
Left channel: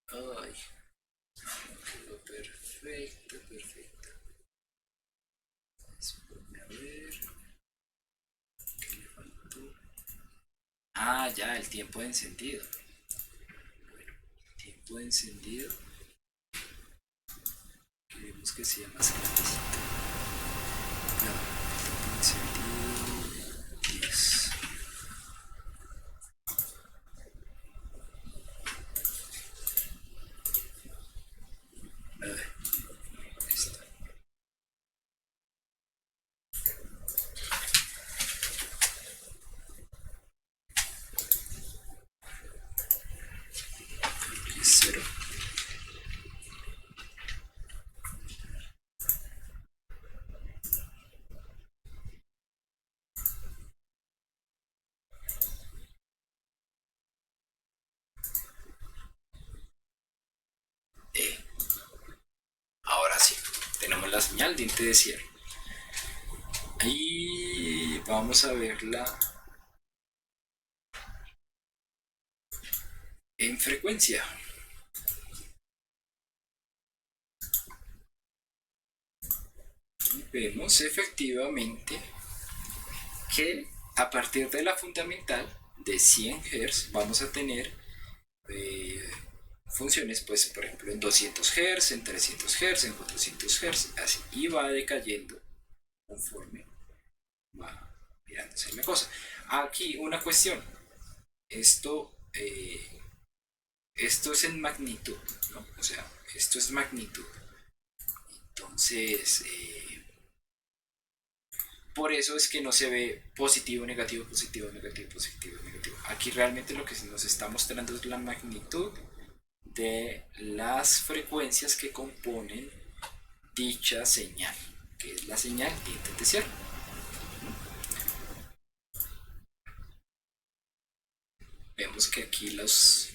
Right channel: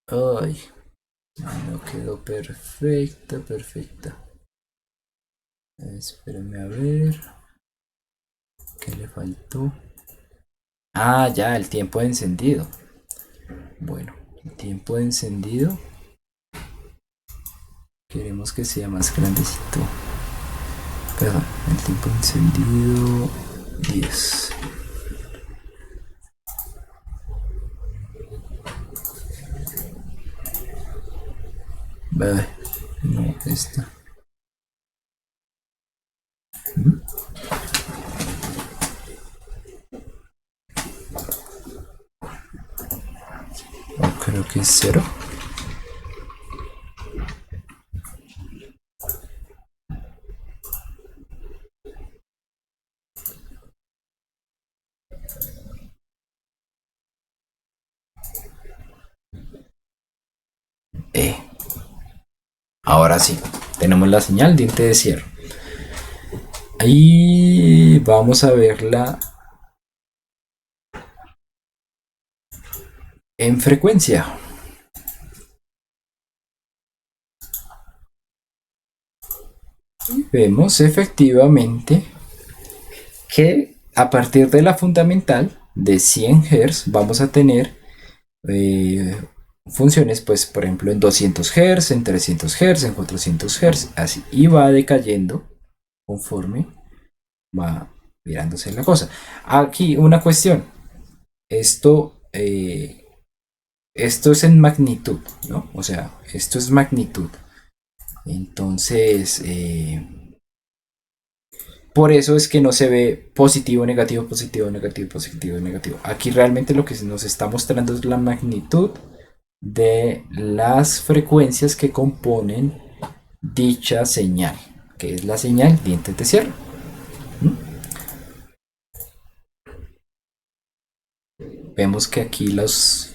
Ay, no quedó perfecta, perfecta. Espérenme a ver. ¿Qué le faltó? Ah, ya, el tiempo de encendido. Bueno, el tiempo de encendido. Queremos que sea más grandecito. Perdón, el tiempo de encendido 10. Vale, no, esta. Creo que es 0. Ahora sí, tenemos la señal diente de cierre. Ahí vamos a verla en frecuencia. Y vemos efectivamente que a partir de la fundamental de 100 Hz vamos a tener funciones, pues por ejemplo en 200 Hz, en 300 Hz, en 400 Hz, así, y va decayendo conforme va mirándose la cosa. Aquí una cuestión, esto es en magnitud, ¿no? O sea, esto es magnitud. Entonces, por eso es que no se ve positivo, negativo, positivo, negativo, positivo, negativo. Aquí realmente lo que nos está mostrando es la magnitud de las frecuencias que componen dicha señal, que es la señal dientes de cierre. Vemos que aquí los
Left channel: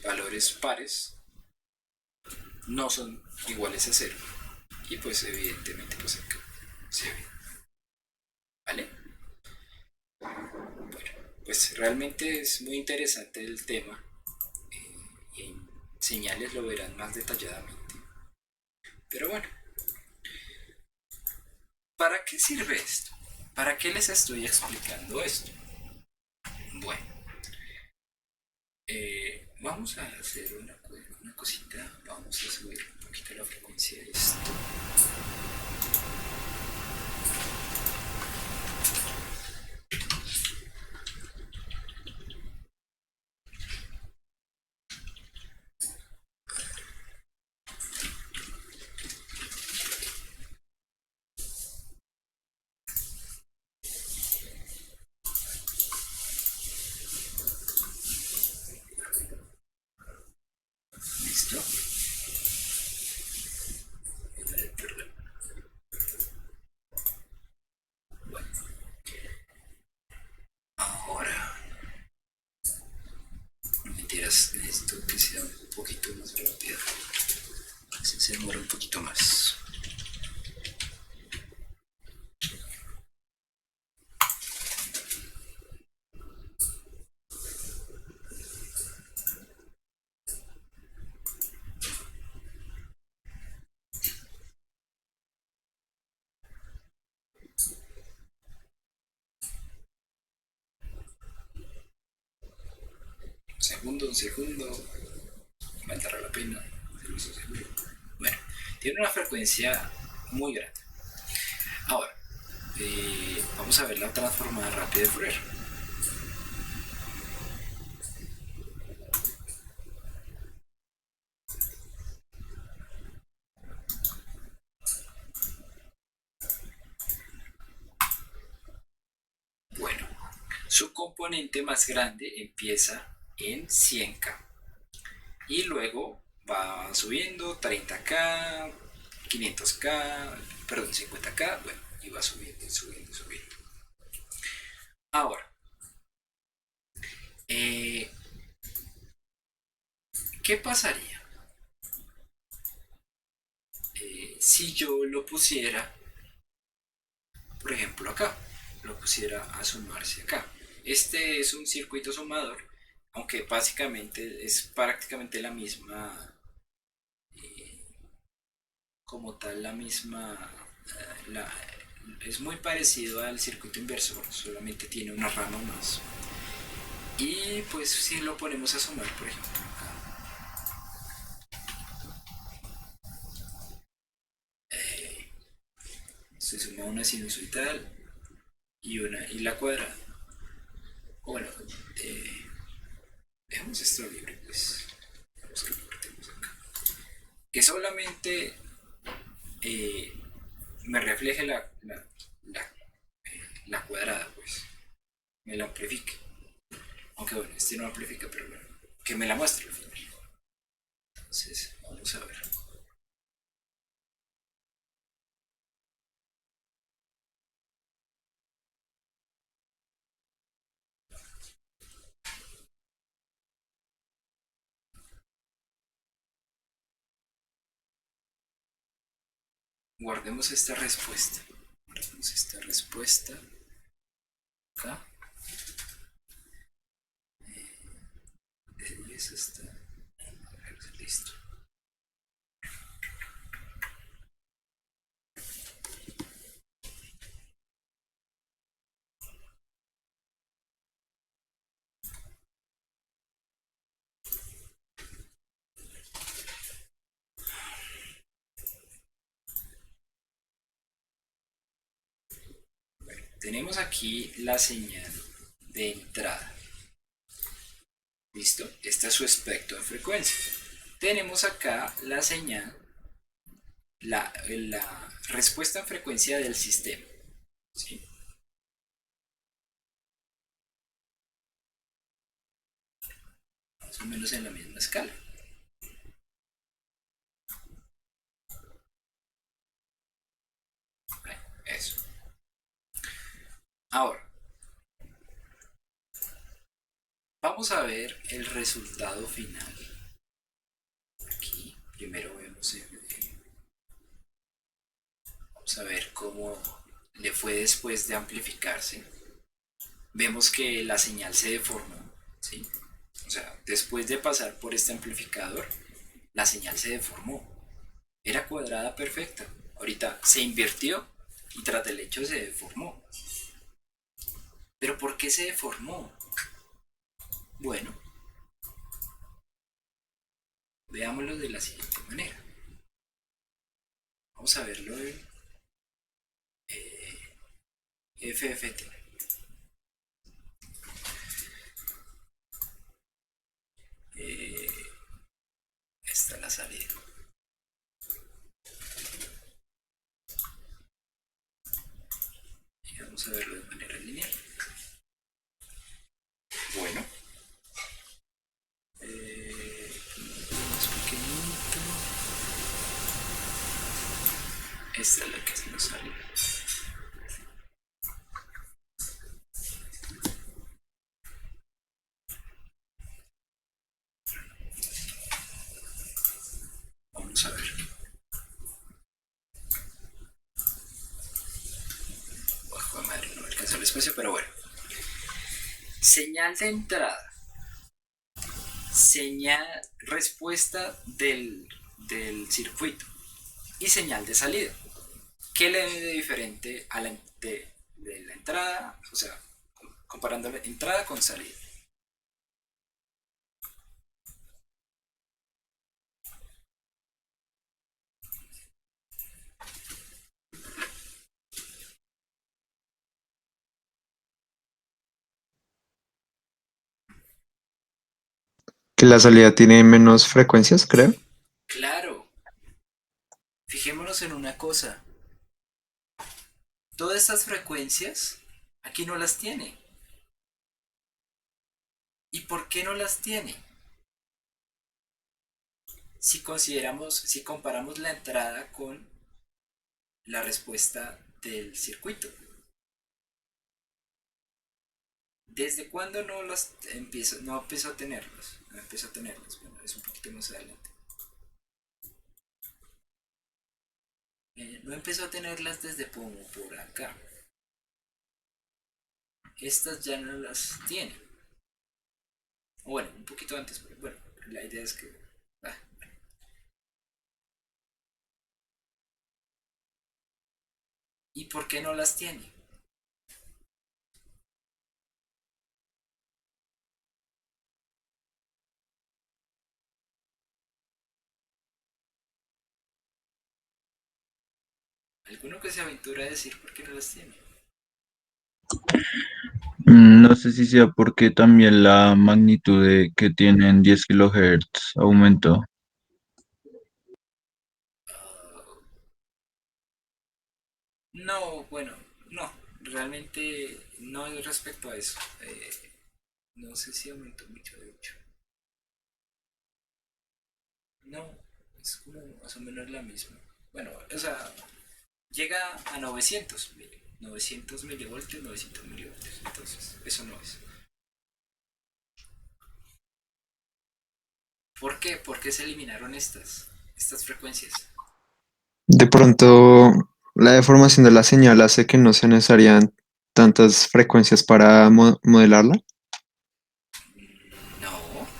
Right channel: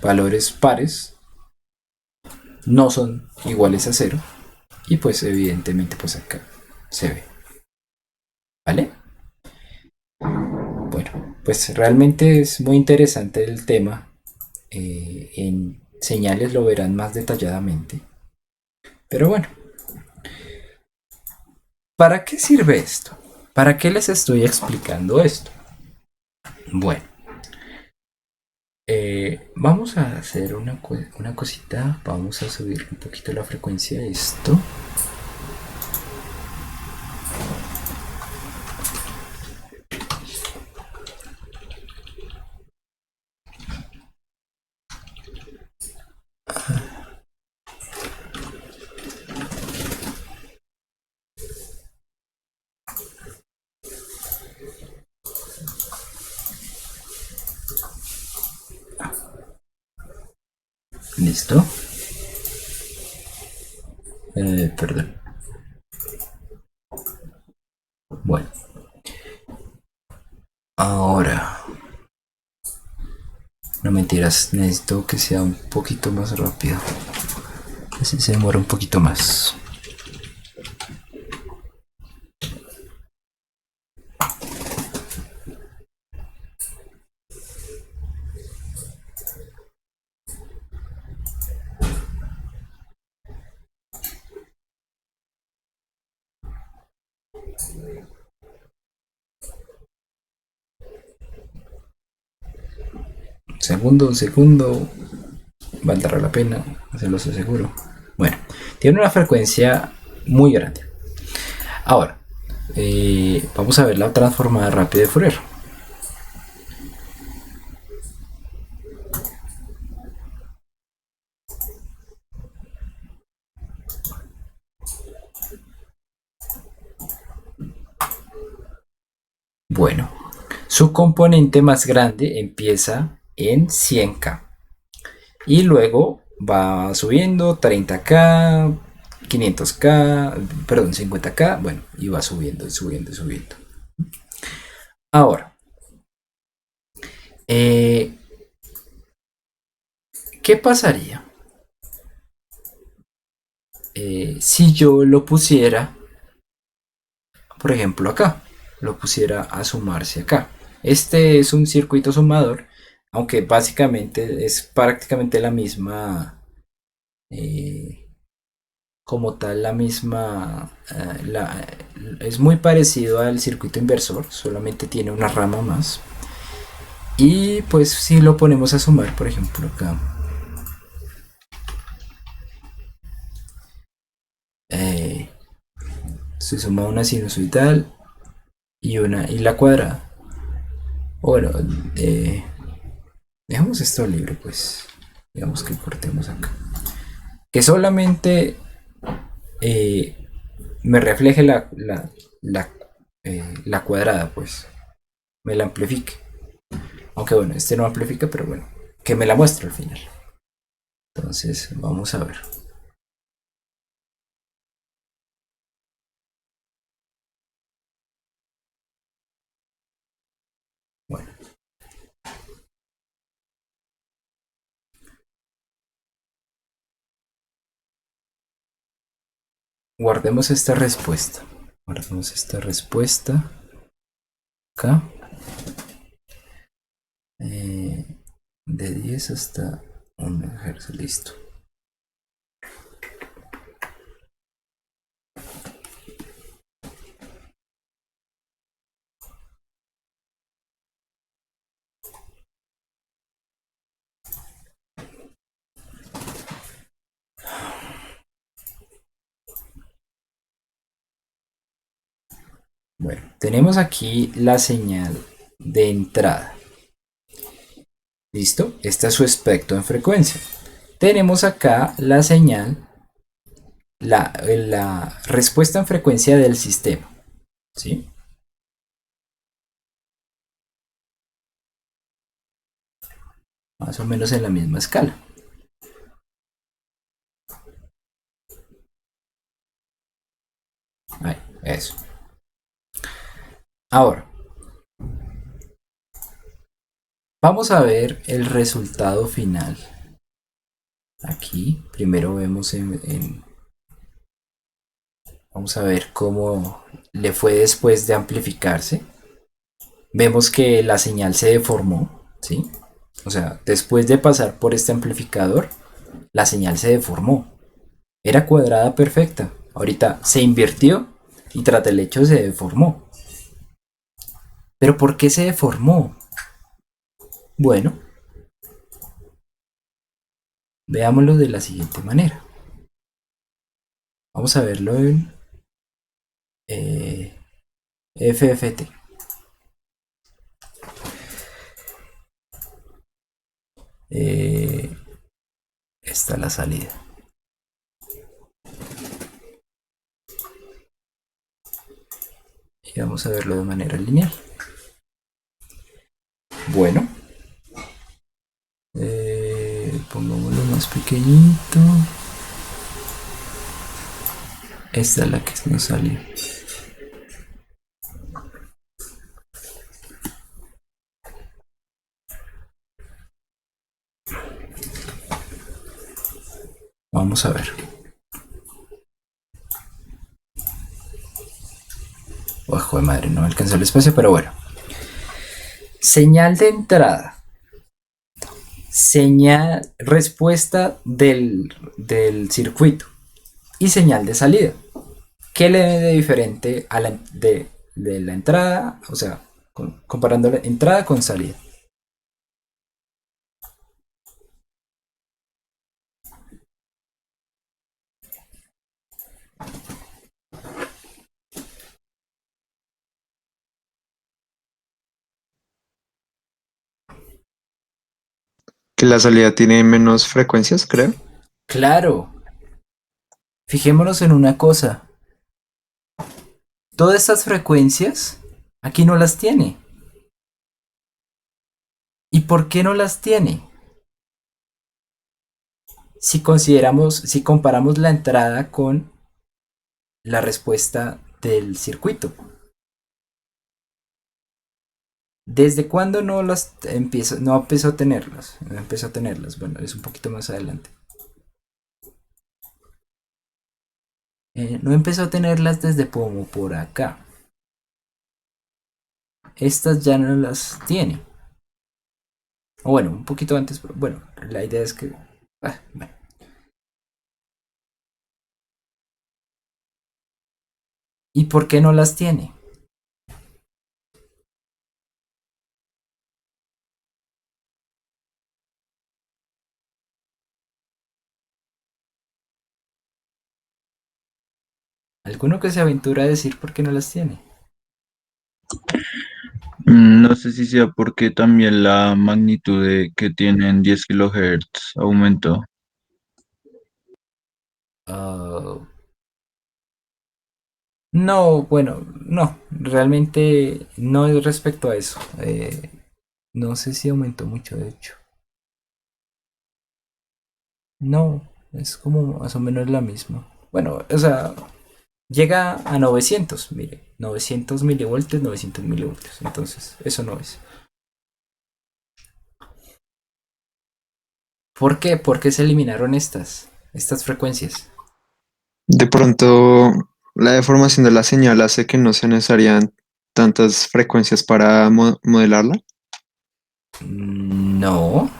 valores pares no son iguales a 0 y pues evidentemente pues acá se ve. ¿Vale? Bueno, pues realmente es muy interesante el tema. En señales lo verán más detalladamente. Pero bueno, ¿para qué sirve esto? ¿Para qué les estoy explicando esto? Bueno, vamos a hacer una cosita. Vamos a subir un poquito la frecuencia de esto. Listo. Perdón. No mentiras, necesito que sea un poquito más rápido. Así se demora un poquito más. Un segundo. Valdrá la pena, se los aseguro. Bueno, tiene una frecuencia muy grande. Ahora, vamos a ver la transformada rápida de Fourier. Bueno, su componente más grande empieza en 100K y luego va subiendo 30K, 500K, perdón, 50K, bueno, y va subiendo, subiendo, subiendo. Ahora, ¿qué pasaría si yo lo pusiera, por ejemplo, acá? Lo pusiera a sumarse acá. Este es un circuito sumador, aunque básicamente es prácticamente la misma, eh, como tal, la misma, es muy parecido al circuito inversor, solamente tiene una rama más. Y pues si lo ponemos a sumar, por ejemplo, acá, eh, se suma una sinusoidal y la cuadrada. Bueno, eh, dejamos esto libre, pues. Digamos que cortemos acá. Que solamente eh, me refleje la, la cuadrada, pues. Me la amplifique. Aunque bueno, este no amplifica, pero bueno. Que me la muestre al final. Entonces, vamos a ver. Bueno. Guardemos esta respuesta. Guardemos esta respuesta acá. De 10 hasta 1 Hz, listo. Bueno, tenemos aquí la señal de entrada. ¿Listo? Este es su espectro en frecuencia. Tenemos acá la señal, la respuesta en frecuencia del sistema. ¿Sí? Más o menos en la misma escala. Ahí, eso. Ahora, vamos a ver el resultado final. Aquí, primero vemos vamos a ver cómo le fue después de amplificarse. Vemos que la señal se deformó, ¿sí? O sea, después de pasar por este amplificador, la señal se deformó. Era cuadrada perfecta. Ahorita se invirtió y tras el hecho se deformó. ¿Pero por qué se deformó? Bueno, veámoslo de la siguiente manera. Vamos a verlo en FFT. Esta es la salida. Y vamos a verlo de manera lineal. Bueno, pongámoslo más pequeñito. Esta es la que nos salió. Vamos a ver. Ojo de madre, no alcanzó el espacio, pero bueno. Señal de entrada. Señal, respuesta del circuito. Y señal de salida. ¿Qué le ve de diferente a de la entrada? O sea, comparando la entrada con salida. Que la salida tiene menos frecuencias, creo. Claro, fijémonos en una cosa. Todas estas frecuencias aquí no las tiene. ¿Y por qué no las tiene? Si comparamos la entrada con la respuesta del circuito. ¿Desde cuándo no empezó a tenerlas? No empezó a tenerlas. Bueno, es un poquito más adelante. No empezó a tenerlas desde como por acá. Estas ya no las tiene. O bueno, un poquito antes, pero bueno, la idea es que... bueno. ¿Y por qué no las tiene? ¿Alguno que se aventura a decir por qué no las tiene? No sé si sea porque también la magnitud que tienen 10 kilohertz aumentó. Ah, no, bueno, no, realmente no es respecto a eso. No sé si aumentó mucho, de hecho. No, es como más o menos la misma. Bueno, o sea, llega a 900, mire, 900 milivoltios, 900 milivoltios. Entonces, eso no es. ¿Por qué? Porque se eliminaron estas frecuencias. De pronto, la deformación de la señal hace que no se necesarian tantas frecuencias para modelarla. No,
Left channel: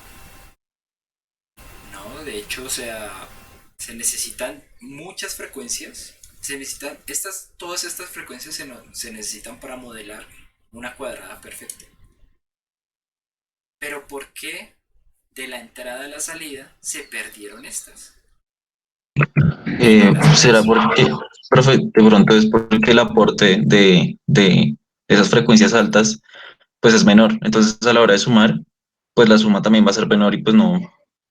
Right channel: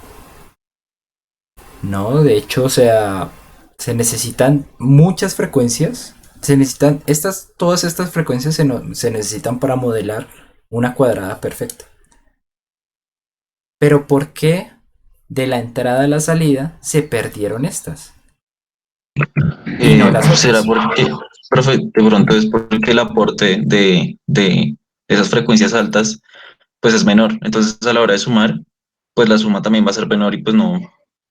no, de hecho, o sea, se necesitan muchas frecuencias. Todas estas frecuencias se necesitan para modelar una cuadrada perfecta. Pero ¿por qué de la entrada a la salida se perdieron estas? Y no las Será otras. porque, profe, de pronto es porque el aporte de esas frecuencias altas pues es menor. Entonces a la hora de sumar, pues la suma también va a ser menor y pues no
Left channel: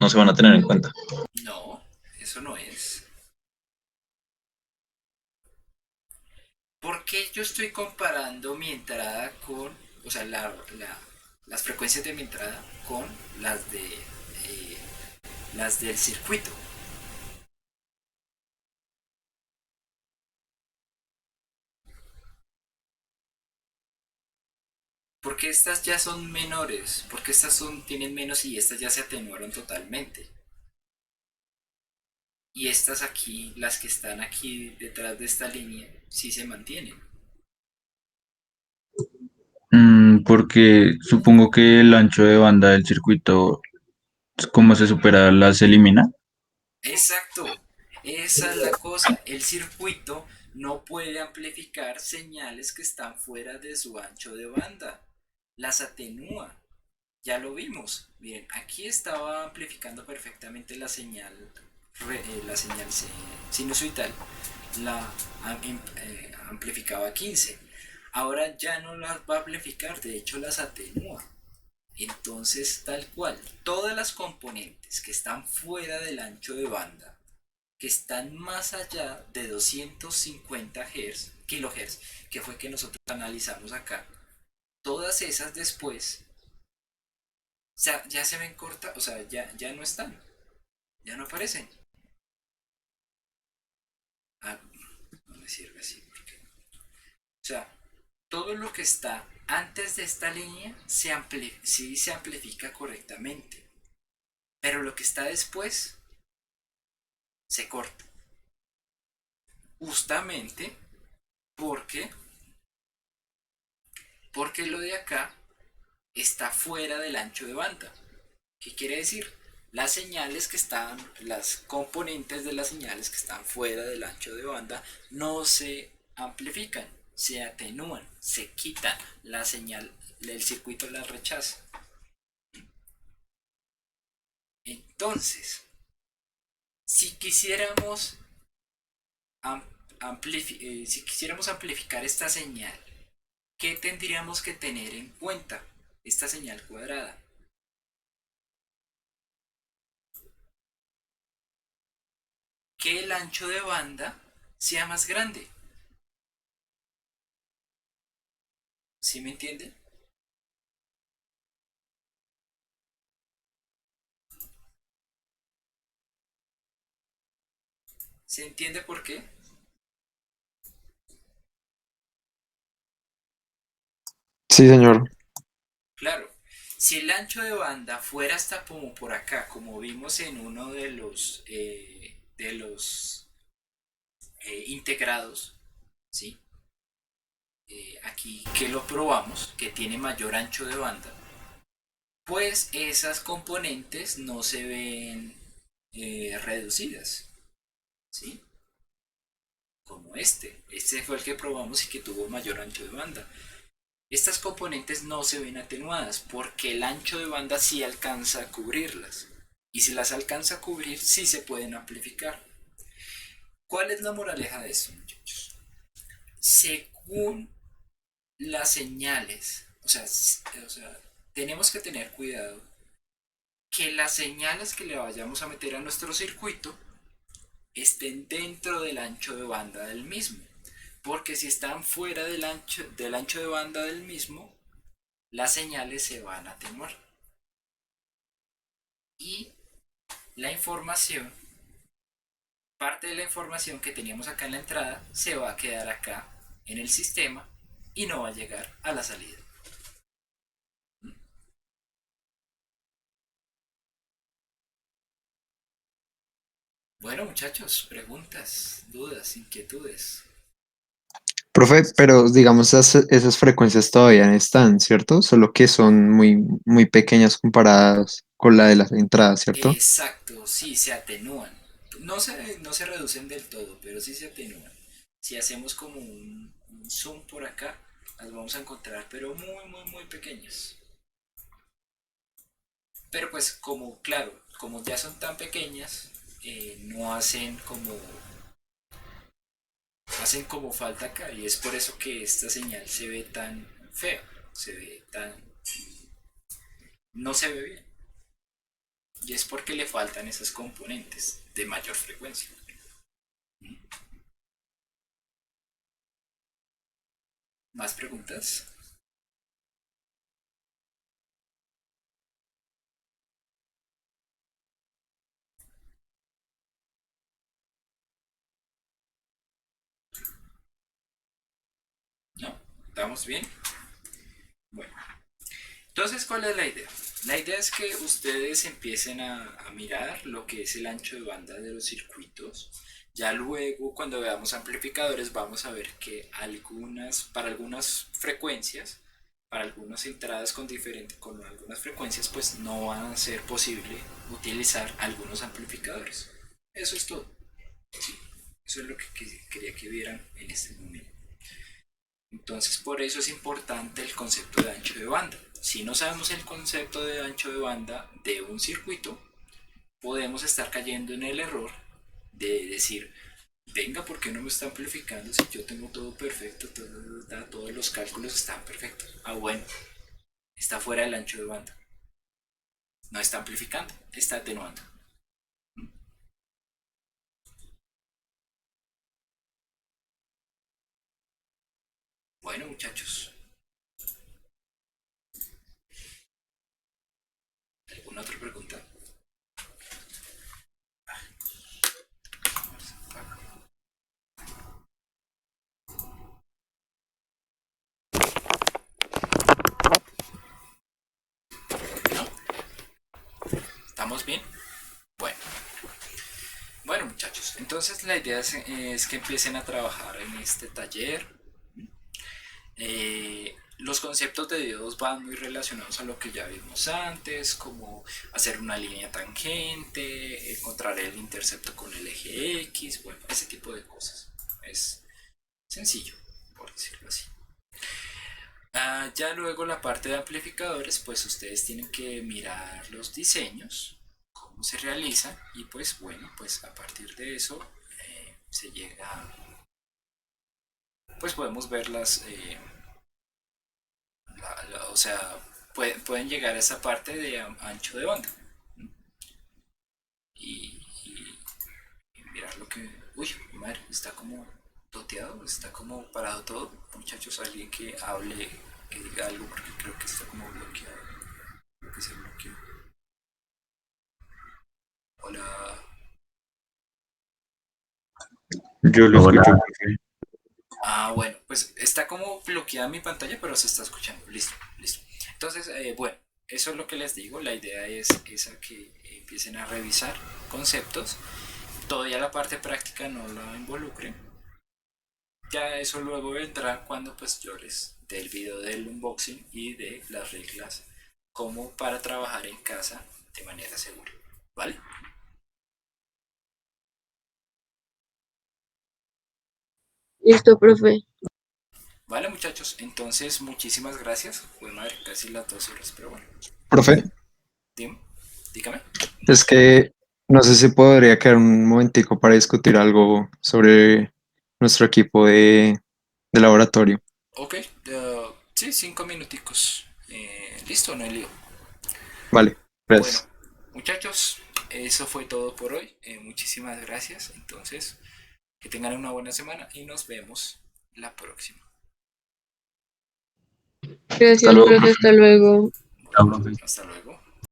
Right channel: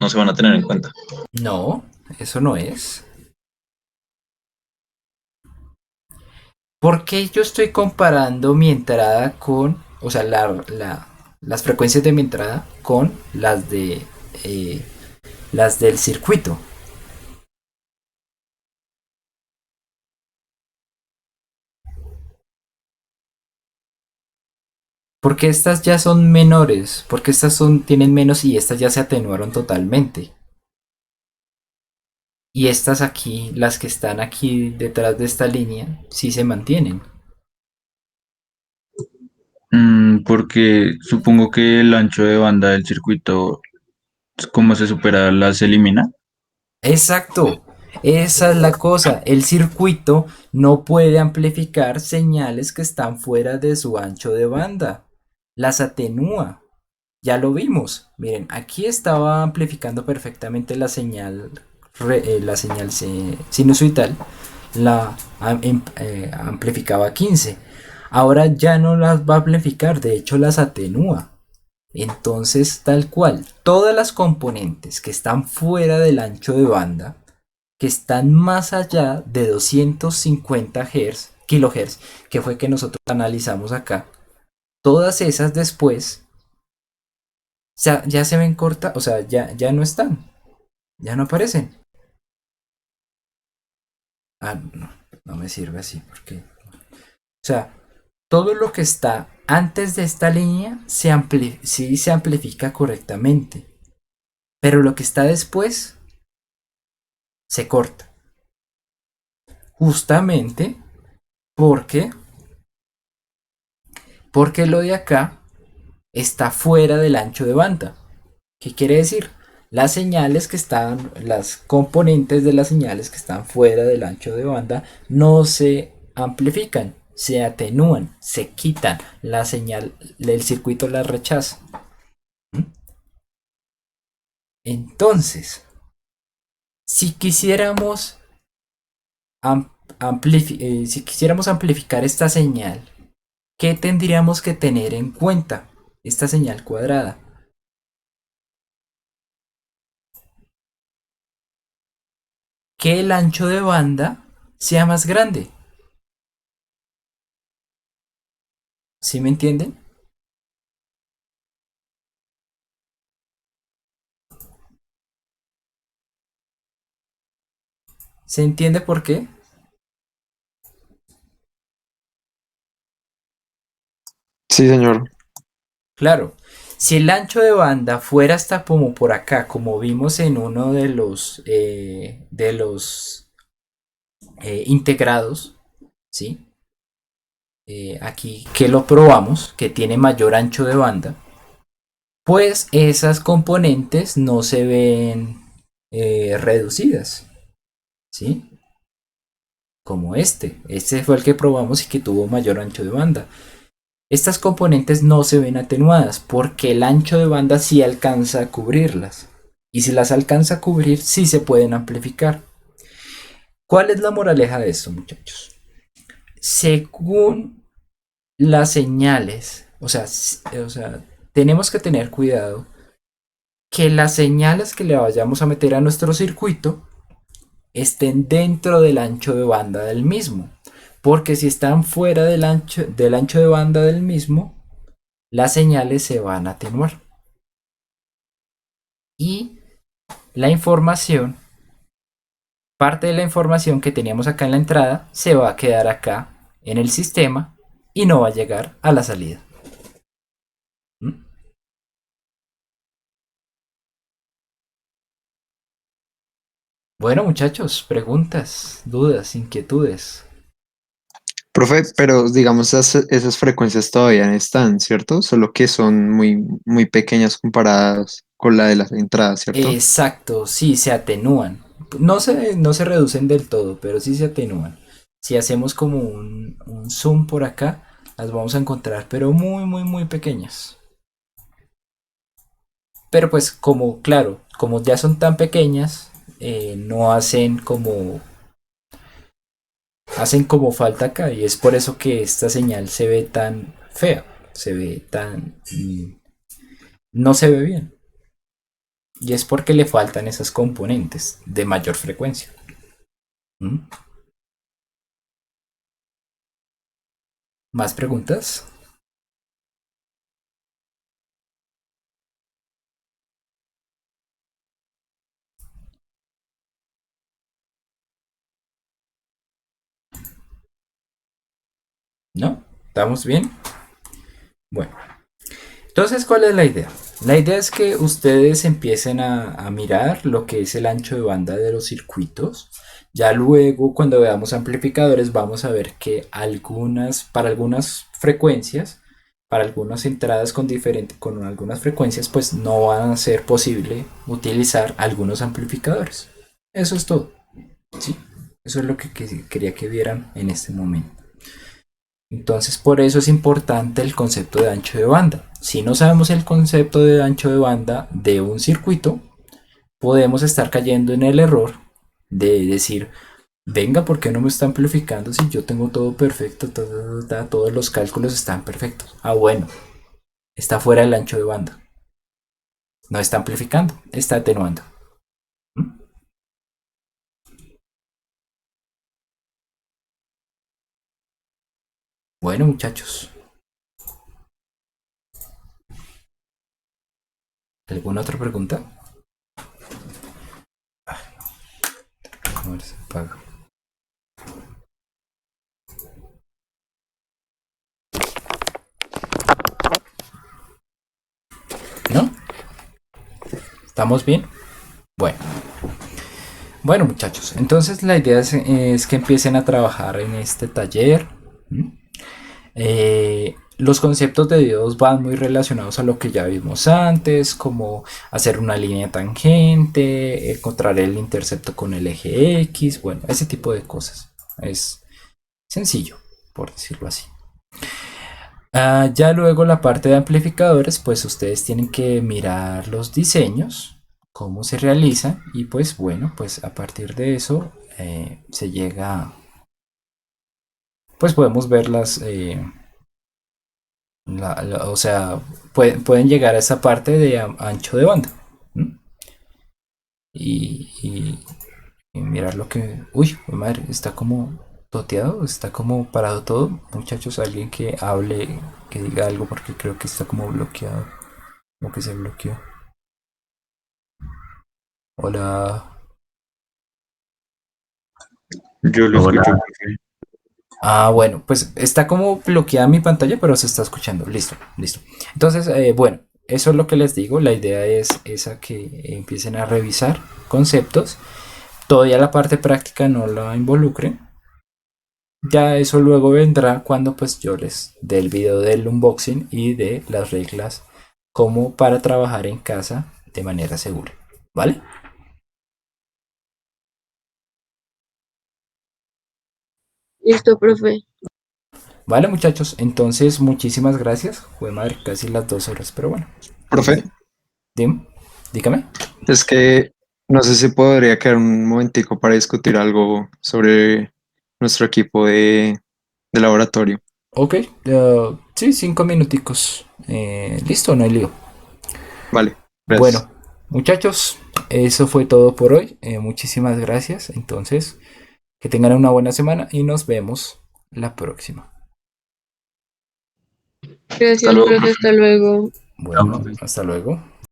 se van a tener en cuenta. No, eso no es. ¿Por qué yo estoy comparando mi entrada con, o sea, las frecuencias de mi entrada con eh, las del circuito? Porque estas ya son menores, porque tienen menos y estas ya se atenuaron totalmente. Y estas aquí, las que están aquí detrás de esta línea, sí se mantienen. Porque supongo que el ancho de banda del circuito, como se supera, las elimina. Exacto, esa es la cosa. El circuito no puede amplificar señales que están fuera de su ancho de banda. Las atenúa. Ya lo vimos. Miren, aquí estaba amplificando perfectamente la señal sinusoidal. Amplificaba 15. Ahora ya no las va a amplificar, de hecho las atenúa. Entonces, tal cual, todas las componentes que están fuera del ancho de banda, que están más allá de 250 kilohertz, que fue que nosotros analizamos acá, todas esas después ya se ven cortas, o sea, ya no están, ya no aparecen. Ah, no, no me sirve así, porque, o sea, todo lo que está antes de esta línea sí se amplifica correctamente, pero lo que está después se corta. Justamente porque, porque lo de acá está fuera del ancho de banda. ¿Qué quiere decir? Las señales que están, las componentes de las señales que están fuera del ancho de banda no se amplifican, se atenúan, se quitan. La señal del circuito la rechaza. Entonces, si quisiéramos, si quisiéramos amplificar esta señal, ¿qué tendríamos que tener en cuenta? Esta señal cuadrada. Que el ancho de banda sea más grande. ¿Sí me entienden? ¿Se entiende por qué? Sí, señor. Claro, si el ancho de banda fuera hasta como por acá, como vimos en uno de los integrados, ¿sí? Aquí que lo probamos, que tiene mayor ancho de banda, pues esas componentes no se ven reducidas, ¿sí? Como este fue el que probamos y que tuvo mayor ancho de banda. Estas componentes no se ven atenuadas porque el ancho de banda sí alcanza a cubrirlas. Y si las alcanza a cubrir, sí se pueden amplificar. ¿Cuál es la moraleja de esto, muchachos? Según las señales, o sea, tenemos que tener cuidado que las señales que le vayamos a meter a nuestro circuito estén dentro del ancho de banda del mismo. Porque si están fuera del ancho de banda del mismo, las señales se van a atenuar. Y la información, parte de la información que teníamos acá en la entrada, se va a quedar acá en el sistema y no va a llegar a la salida. ¿Mm? Bueno, muchachos, preguntas, dudas, inquietudes. Profe, pero digamos esas frecuencias todavía están, ¿cierto? Solo que son muy, muy pequeñas comparadas con la de las entradas, ¿cierto? Exacto, sí, se atenúan. No se reducen del todo, pero sí se atenúan. Si hacemos como un zoom por acá, las vamos a encontrar, pero muy, muy, muy pequeñas. Pero pues como, claro, como ya son tan pequeñas, no hacen como falta acá. Y es por eso que esta señal se ve tan fea, se ve no se ve bien. Y es porque le faltan esas componentes de mayor frecuencia. ¿Mm? ¿Más preguntas? ¿No? ¿Estamos bien? Bueno, entonces, ¿cuál es la idea? La idea es que ustedes empiecen a mirar lo que es el ancho de banda de los circuitos. Ya luego, cuando veamos amplificadores, vamos a ver que para algunas frecuencias, para algunas entradas con algunas frecuencias, pues no van a ser posible utilizar algunos amplificadores. Eso es todo. ¿Sí? Eso es lo que quería que vieran en este momento. Entonces, por eso es importante el concepto de ancho de banda. Si no sabemos el concepto de ancho de banda de un circuito, podemos estar cayendo en el error de decir, venga, ¿por qué no me está amplificando si yo tengo todo perfecto? Todos los cálculos están perfectos. Ah, bueno, está fuera del ancho de banda. No está amplificando, está atenuando. ¿Mm? Bueno, muchachos, ¿alguna otra pregunta? A ver, se apaga. ¿No? ¿Estamos bien? Bueno. Bueno, muchachos, entonces la idea es que empiecen a trabajar en este taller. ¿M? Los conceptos de Dios van muy relacionados a lo que ya vimos antes, como hacer una línea tangente, encontrar el intercepto con el eje X, bueno, ese tipo de cosas. Es sencillo, por decirlo así. Ya luego la parte de amplificadores, pues ustedes tienen que mirar los diseños, cómo se realizan y pues bueno, pues a partir de eso se llega, pues podemos ver o sea, pueden llegar a esa parte de ancho de banda. ¿M? Y mirar lo que... Uy, mi madre, está como toteado, está como parado todo. Muchachos, alguien que hable, que diga algo porque creo que está como bloqueado. Como que se bloqueó. Hola. Yo lo Hola. escucho, profe. Ah, bueno, pues está como bloqueada mi pantalla, pero se está escuchando. Listo, listo. Entonces, bueno, eso es lo que les digo. La idea es esa que empiecen a revisar conceptos. Todavía la parte práctica no la involucren. Ya eso luego vendrá cuando pues yo les dé el video del unboxing y de las reglas como para trabajar en casa de manera segura. ¿Vale? Listo, profe. Vale, muchachos. Entonces, muchísimas gracias. Fue madre, casi las 2 horas, pero bueno. Profe, Dim, dígame. es que no sé si podría quedar un momentico para discutir algo sobre nuestro equipo de laboratorio. Ok, sí, 5 minuticos. Listo, no hay lío. Vale, Bueno, gracias. muchachos, eso fue todo por hoy. Muchísimas gracias. Entonces, que tengan una buena semana y nos vemos la próxima. Hasta Gracias, luego, profe. profe. Hasta luego. Bueno, hasta luego.